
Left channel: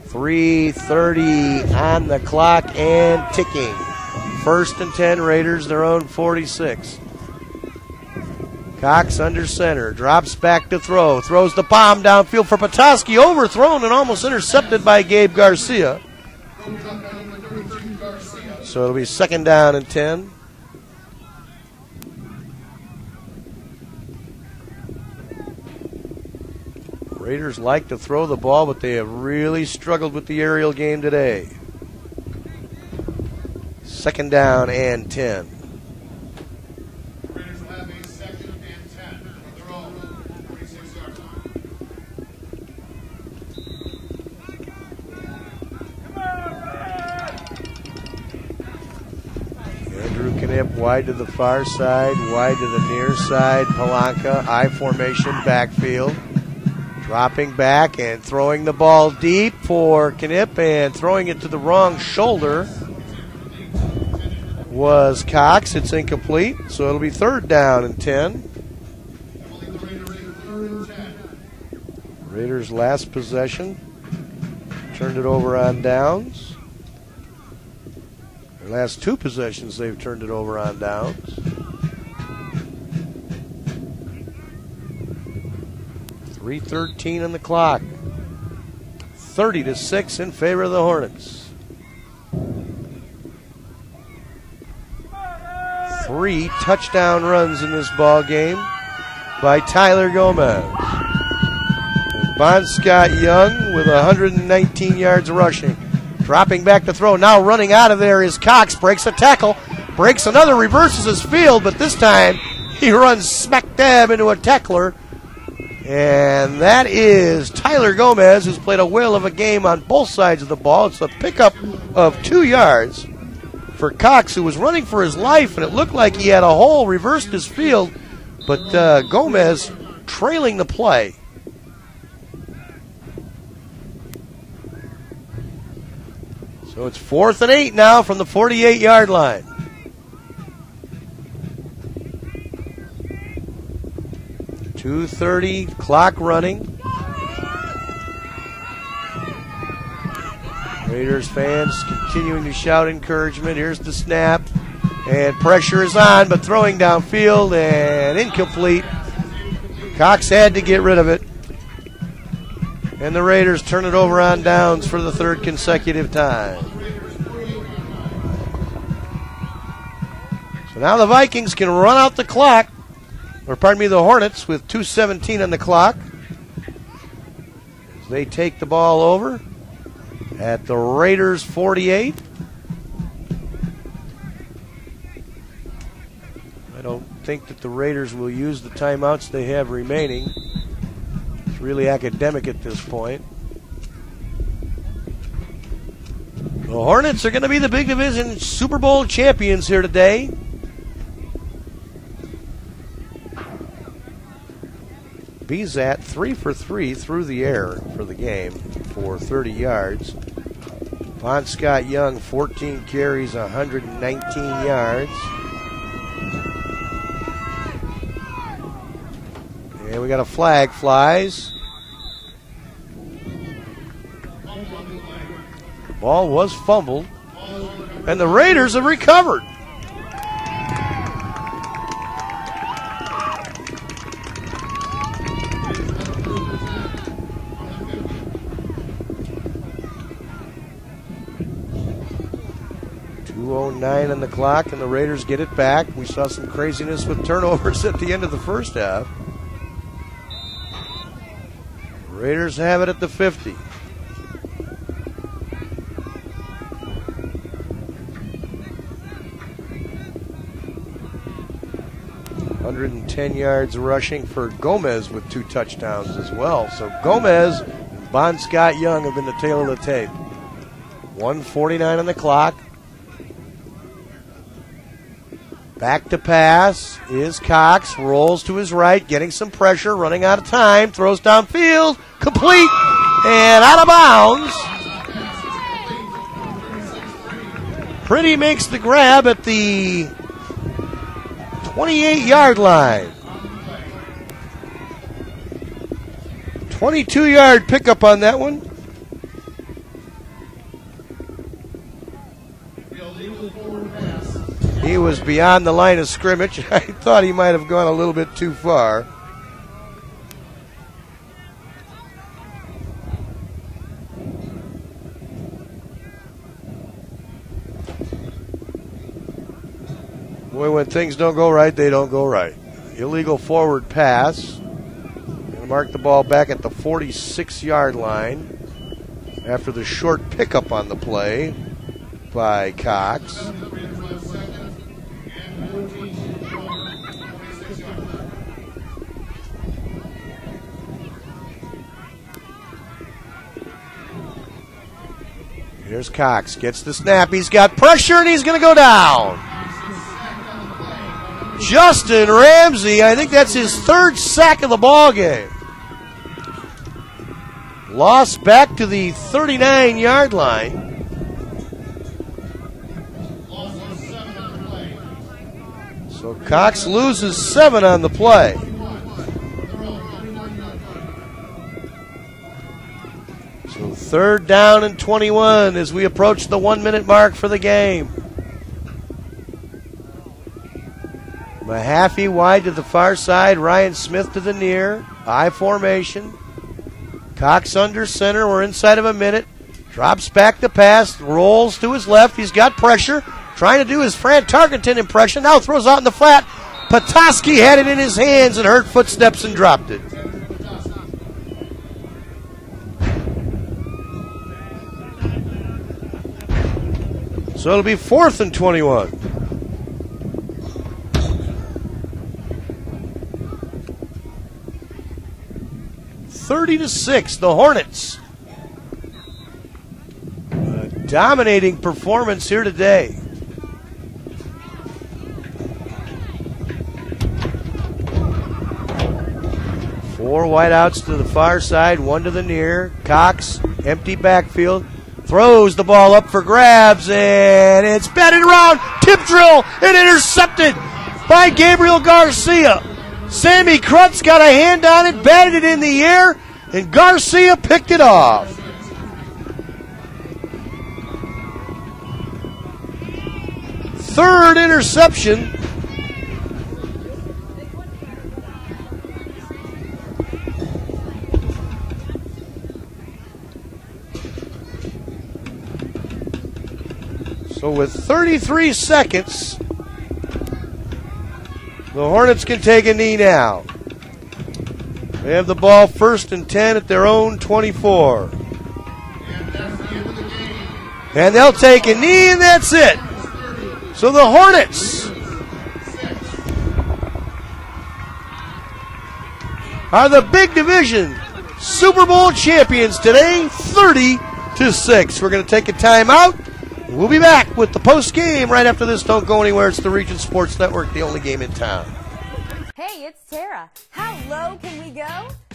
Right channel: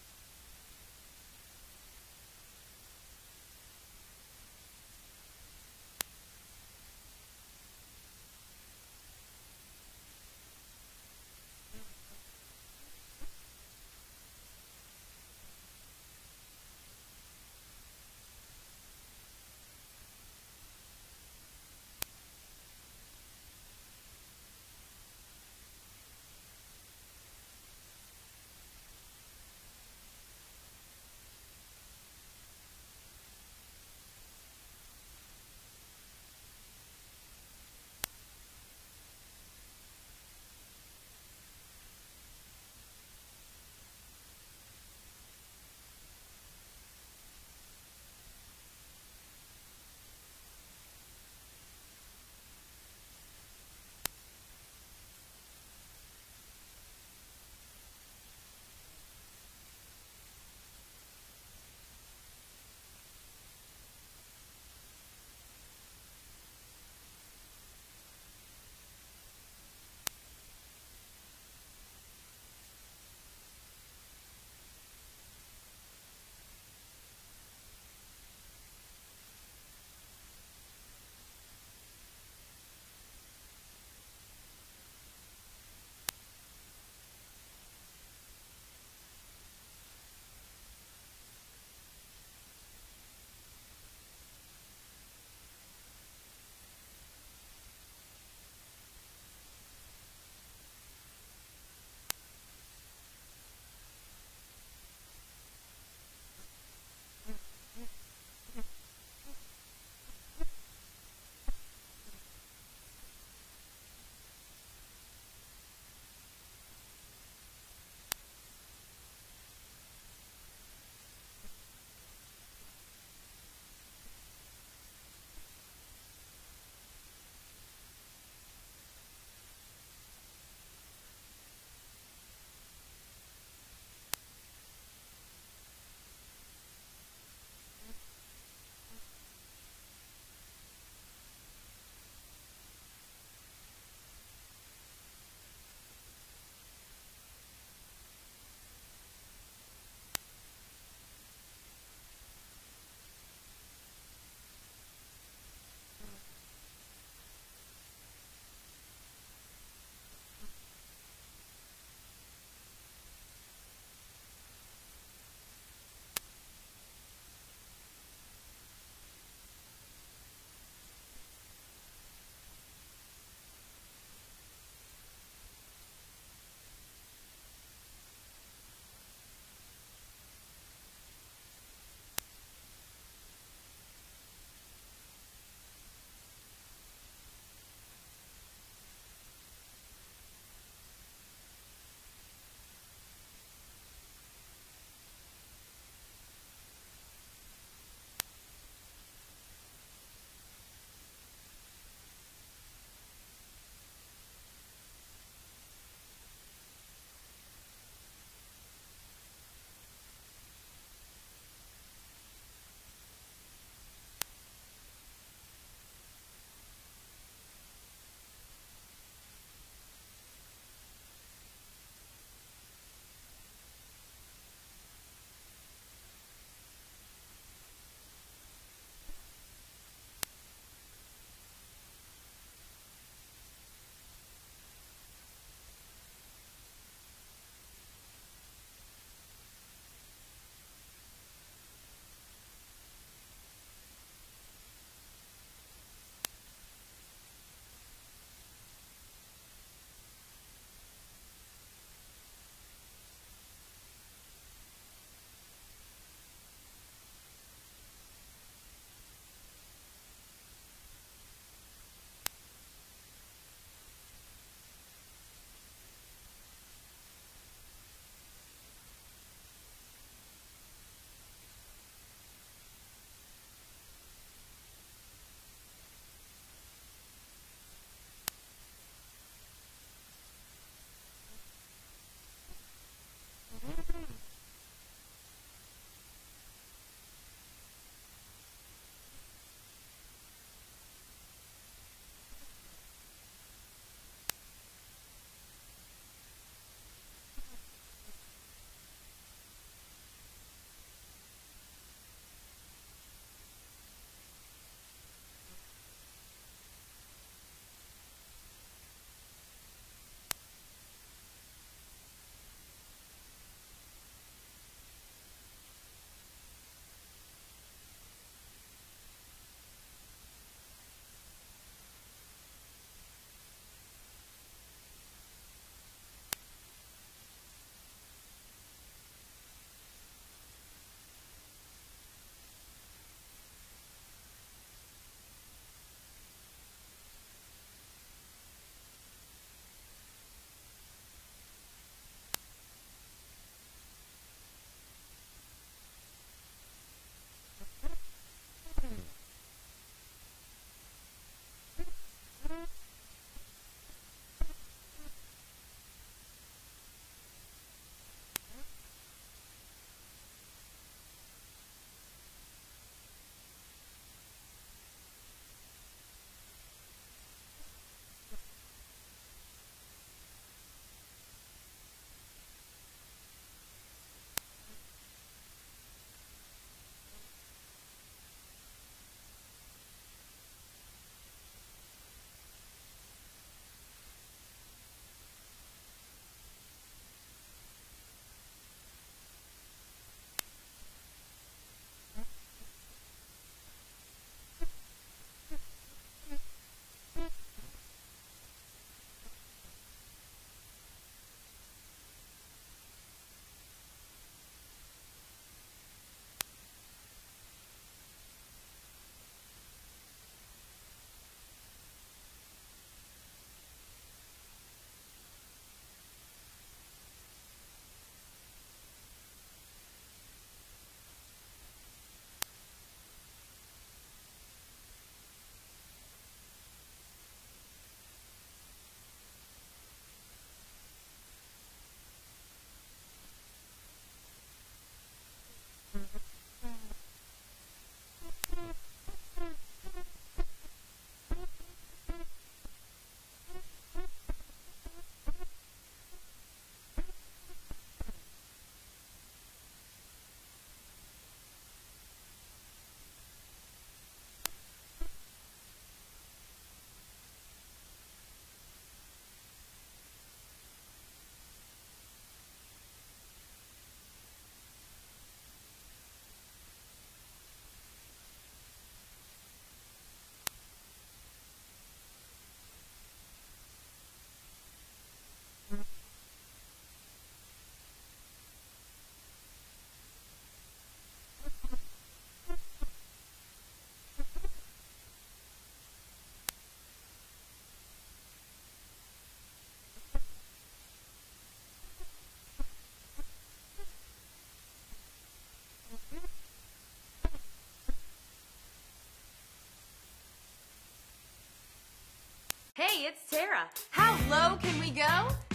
3:30 on the clock and ticking. 1st and 10, Raiders, their own 46. Cox under center, drops back to throw, throws the bomb downfield for Petoskey, overthrown and almost intercepted by Gabe Garcia. So it'll be 2nd down and 10. Raiders like to throw the ball, but they have really struggled with the aerial game today. 2nd down and 10. Raiders will have a 2nd and 10 from their own 46-yard line. Andrew Knipp wide to the far side, wide to the near side. Palanca, I formation, backfield. Dropping back and throwing the ball deep for Knipp, and throwing it to the wrong shoulder was Cox. It's incomplete, so it'll be 3rd down and 10. Raiders' last possession. Turned it over on downs. Their last 2 possessions, they've turned it over on downs. 3:13 on the clock. 30-6 in favor of the Hornets. 3 touchdown runs in this ball game by Tyler Gomez. Bon Scott Young with 119 yards rushing. Dropping back to throw. Now running out of there is Cox. Breaks a tackle. Breaks another. Reverses his field, but this time he runs smack dab into a tackler. And that is Tyler Gomez, who's played a whale of a game on both sides of the ball. It's a pickup of 2 yards for Cox, who was running for his life, and it looked like he had a hole, reversed his field, but Gomez trailing the play. So it's 4th and 8 now from the 48-yard line. .230, clock running. Raiders fans continuing to shout encouragement. Here's the snap, and pressure is on, but throwing downfield and incomplete. Cox had to get rid of it. And the Raiders turn it over on downs for the 3rd consecutive time. So now the Vikings can run out the clock. Or pardon me, the Hornets with 2:17 on the clock. As they take the ball over at the Raiders 48. I don't think that the Raiders will use the timeouts they have remaining. It's really academic at this point. The Hornets are going to be the Big Division Super Bowl champions here today. Bezat 3 for 3 through the air for the game for 30 yards. Von Scott Young, 14 carries, 119 yards. And we got a flag flies. The ball was fumbled, and the Raiders have recovered. .209 on the clock, and the Raiders get it back. We saw some craziness with turnovers at the end of the first half. Raiders have it at the 50. .110 yards rushing for Gomez with 2 touchdowns as well. So Gomez and Bon Scott Young have been the tail of the tape. 1:49 on the clock. Back to pass is Cox, rolls to his right, getting some pressure, running out of time, throws downfield, complete, and out of bounds. Pretty makes the grab at the 28-yard line. 22-yard pickup on that one. He was beyond the line of scrimmage. I thought he might have gone a little bit too far. Boy, when things don't go right, they don't go right. Illegal forward pass. Gonna mark the ball back at the 46-yard line after the short pickup on the play by Cox. Here's Cox, gets the snap, he's got pressure, and he's going to go down. Justin Ramsey, I think that's his third sack of the ball game. Lost back to the 39-yard line. So Cox loses 7 on the play. So 3rd down and 21 as we approach the 1-minute mark for the game. Mahaffey wide to the far side, Ryan Smith to the near. I formation. Cox under center, we're inside of a minute. Drops back to pass, rolls to his left, he's got pressure. Trying to do his Fran Tarkenton impression, now throws out in the flat. Petoskey had it in his hands and heard footsteps and dropped it. So it'll be 4th and 21. (30-6), the Hornets. A dominating performance here today. Four wideouts to the far side, one to the near. Cox, empty backfield. Throws the ball up for grabs, and it's batted around. Tip drill and intercepted by Gabriel Garcia. Sammy Krutz got a hand on it, batted it in the air, and Garcia picked it off. Third interception. So with 33 seconds, the Hornets can take a knee now. They have the ball 1st and 10 at their own 24. And they'll take a knee, and that's it. So the Hornets are the big division Super Bowl champions today, 30-6. We're going to take a timeout. We'll be back with the post game right after this. Don't go anywhere. It's the Region Sports Network, the only game in town. Hey, it's Tara. How low can we go?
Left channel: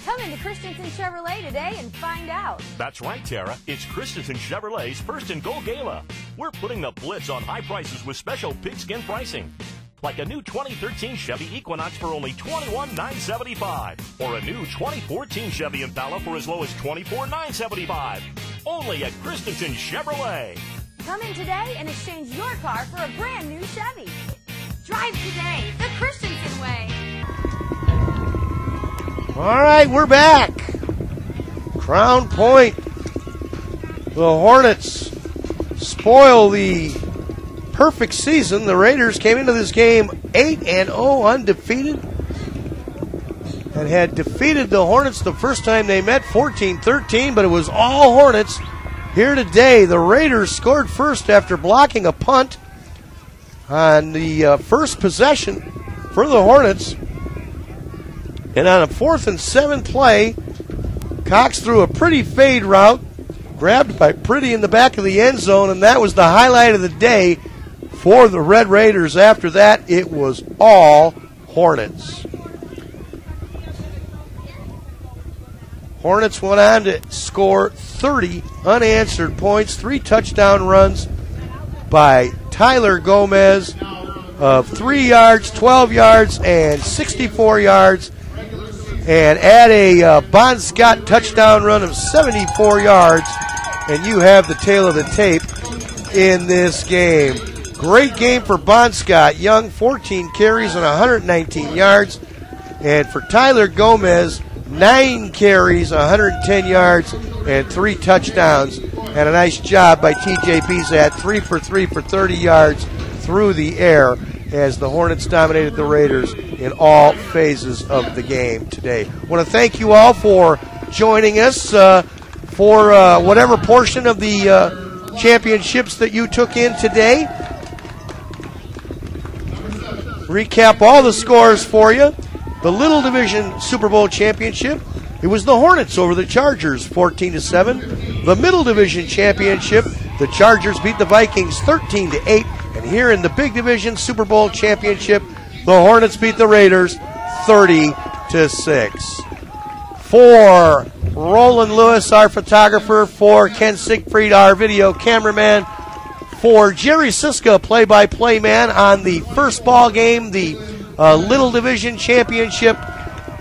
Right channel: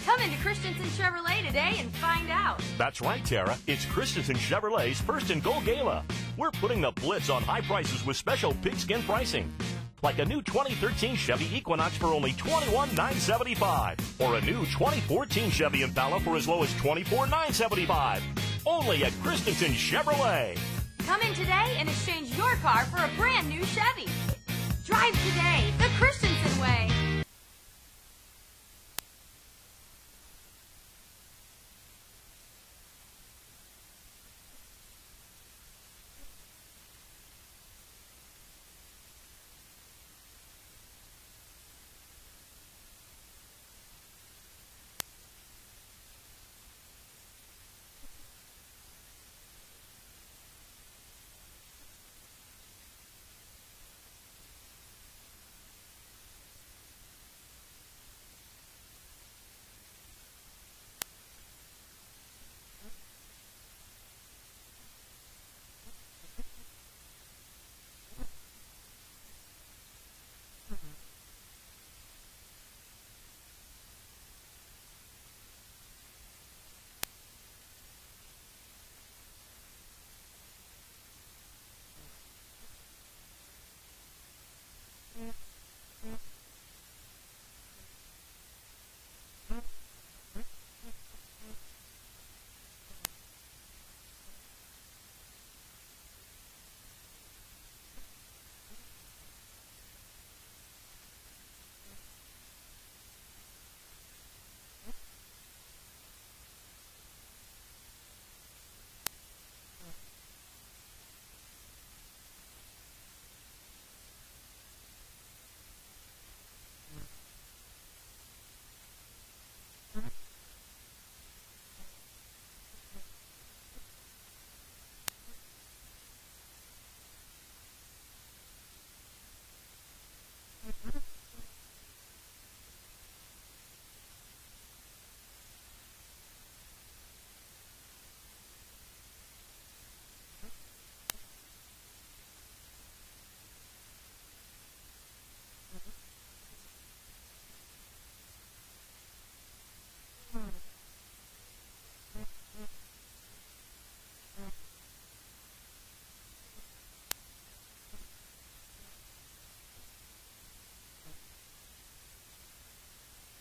Come into Christensen Chevrolet today and find out. That's right, Tara. It's Christensen Chevrolet's First and Goal Gala. We're putting the blitz on high prices with special pigskin pricing. Like a new 2013 Chevy Equinox for only $21,975. Or a new 2014 Chevy Impala for as low as $24,975. Only at Christensen Chevrolet. Come in today and exchange your car for a brand new Chevy. Drive today, the Christensen way. All right, we're back. Crown Point. The Hornets spoil the perfect season. The Raiders came into this game 8-0 undefeated and had defeated the Hornets the first time they met 14-13, but it was all Hornets. Here today, the Raiders scored first after blocking a punt on the first possession for the Hornets. And on a 4th and 7 play, Cox threw a pretty fade route, grabbed by Pretty in the back of the end zone, and that was the highlight of the day for the Red Raiders. After that, it was all Hornets. Hornets went on to score 30 unanswered points, 3 touchdown runs by Tyler Gomez of 3 yards, 12 yards, and 64 yards. And add a Bon Scott touchdown run of 74 yards, and you have the tail of the tape in this game. Great game for Bon Scott. Young, 14 carries and 119 yards. And for Tyler Gomez, 9 carries, 110 yards, and 3 touchdowns. And a nice job by TJ Bezat, 3 for 3 for 30 yards through the air, as the Hornets dominated the Raiders in all phases of the game today. I want to thank you all for joining us for whatever portion of the championships that you took in today. Recap all the scores for you. The Little Division Super Bowl Championship, it was the Hornets over the Chargers, 14-7. The Middle Division Championship, the Chargers beat the Vikings 13-8. And here in the Big Division Super Bowl Championship, the Hornets beat the Raiders 30-6. For Roland Lewis, our photographer, for Ken Siegfried, our video cameraman, for Jerry Siska, play-by-play man on the first ball game, the Little Division Championship,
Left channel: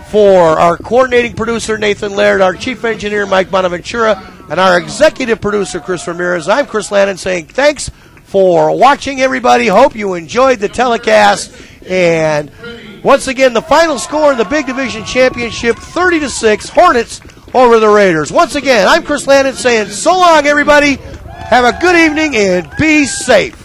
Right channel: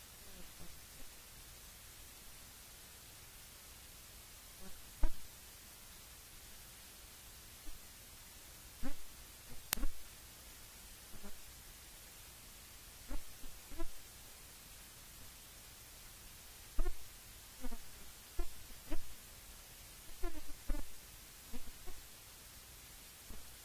for our coordinating producer, Nathan Laird, our chief engineer, Mike Bonaventura, and our executive producer, Chris Ramirez. I'm Chris Lannon saying thanks for watching, everybody. Hope you enjoyed the telecast. And once again, the final score in the Big Division Championship, 30-6, Hornets over the Raiders. Once again, I'm Chris Lannon saying so long, everybody. Have a good evening and be safe.